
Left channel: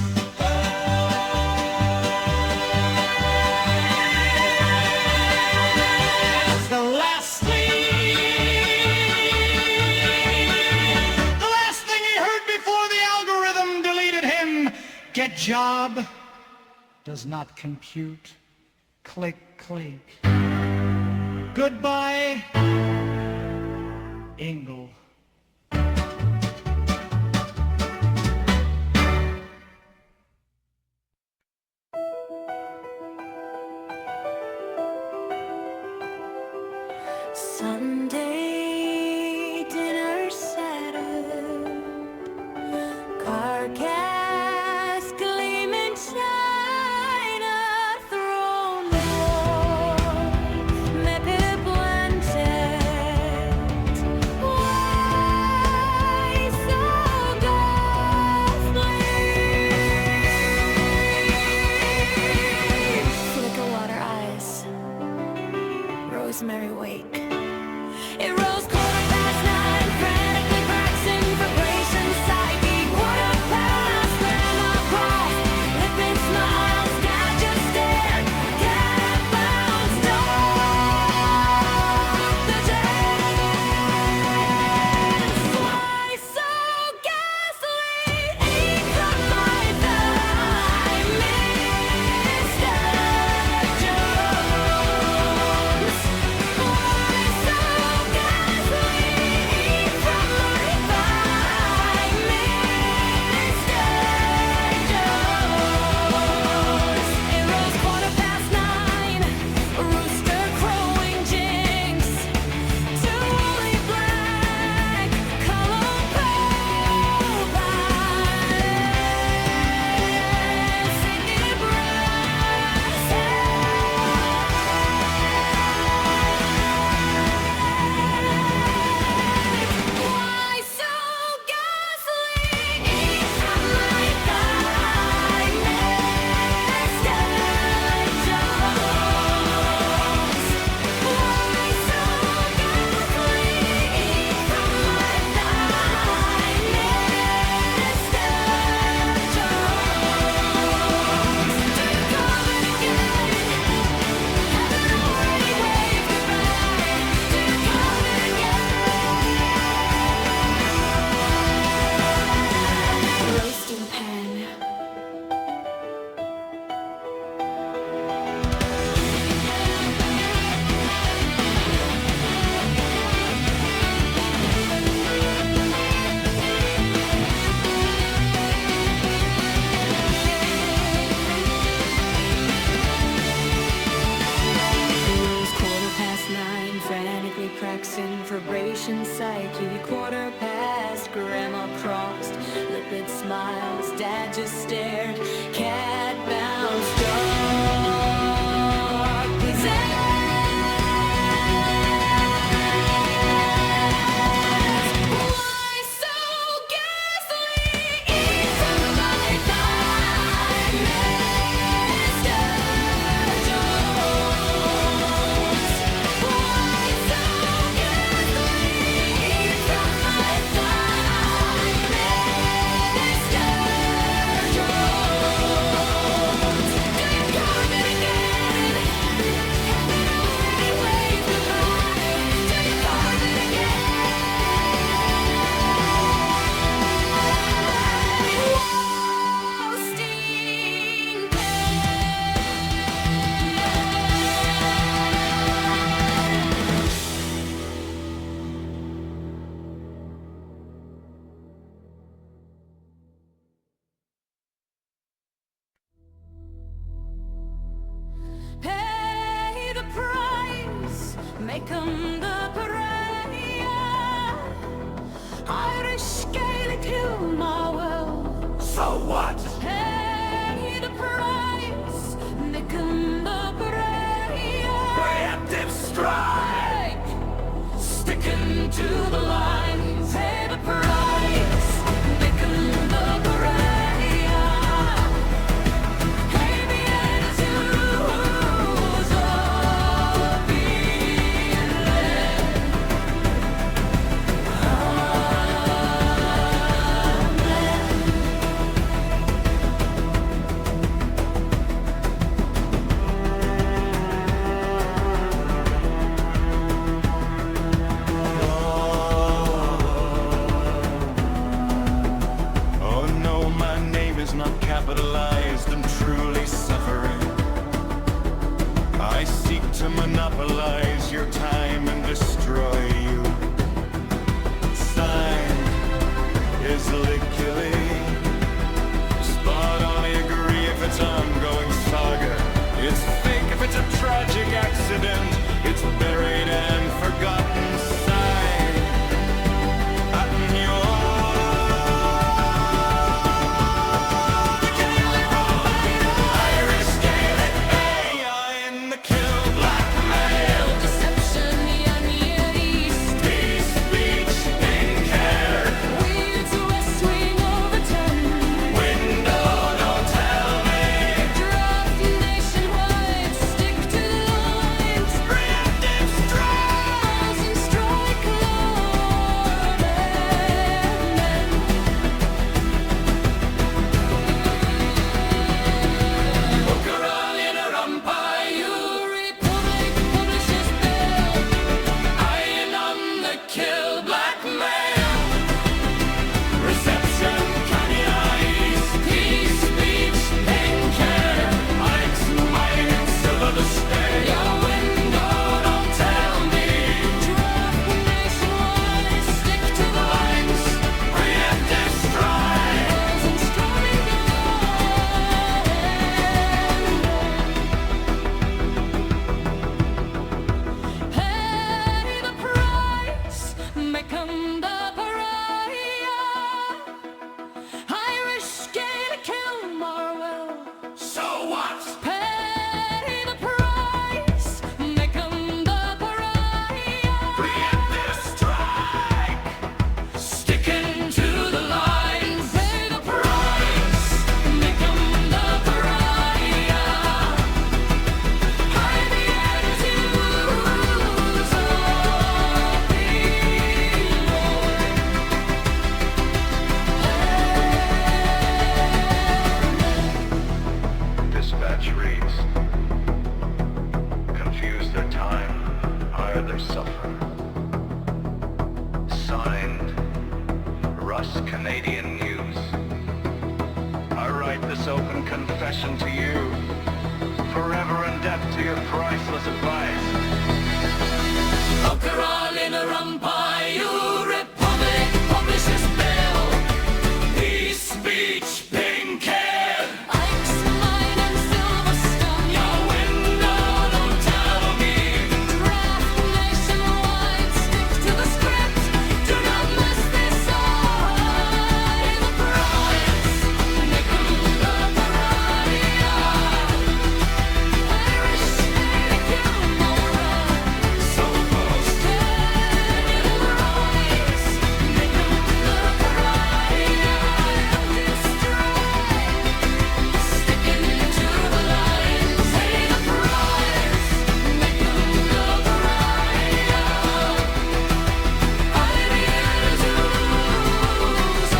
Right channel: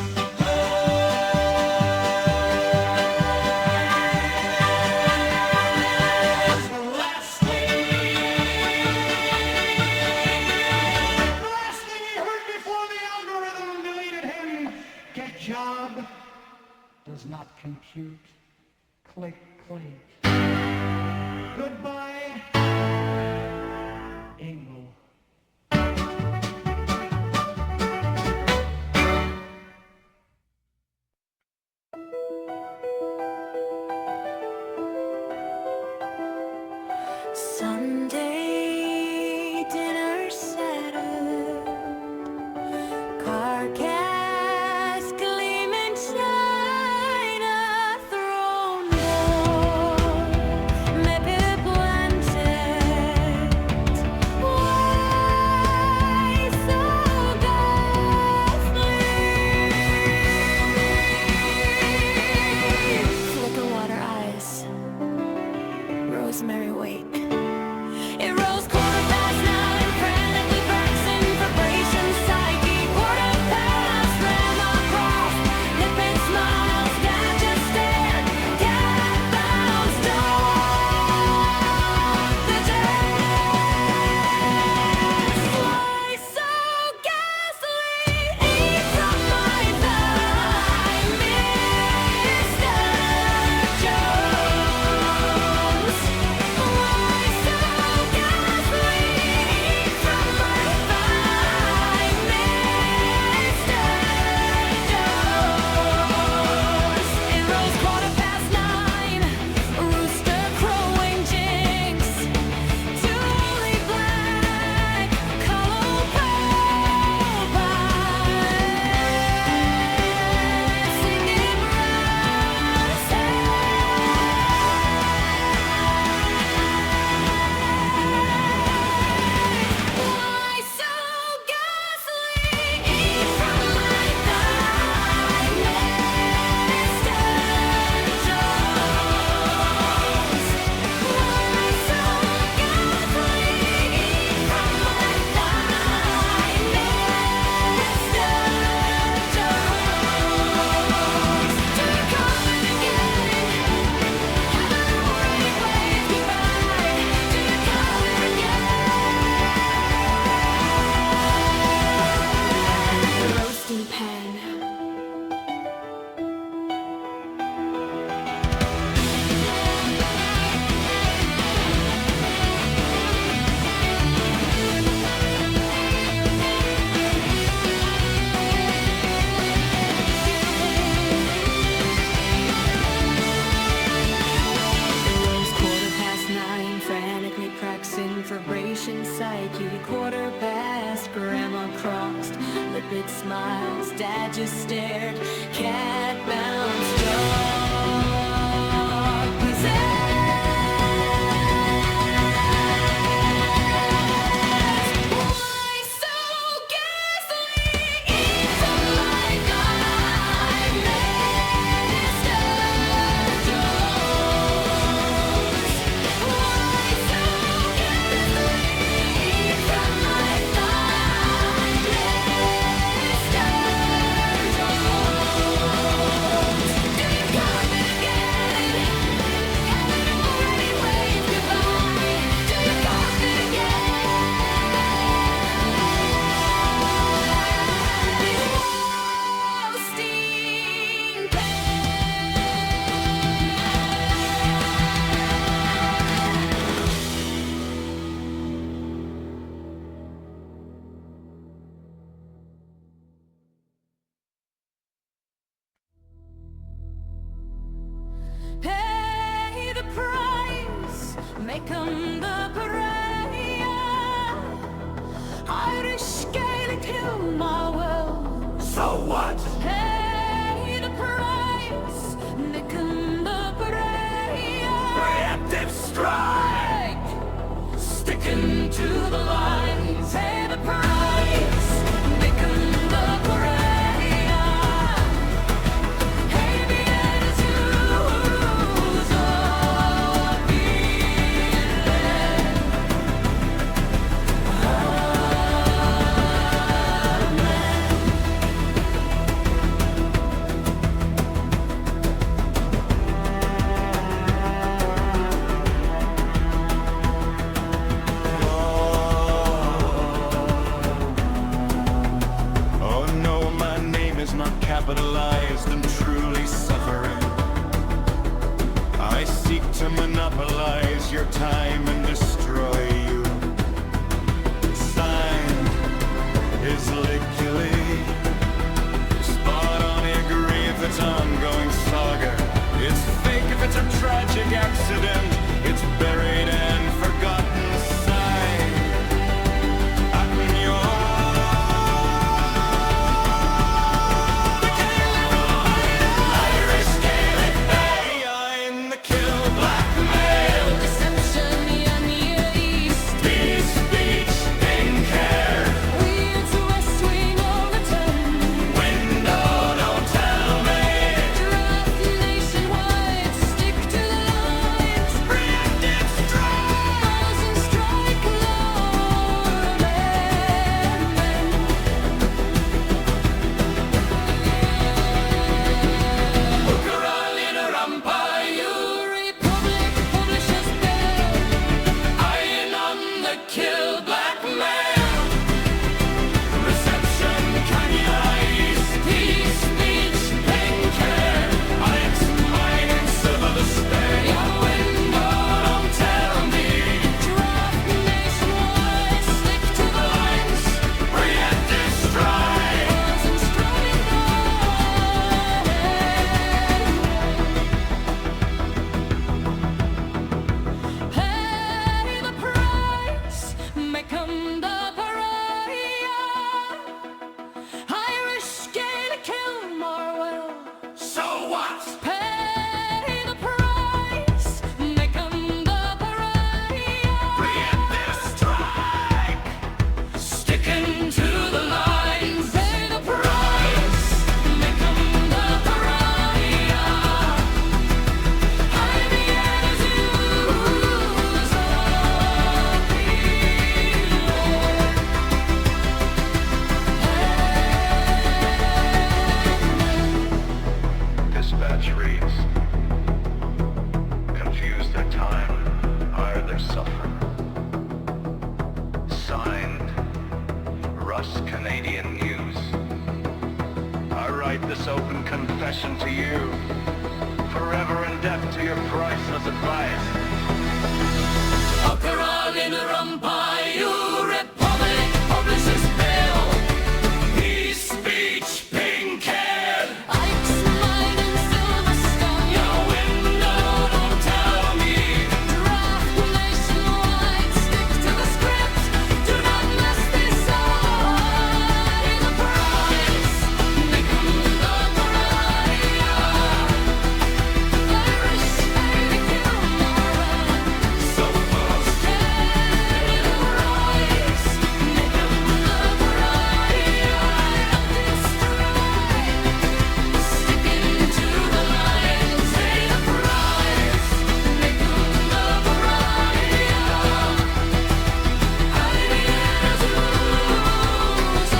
It's the last thing he heard before the algorithm deleted him. Get job does not compute. Click, click. Goodbye, Ingle. Sunday dinner settled, carcass gleaming china throne board, maybe planted. Why so ghastly? Flicker water eyes, rosemary wake. It rose 9:15, frantically practicing vibration psyche. 9:15, grandma crossed, lipid smiles, dad just stared. Cat bounced off the desk. Why so ghastly? Eat from my thigh, Mr. Jones. Why so ghastly? Eat from my thigh, Mr. Jones. It rose 9:15, a rooster crowing jinx. Two woolly black color pole pies, singing brass Why so ghastly? Eat from my thigh, Mr. Jones. Why so ghastly? Eat from my thigh, Mr. Jones. Do you come in again? Haven't already waved goodbye. Do you come in again? Roasting pan. It rose 9:15, frantically practicing vibration psyche. 9:15, grandma crossed, lipid smiles, dad just stared. Cat bounced dog possessed. Why so ghastly? Eat from my thigh, Mr. Jones. Why so ghastly? Eat from my thigh, Mr. Jones. Do you carve it again? Haven't already waved goodbye. Do you carve it again? Roasting pay the price, make 'em the pariah. Irish Gaelic humor will. So what? Pay the price, make 'em the pariah. Preemptive strike! Sticking to the line. Pay not capitalized and truly suffering. I seek to monopolize your time and destroy you. Signed, Isliculi. Spot on, I agree if it's ongoing saga. It's fake if it's a tragic accident. It's buried and forgotten. Signed, Attenyor. Dispatch reads, confuse their time, hire their suffer. Signed, Russ Canadian News. I write this open confession to you, forever in debt to your priceless advice. Republic Publishers Bill. His speech, pink hair. Ike's mine and Silverstone. Your window, don't tell me. Draft nationwide, stick to the script. Do not mess this up. Pay the price, make 'em the pariah. Irish ain't a kill moral. So most Canadian price, make 'em the pariah. Empty strike, sticking to the lines. Pay the price, make 'em the pariah. Ideas use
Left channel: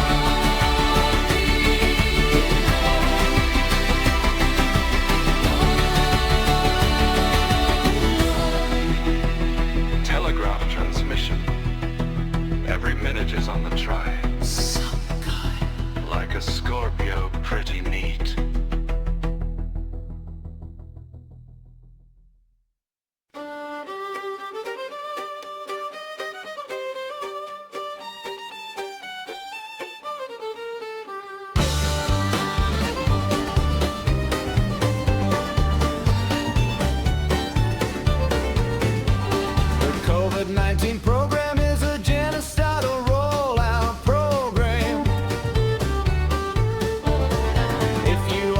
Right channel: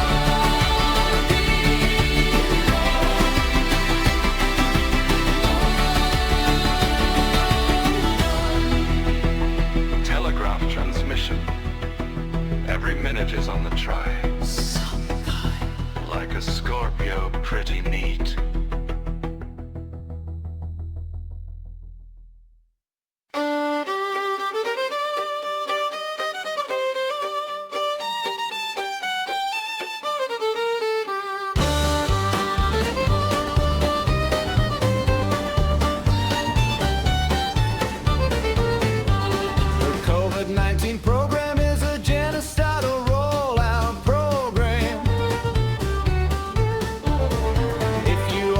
Telegraph transmission. Every minute is on the try. Like a Scorpio, pretty neat. The COVID-19 program is a genocidal rollout program. If you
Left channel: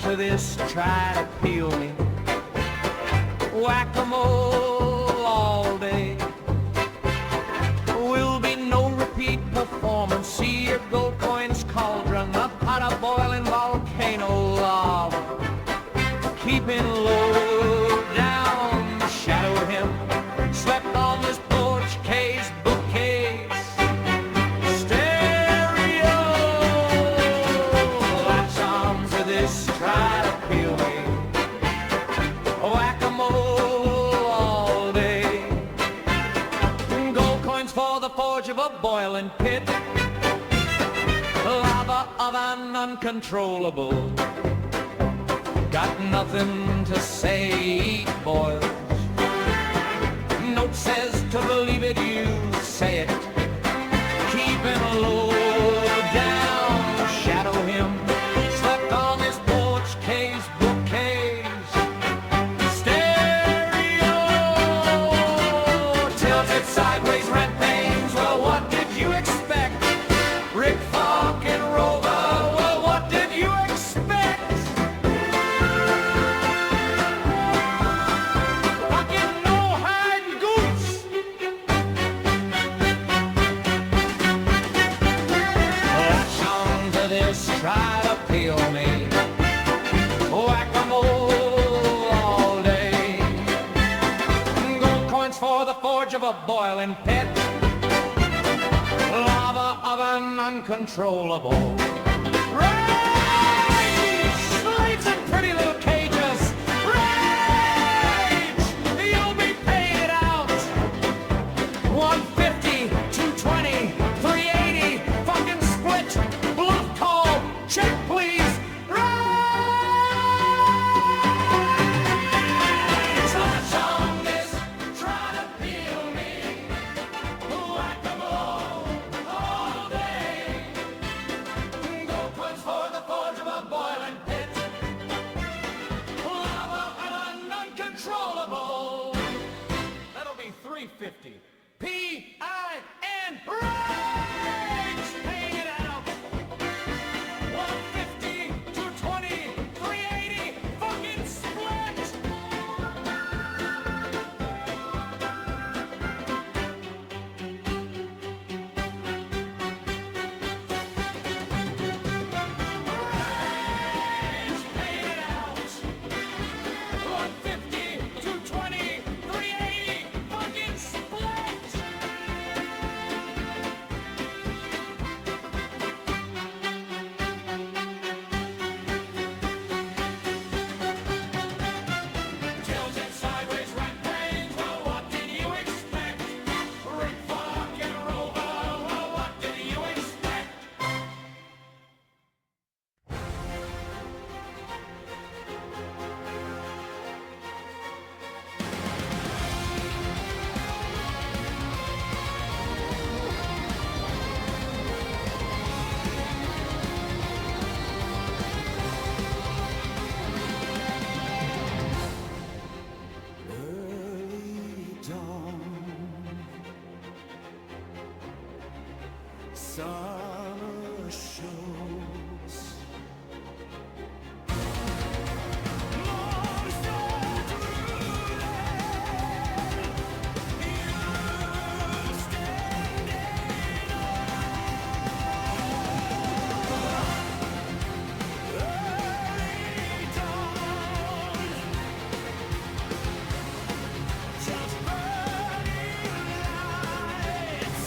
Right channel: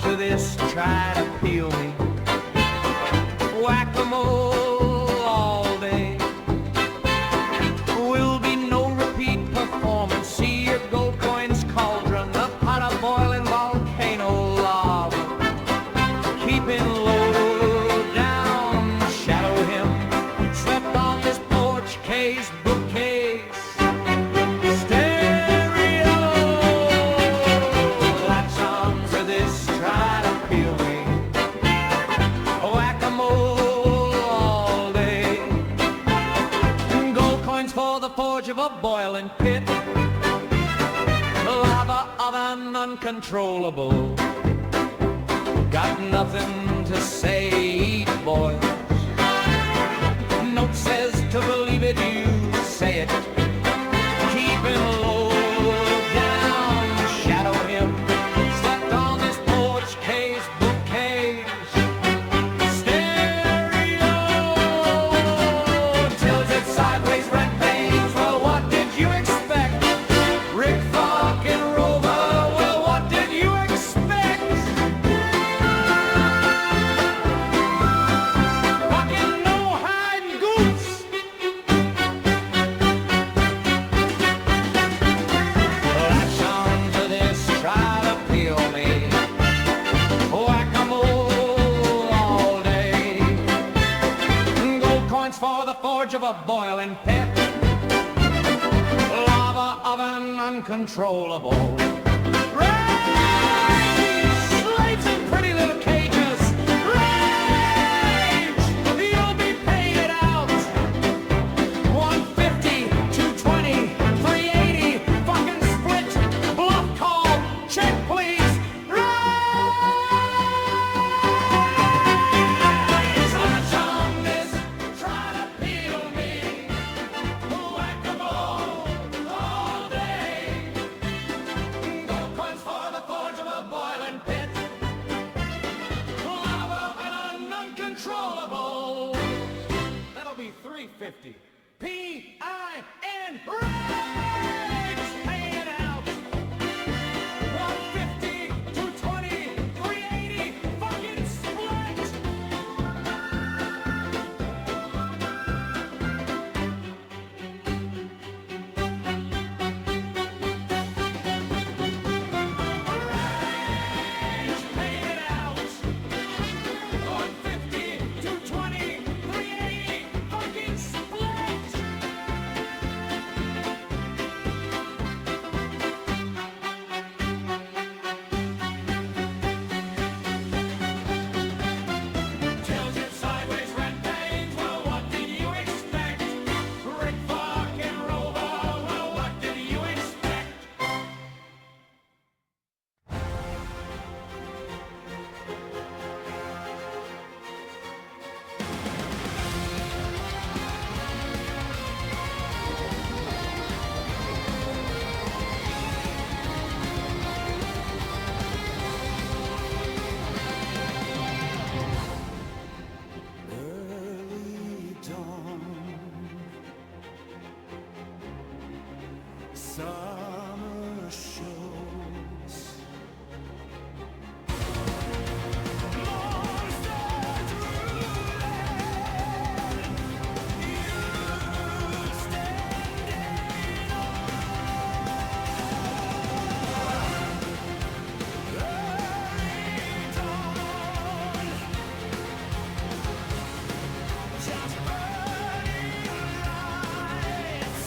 to this, try to peel me. Whack-a-mole all day. Will be no repeat performance. See your gold coins cauldron, a pot of boiling volcano lava. Keeping low down, shadow him. Slept on this porch case, bookcase. Stereo, latch on to this, try to peel me. Whack-a-mole all day. Gold coins for the forge of a boiling pit. Lava oven uncontrollable. Got nothing to say, eat boils. Note says to believe it, you say it. Keeping low down, shadow him. Slept on this porch case, bookcase. Sideways rent pains, well what did you expect? Rick fucking Rover, well what did you expect? Fucking no hiding goose. Latch on to this, try to peel me. Whack-a-mole all day. Gold coins for the forge of a boiling pit. Lava oven uncontrollable. Rage! Slaves in pretty little cages. Rage! You'll be paid out. 150, 220, 380. Fucking split. Bluff call. Check please. Controllable. That'll be 350. P-I-N rage. Pay it out. 150, 220, 380. Fucking split. Rage. Pay it out. 150. 220, 380, fucking split! Tilted sideways, rent pains, well what did you expect? Rick fucking Rover, well what did you expect? Early dawn, summer shows, monsters ruling, you standing on. Early dawn, just burning lights.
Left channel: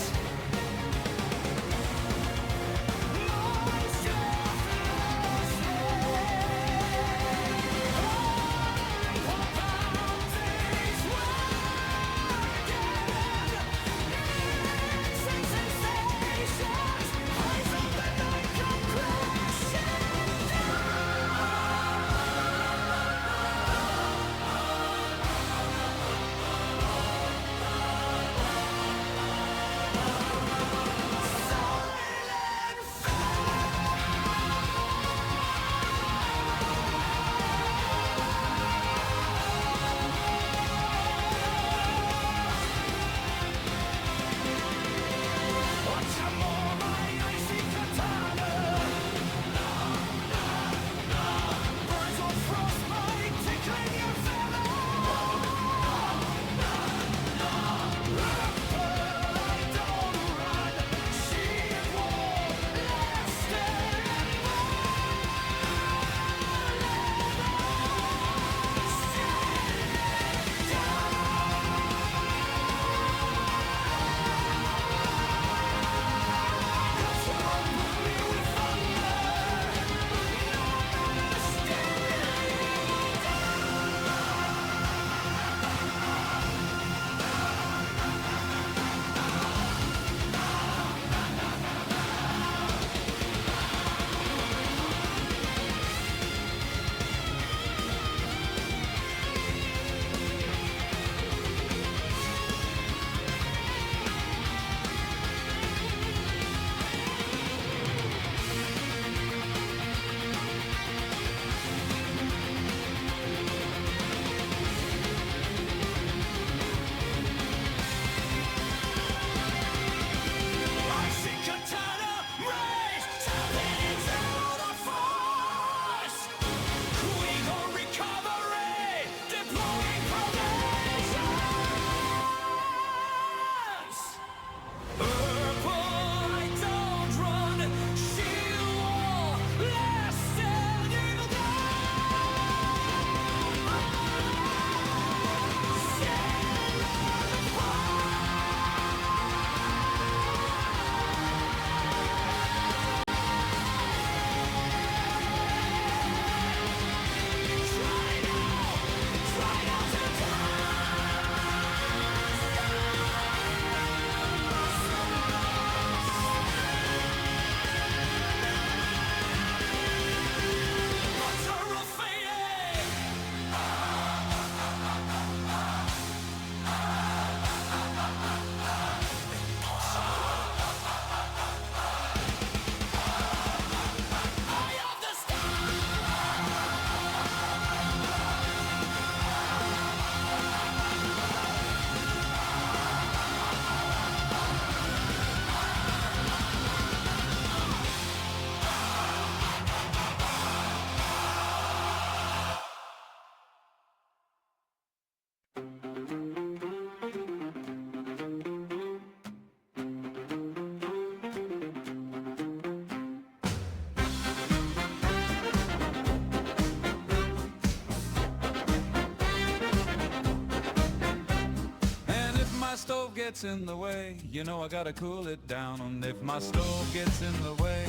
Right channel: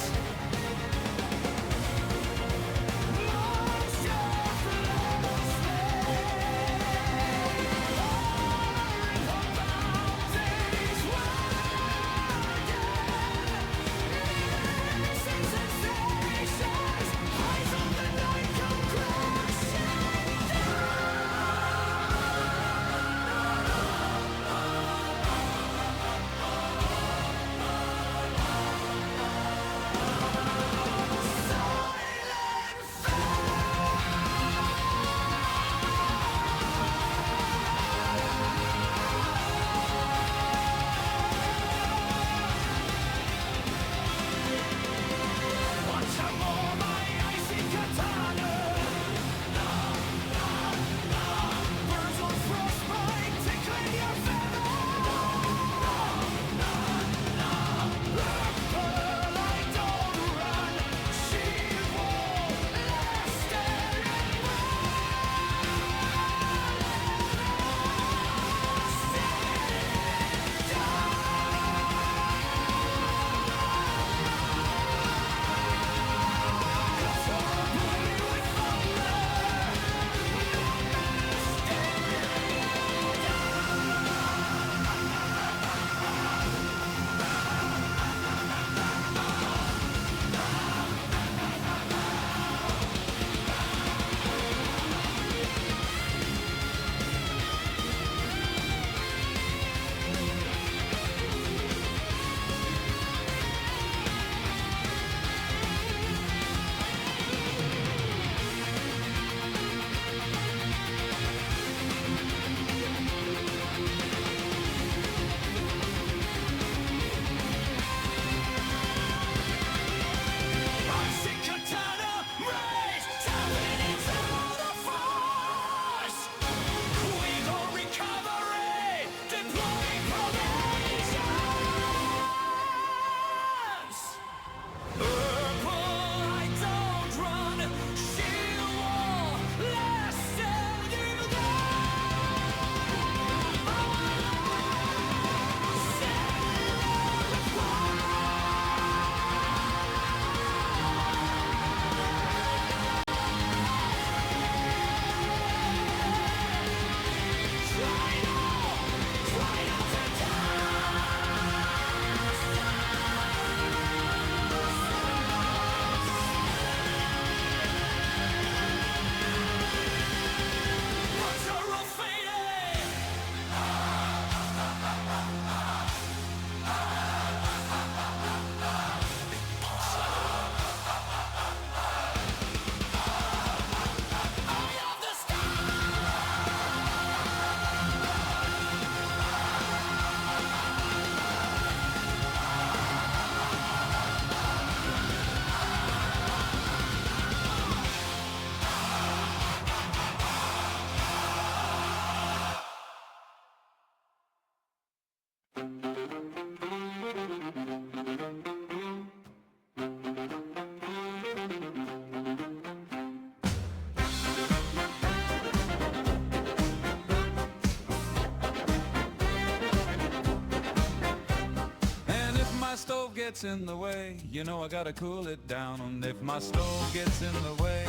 gets in the way, you know I gotta cool it down. And if my stove gets in the way,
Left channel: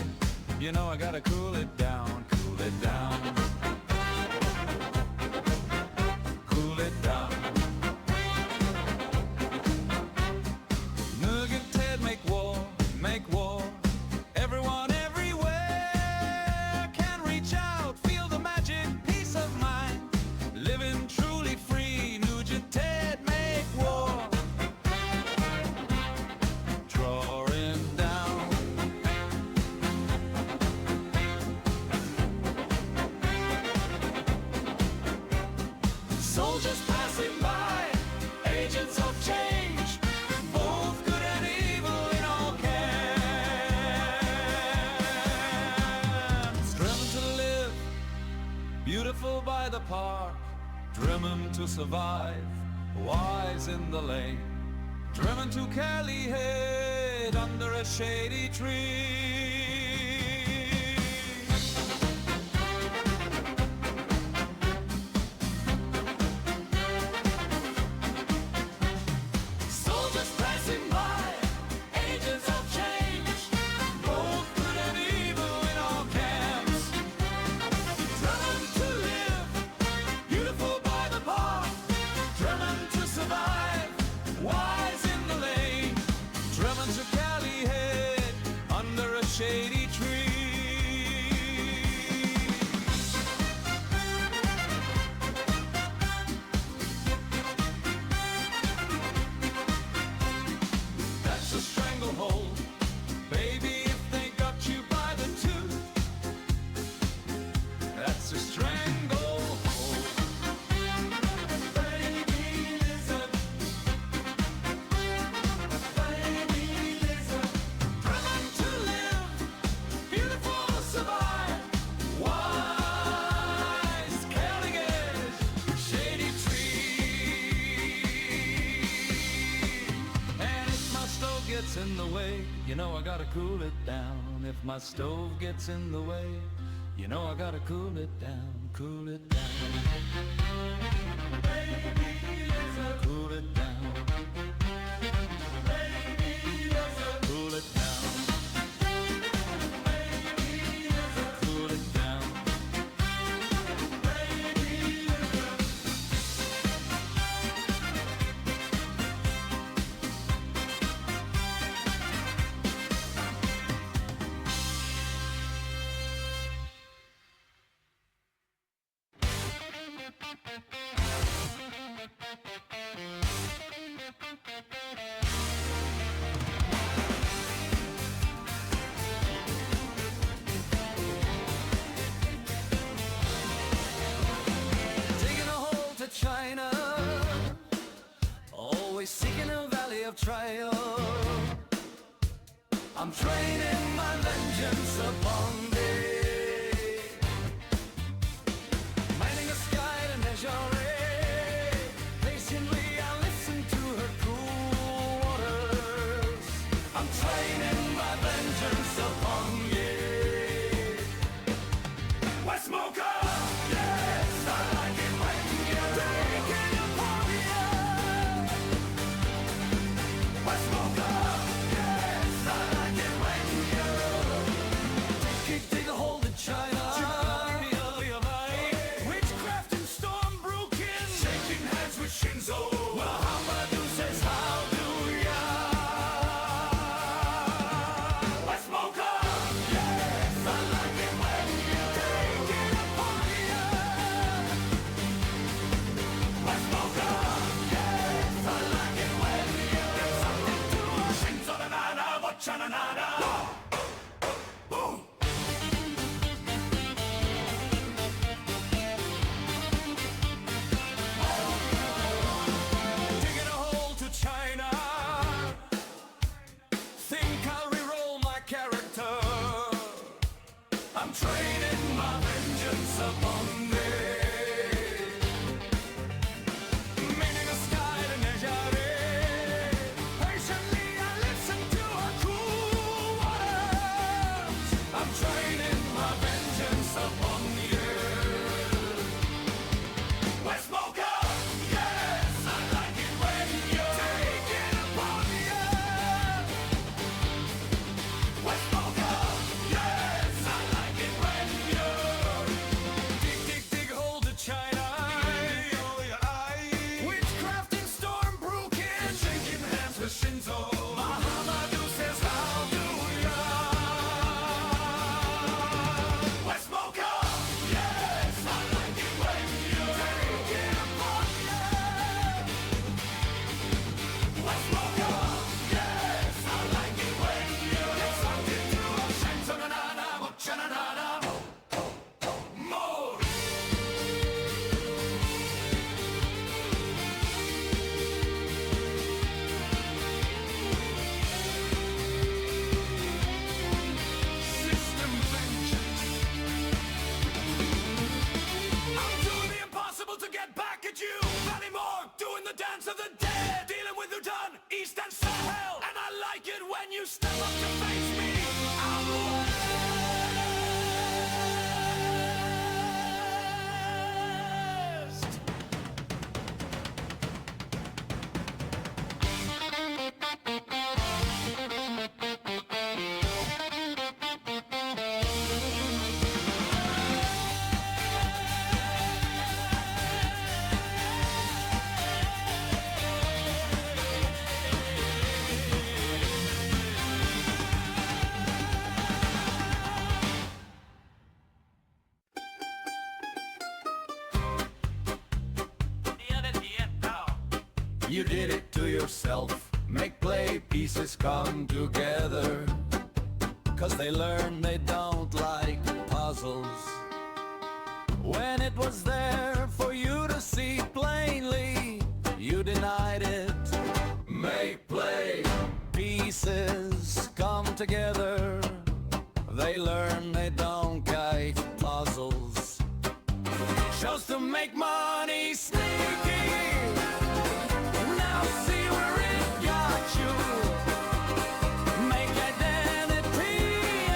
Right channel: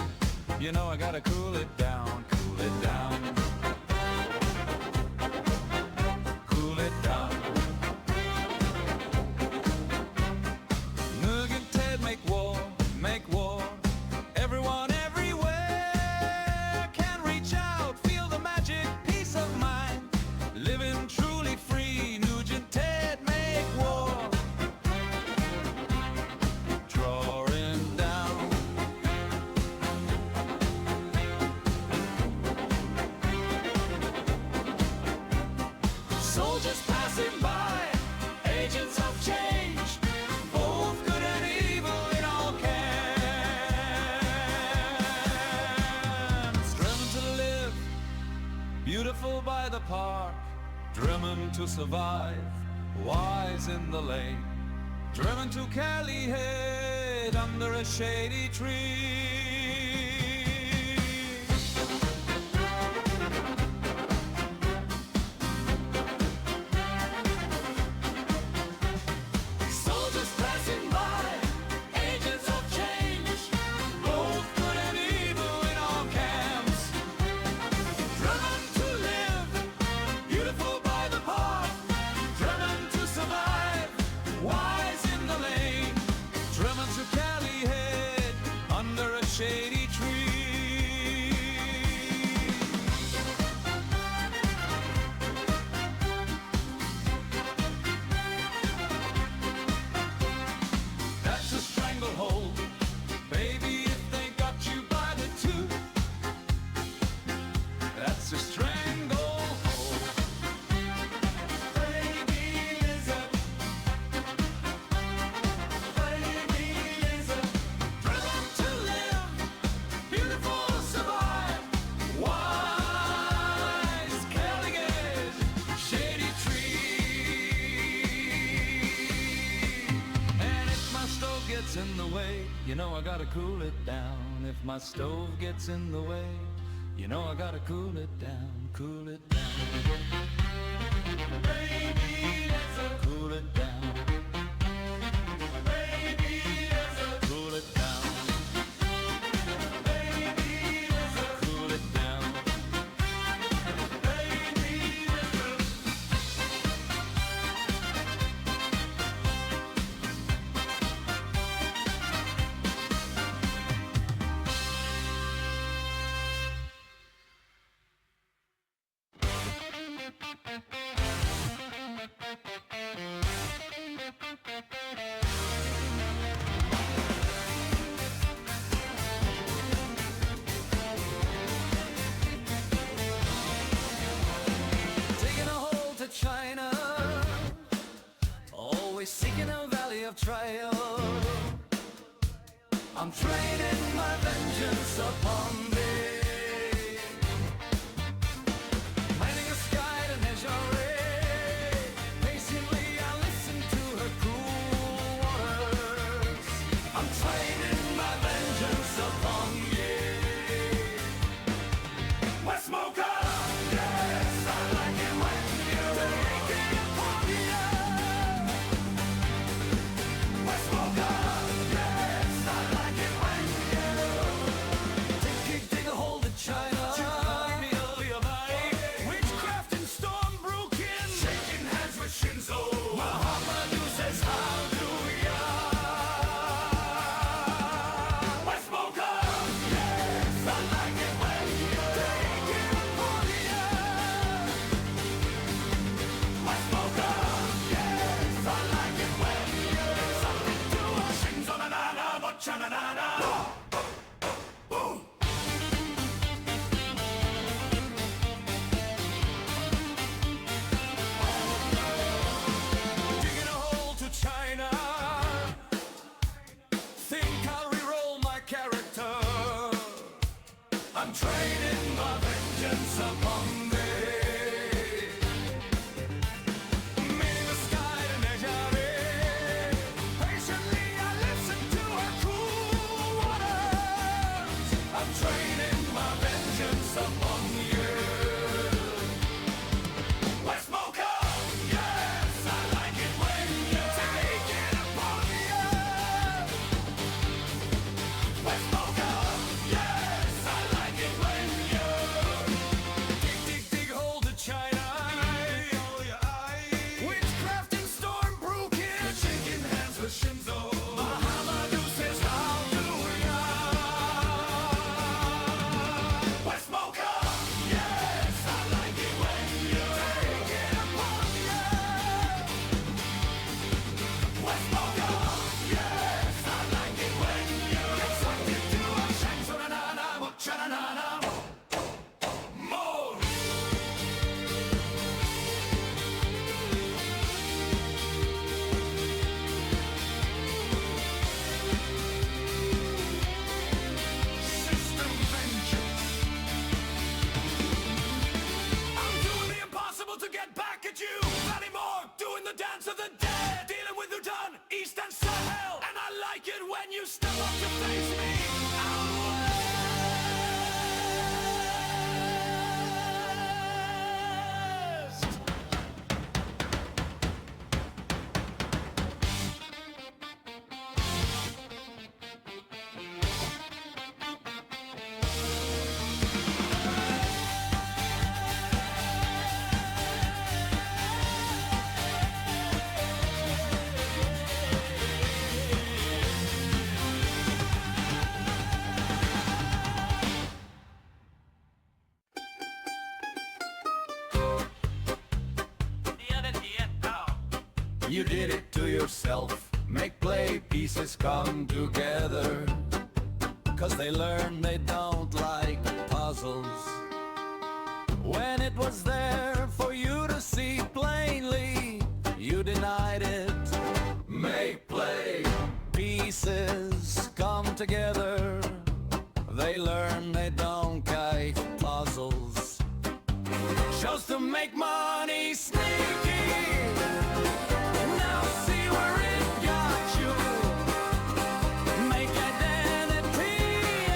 you know I gotta cool it down, cool it down, cool it down. Noog and Ted make war, make war. Everyone everywhere can reach out, feel the magic, peace of mind, living truly free. Noog and Ted make war, drawing down. Soldiers passing by, agents of change, both good and evil in all camps. Driven to live, beautiful by the park, driven to survive, wise in the lane, driven to Cali Head under a shady tree. Soldiers passing by, agents of change, both good and evil in all camps. Driven to live, beautiful by the park, driven to survive, wise in the lane, driven to Cali Head under a shady tree. That's a stranglehold, baby, if they got you by the tooth. That's a stranglehold. Baby lizard, baby lizard, driven to live, beautiful to survive, wise, Caliget, shady tree. And if my stove gets in the way, you know I gotta cool it down. If my stove gets in the way, you know I gotta cool it down, cool it down. Baby lizard, cool it down. Baby lizard, cool it down. Baby lizard, cool it down. Baby lizard. Taking a hold to China, always seeking a valley of trial. I'm training my vengeance upon thee, mining a sky to measure it. Patiently I listen to her cool waters. I'm training my vengeance upon ye. West Smoker, yes, I like it when you take it upon you. West Smoker, yes, I like it when you take a hold of China. Witchcraft and storm broken, shaking hands with Shinzo. Muhammadu says how do ya? West Smoker, yes, I like it when you take it upon ya. West Smoker, yes, I like it when you get sucked into a Shinzo na na na, watcha na na na. Boom. Silence of the dead, dealing with Udan, East and Sahel. And I like it when you step up to face me out west. You did it to yourself. Make play pieces come together. 'Cause they learn they don't like puzzles. When it was there for you to see plainly, you denied it. Make play pieces come together. They learn they don't like puzzles. Chose to make money sneaky. Now see where it got you. Make identity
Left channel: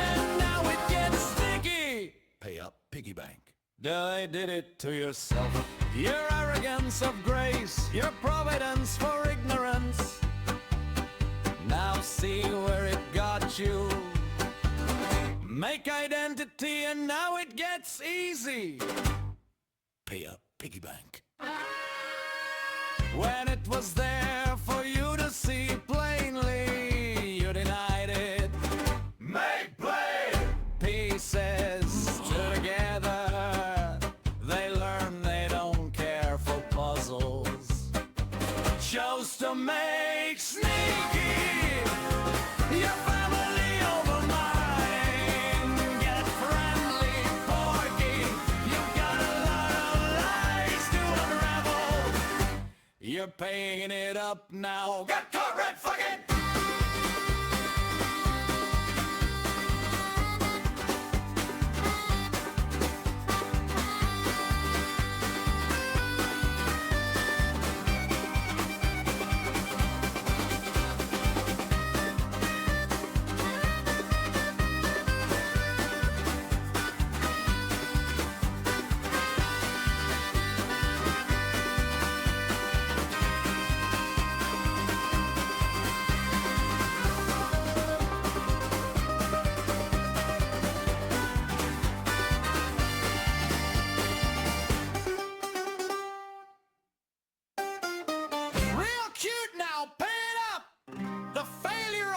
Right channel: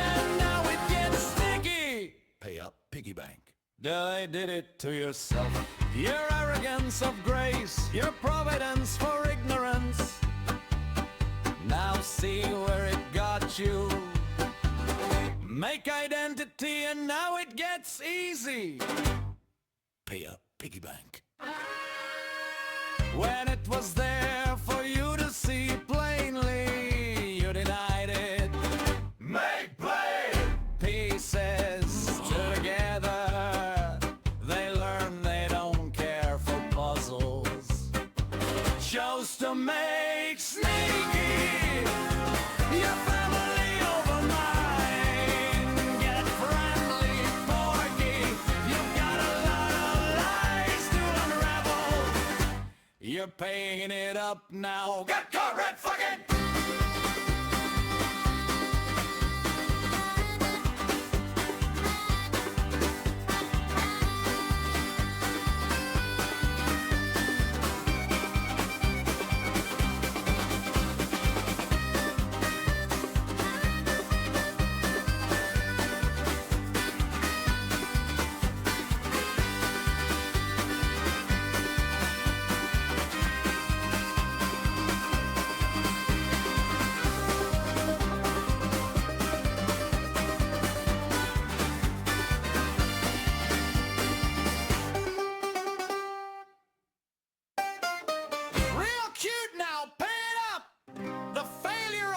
and now it gets sticky. Pay up, piggy bank. They did it to yourself. Your arrogance of grace, your providence for ignorance. Now see where it got you. Make identity and now it gets easy. Pay up, piggy bank. When it was there for you to see plainly, you denied it. Make play pieces together. They learn they don't care for puzzles. Chose to make sneaky your family over mine. Get friendly, porky. You've got a lot of lies to unravel. You're paying it up now. Get caught red fucking.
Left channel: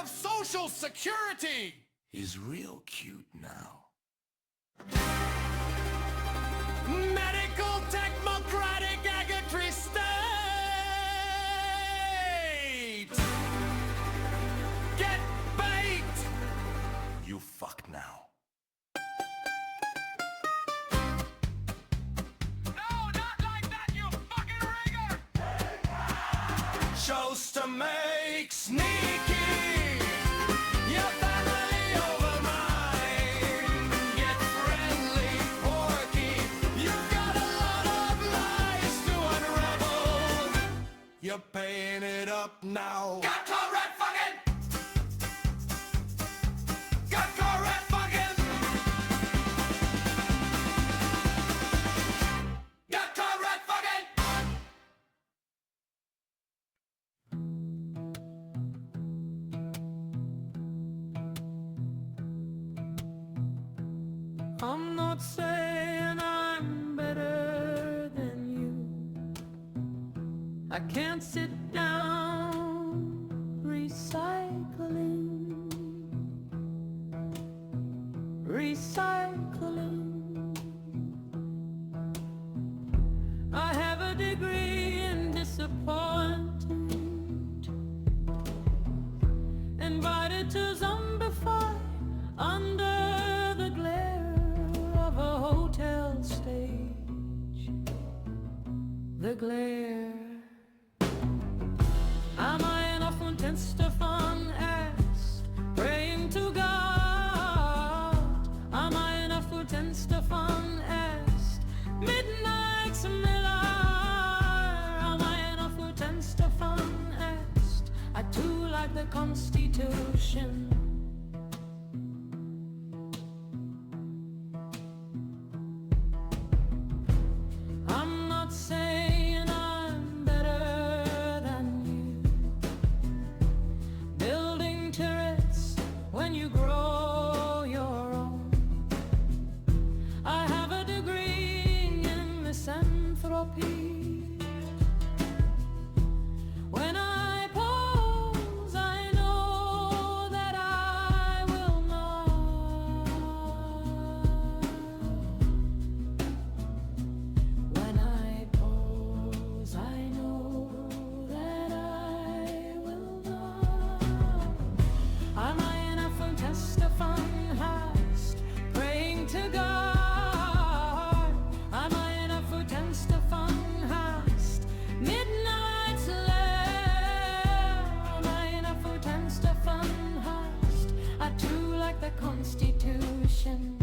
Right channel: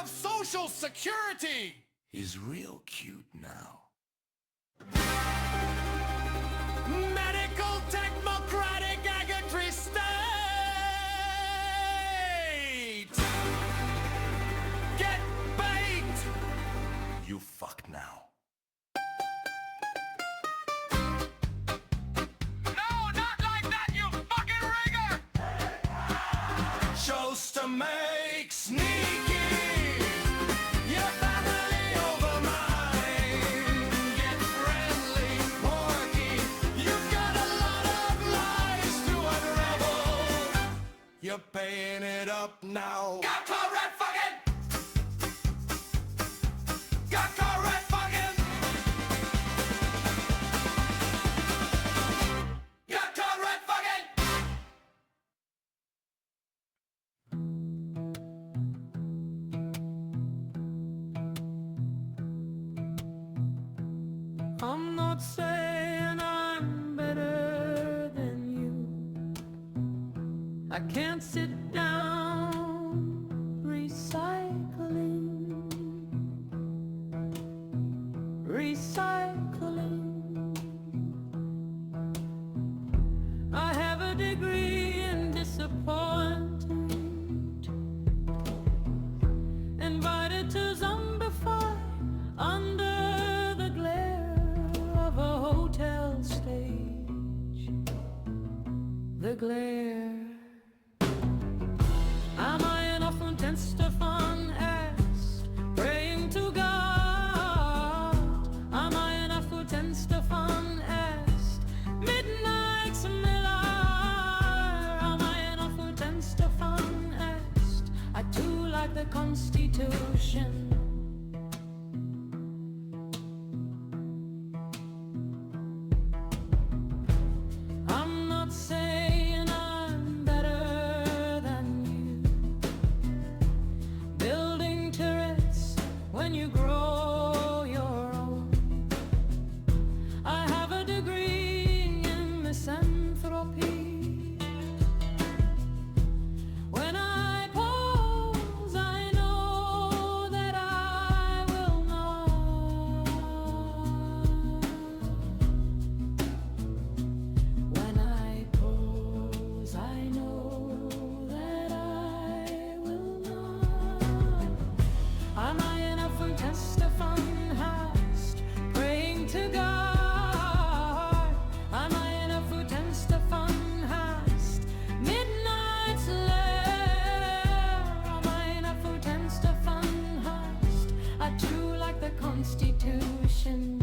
Social Security is real cute now. Medical Technocratic Agatory State! Get bait! You fucked now. No, not like that, you fucking rigger! Chose to make sneaky. Your family over mine. Get friendly, porky. You've got a lot of lies to unravel. You're paying it up now. Got caught red fucking. Got caught red fucking. Got caught red fucking. I'm not saying I'm better than you. I can't sit down recycling. I have a degree in disappointment. Invited to zombify under the glare of a hotel stage. The glare. Am I enough when Stefan asked, praying to God? Am I enough when Stefan asked, midnight Miller? Am I enough when Stefan Constitution. I'm not saying I'm better than you, building turrets when you grow your own. I have a degree in misanthropy. When I pose, I know that I will not. When I pose, I know that I will not. Am I enough for test of unhast, praying to God? Am I enough for test of unhast, midnight's lair? Am I enough for test of unhast? I too like the Constitution.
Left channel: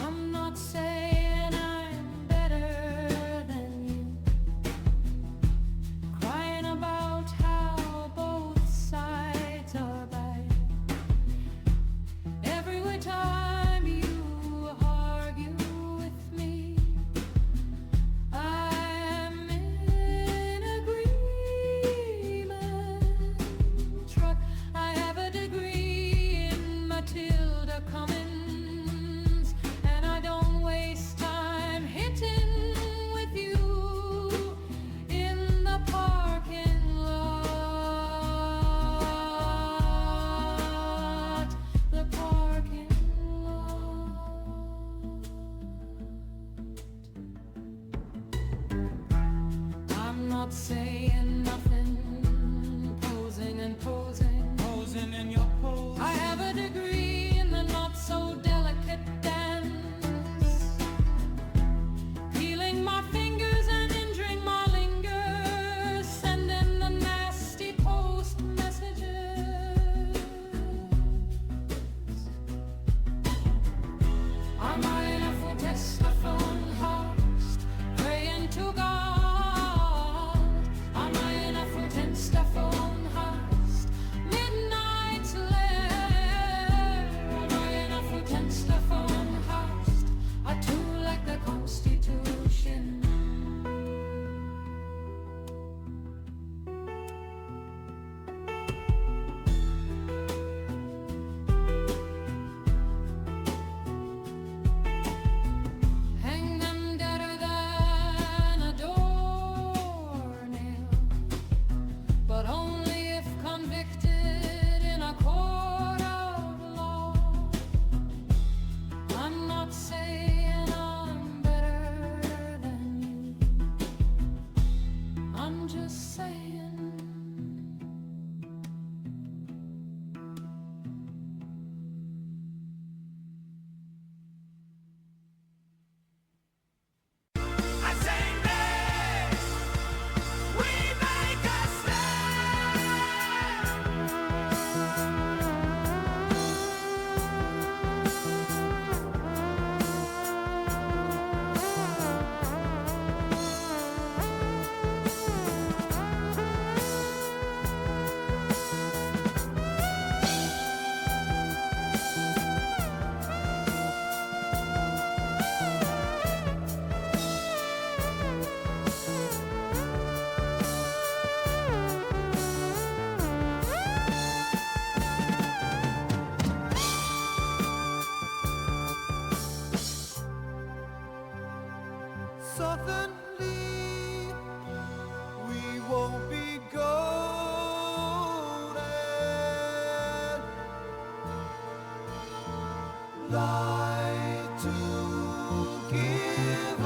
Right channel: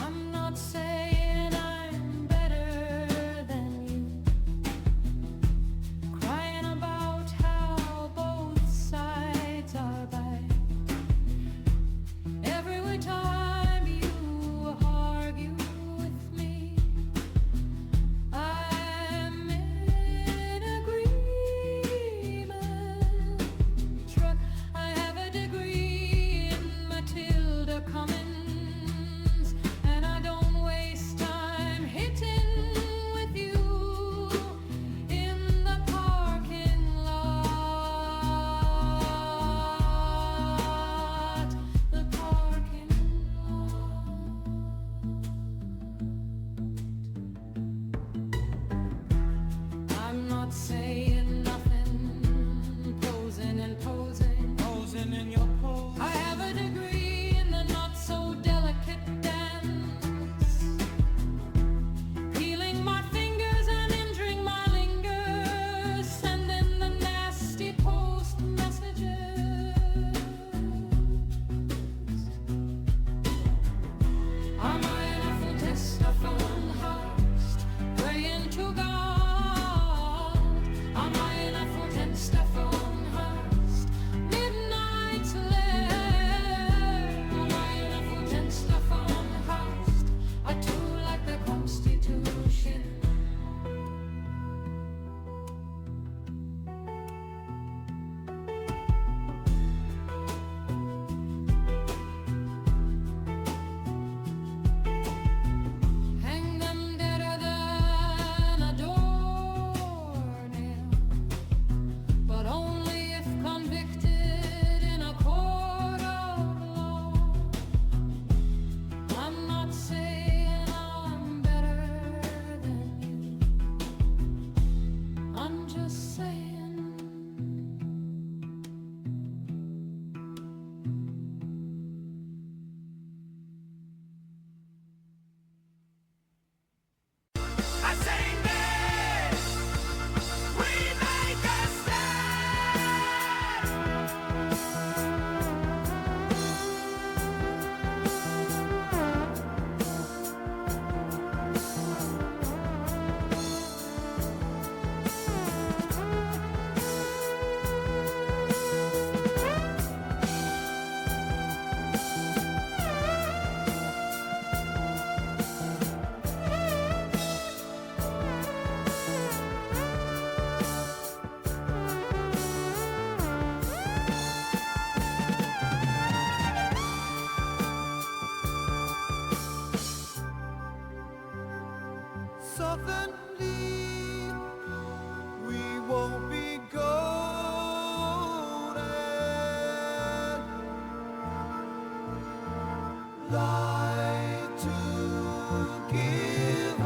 I'm not saying I'm better than you, crying about how both sides are bad. Every time you argue with me, I'm in agreement. Truck, I have a degree in Matilda Cummins, and I don't waste time hitting with you in the parking lot. The parking lot. I'm not saying nothing, posing and posing, Posing in your pose. I have a degree in the not so delicate dance, peeling my fingers and injuring my lingers, sending the nasty post messages. Am I enough for test of unhast, praying to God? Am I enough for test of unhast, midnight's lair? Am I enough for test of unhast? I too like the Constitution. Hang them deader than a doornail, but only if convicted in a court of law. I'm not saying I'm better than you, I'm just saying I say this, we make a Suddenly, we won't be golden. Lie to give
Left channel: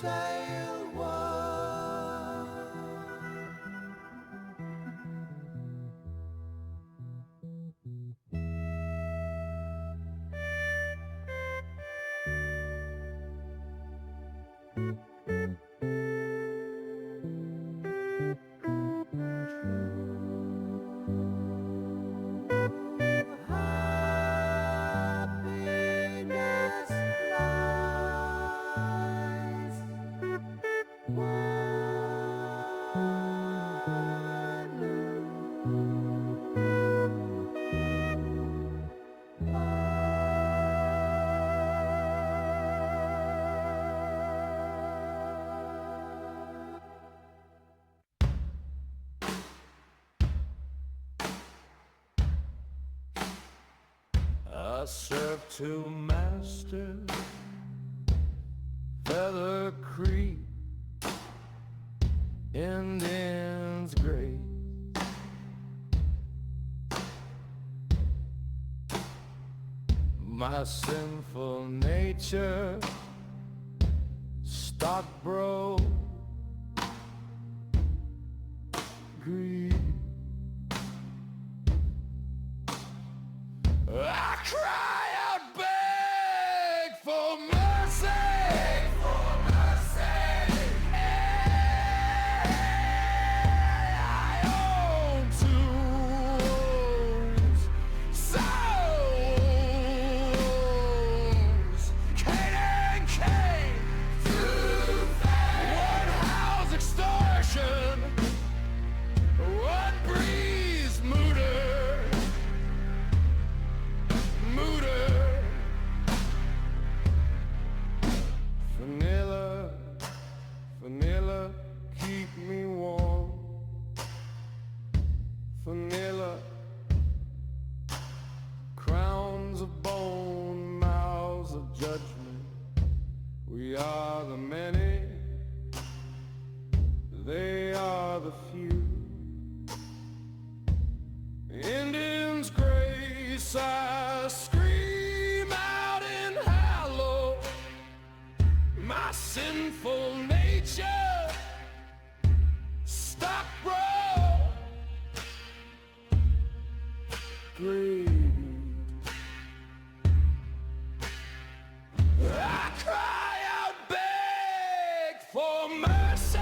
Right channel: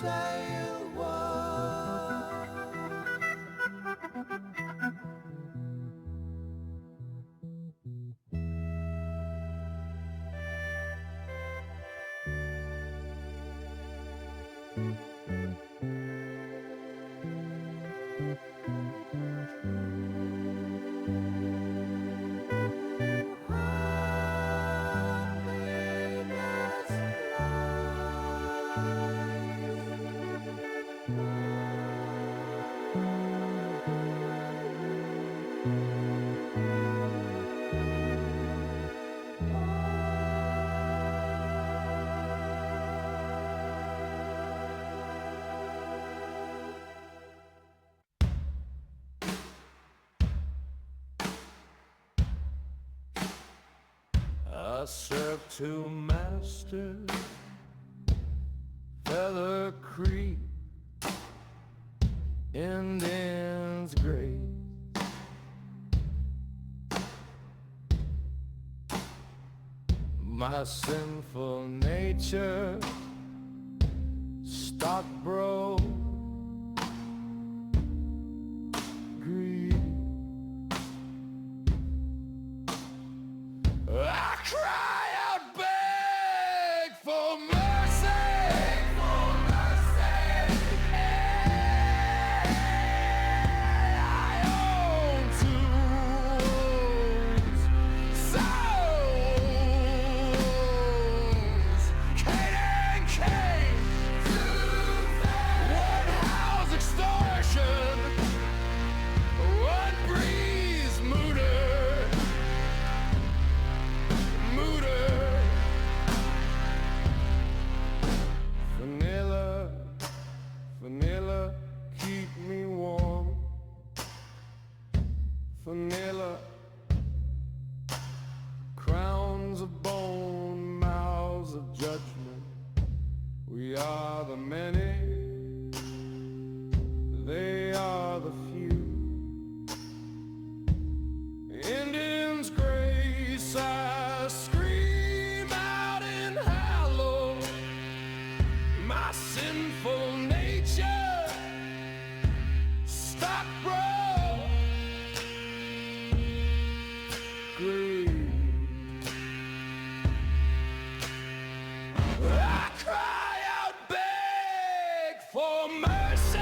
tale was. Happiness I serve two masters, Feather Creek, Indians great. My sinful nature, stock bro, greed. I cry out, beg for mercy. Beg for mercy. I own tools, souls, Cain and Cain. One house extortion, one breeze mooter. Vanilla, keep me warm. Vanilla, crowns of bone, mouths of judgment. We are the many, they are the few. Indians grace, I scream out in hallow. My sinful nature, stock bro, greed. I cry out, beg for mercy.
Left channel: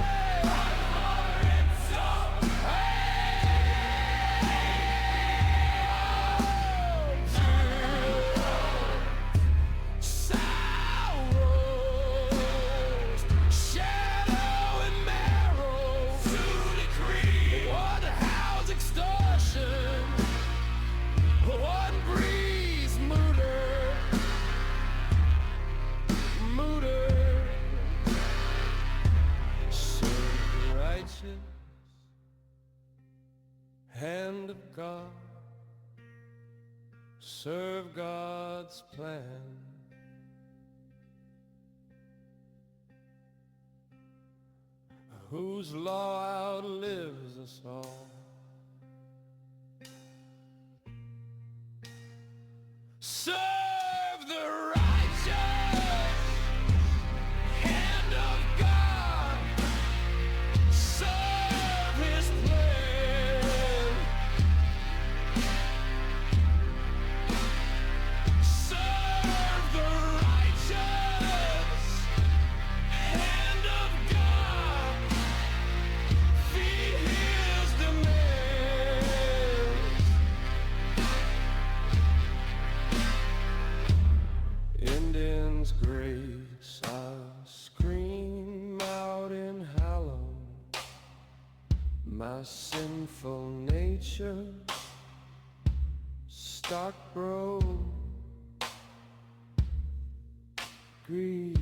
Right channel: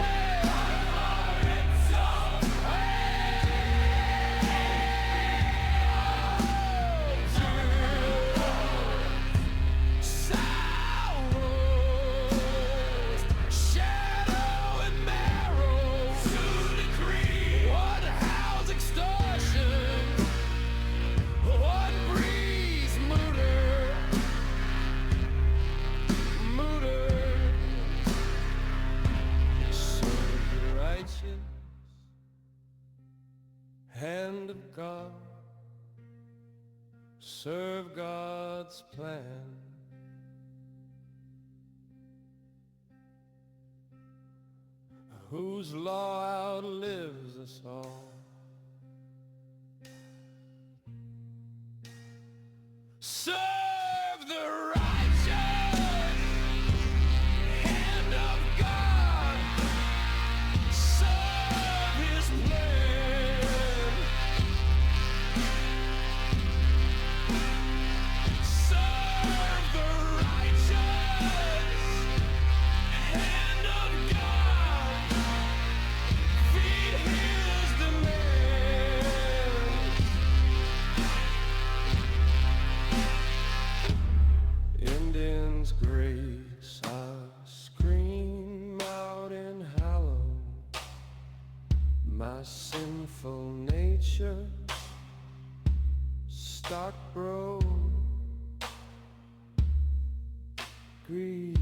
Hand of God, serve God's plan. Whose law outlives us all. Serve the righteous hand of God, serve his plan, serve the righteous hand of God, feed his demands. Indians grace, I scream out in hallow. My sinful nature, stock bro, greed.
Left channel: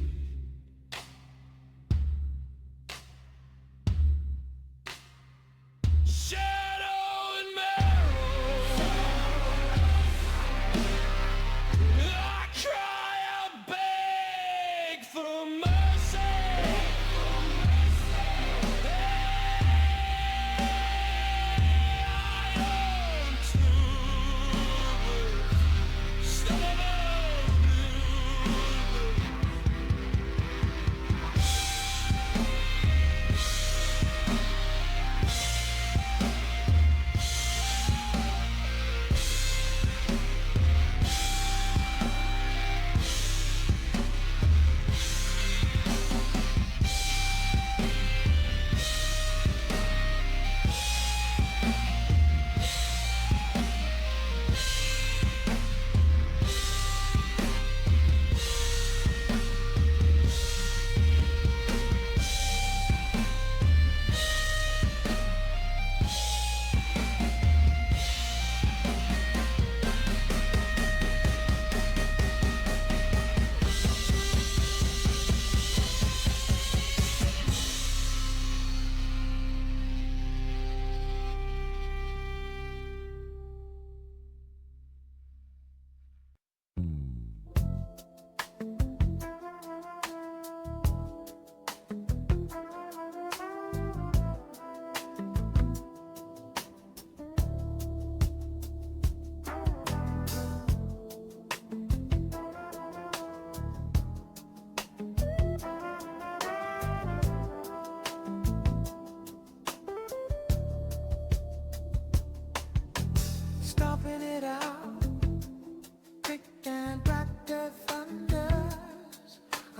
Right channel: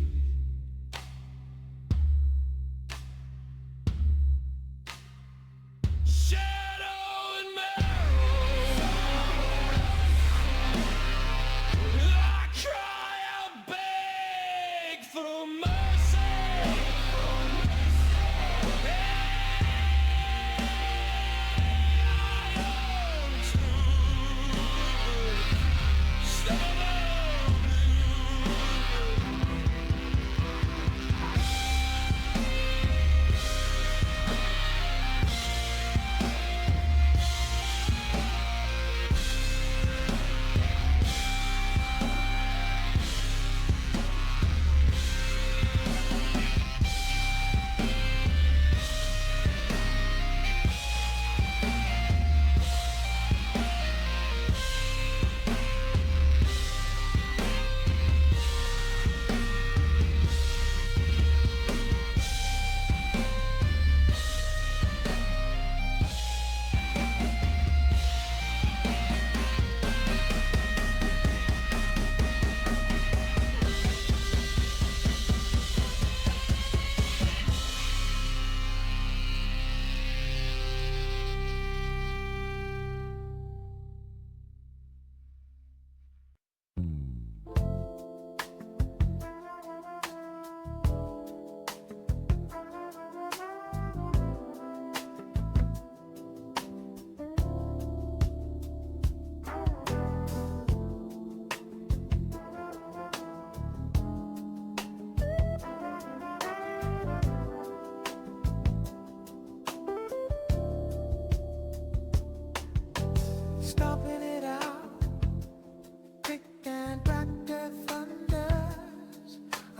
Shadow and marrow, I cry out, beg for mercy. I own tools, some of them blue.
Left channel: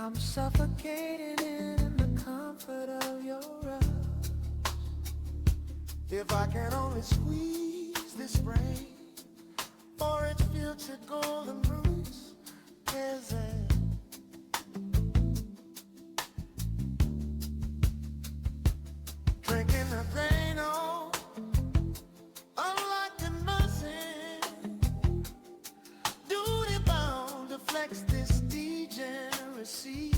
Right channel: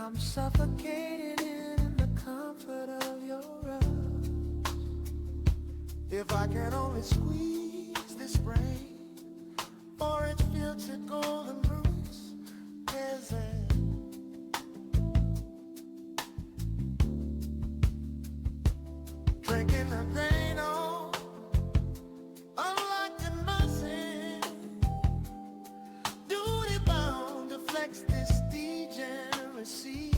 I'm suffocating in the comfort of your arms. If I can only squeeze this brain for its future golden roots, is it? Drinking the rain on, unlike a nursing, duty bound to flex this degeneracy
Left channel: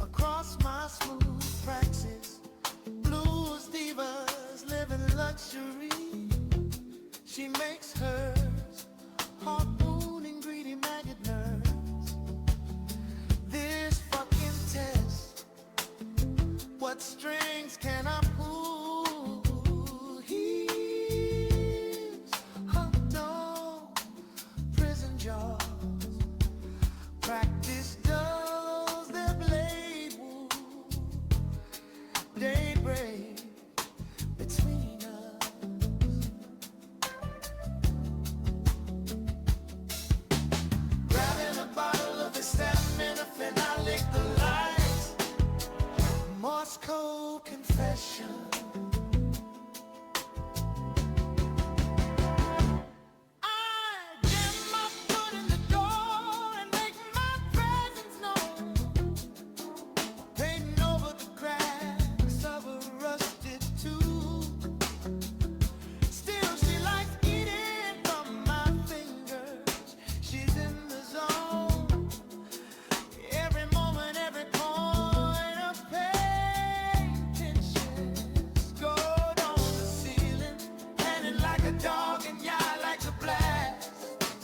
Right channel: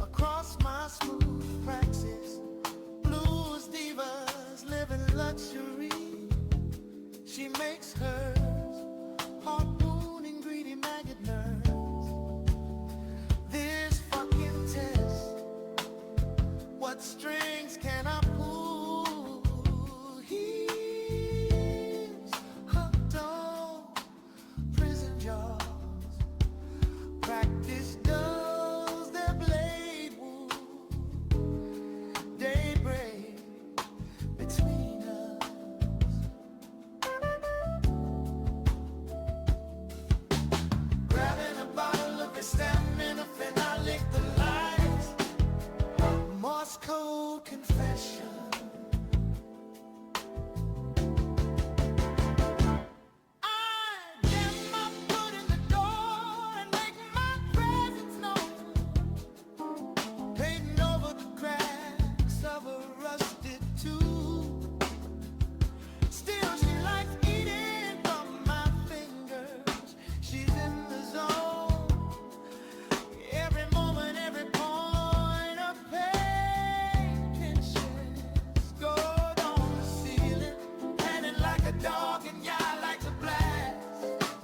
across my smooth praxis. Blues divas live in luxury. She makes hers harpooning greedy maggot nerves. This fucking test, what strings can I pull? He's hooked on prison jaws. Practice dulls their blade wound. Daybreak between us. Grabbing a bottle of acetaminophen, I lick the lights. Morse code confession. I jam my foot in the door and make my presence known, painting over the cracks of a rusted tube. Still she likes eating from my fingers. She's in the zone. Every moment, every point of pain pinches. Go down the ceiling, panting like a dog and yeah, like a blast.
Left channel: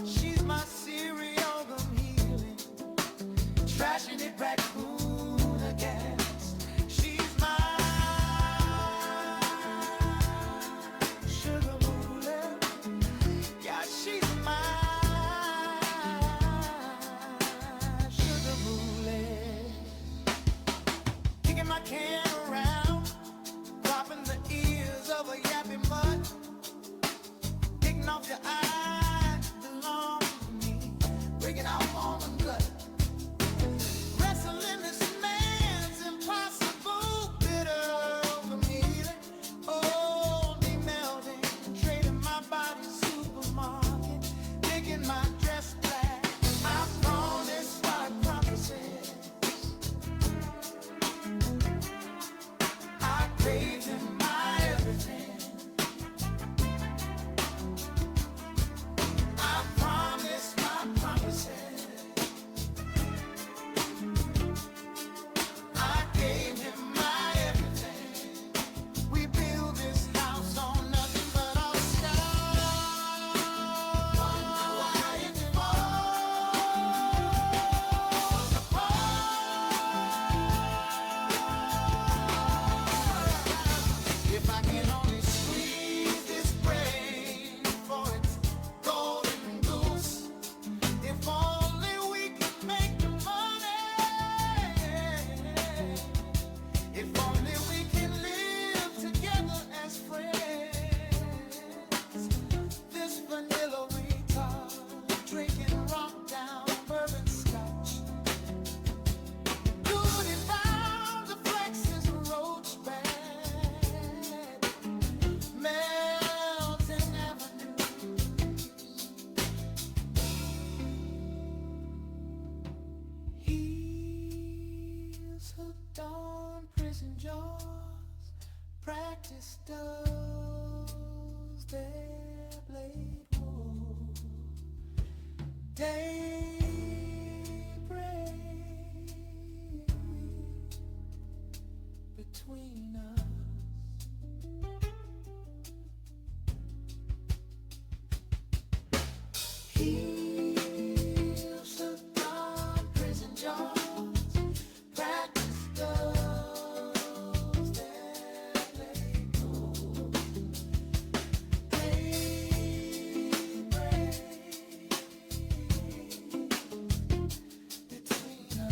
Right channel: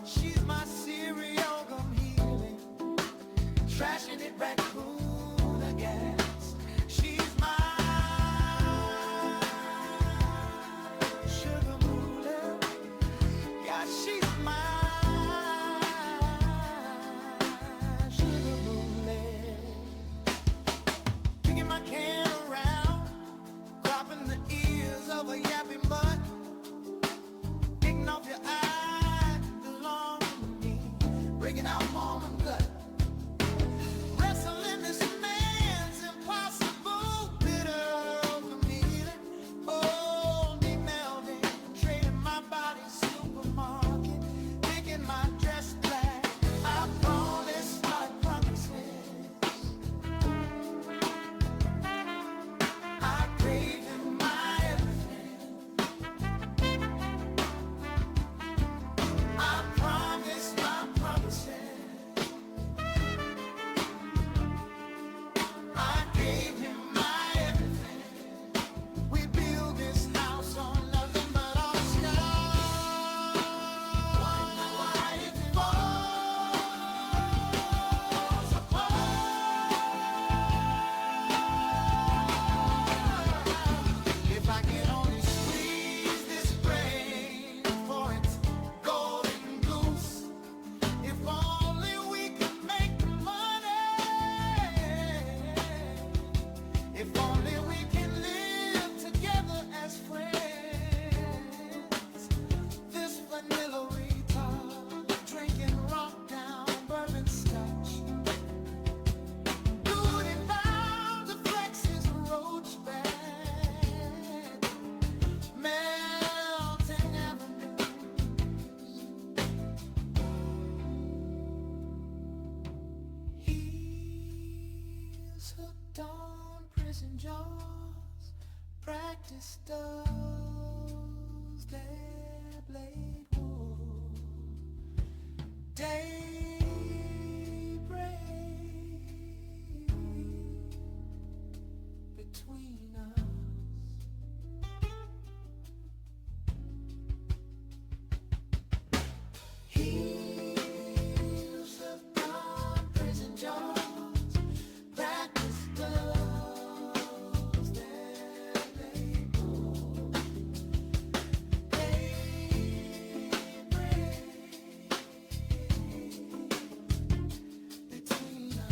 She's my cereal gum healing, trashing it raccoon aghast. She's my sugar moolah. Yeah, she's my sugar moolah. Kicking my can around, cropping the ears of a yappy mutt. Picking off your eyes belong to me, breaking out mom and gut. Wrestling this man's impossible bitter open healing. Oh, demelding, trading my body supermarket, making my dress black. I promise my promises. I gave him my everything. I promise my promises. I gave him my everything. We build this house on nothing but our sky. Wonder why it falls apart. If I can only squeeze this brain for its golden goose. If only we can make the money. If only we can live together as friends. This vanilla retard drinking rock down bourbon scotch. Duty bound to flex his roach bed. Melting avenues. He's hooked on prison jaws. Practice dulls their blade wound. Daybreak between us. Heels hooked on prison jaws. Practice dulls their blade wound. Daybreak between us.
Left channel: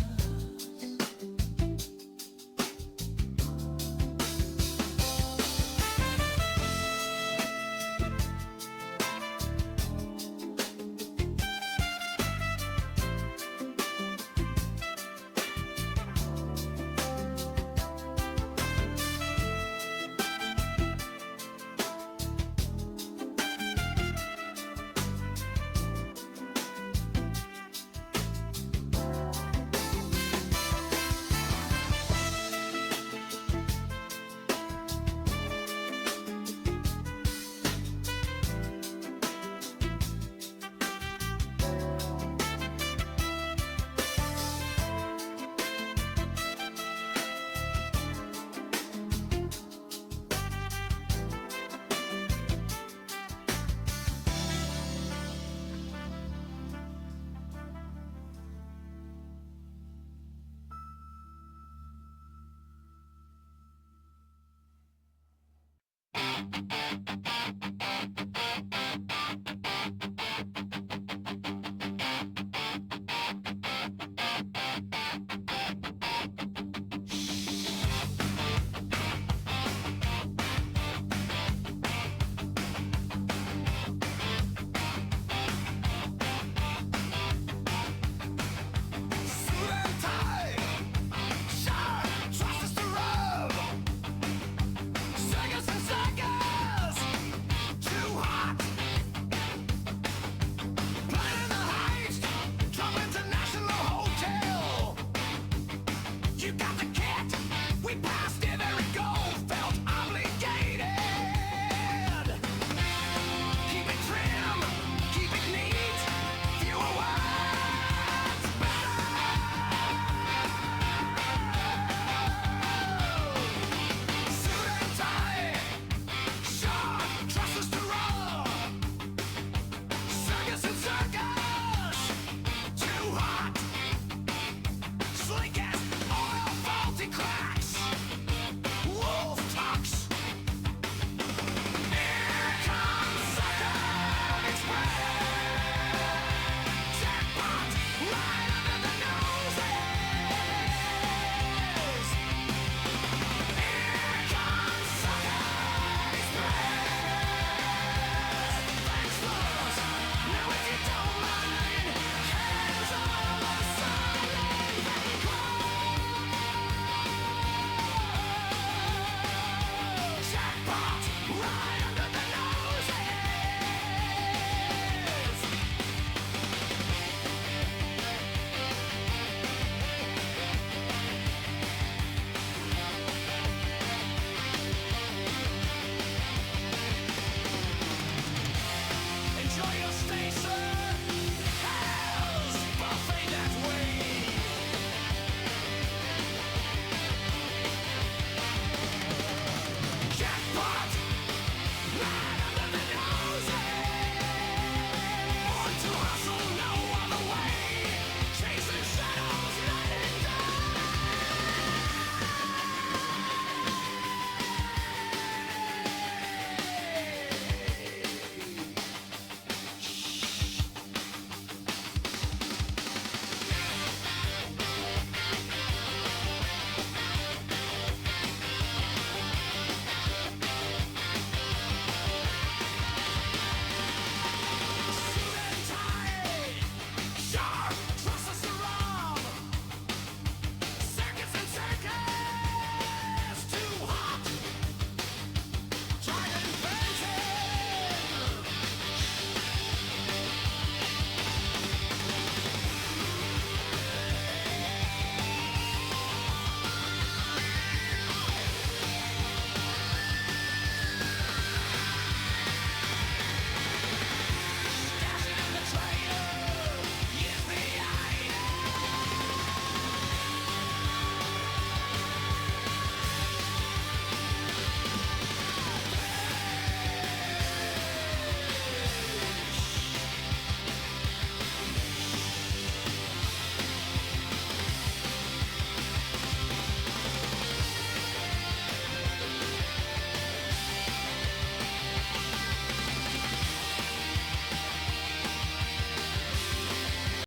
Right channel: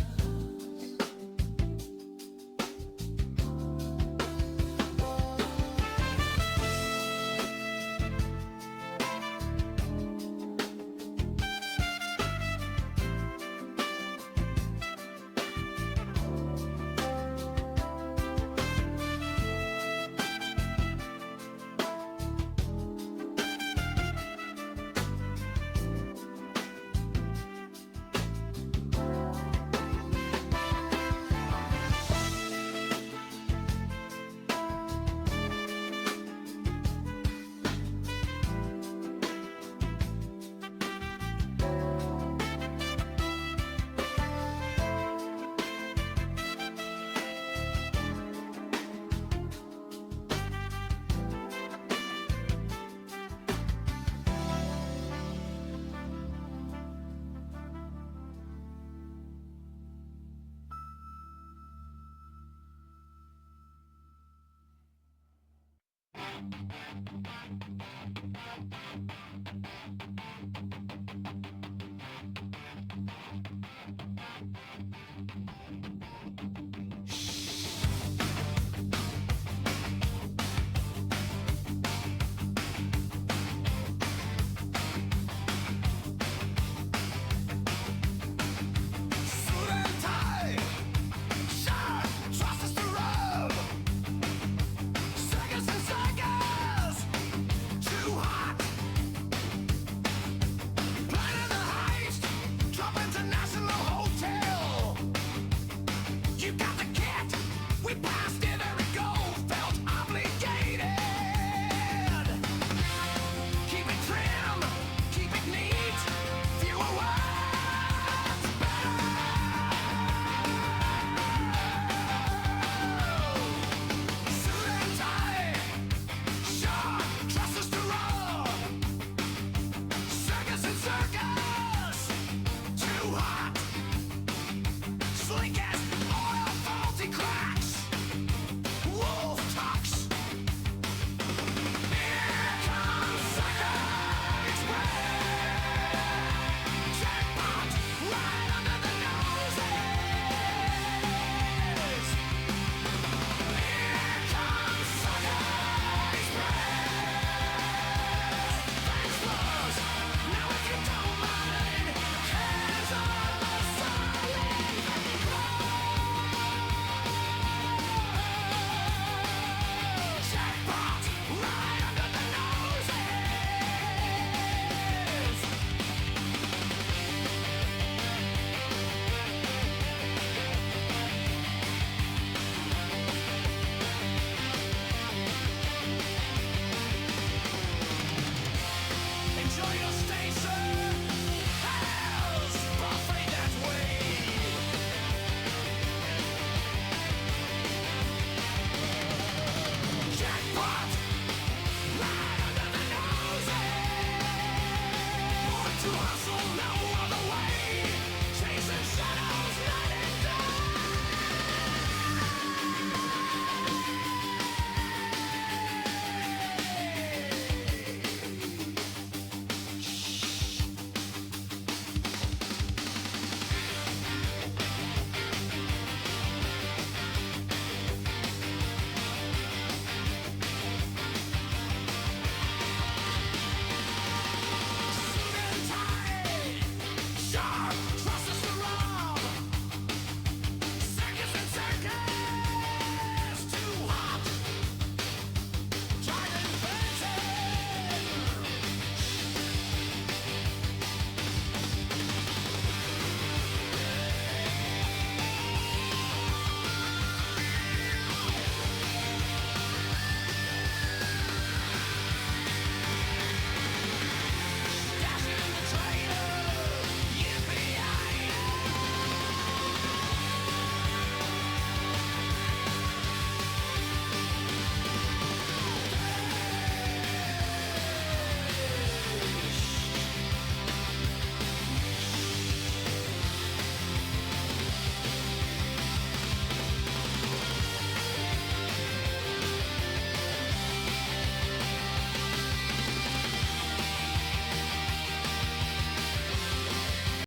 Suit and tie, shirt, trousers to rub. Circus and circus, too hot. Planning the heist, drop international hotel. You got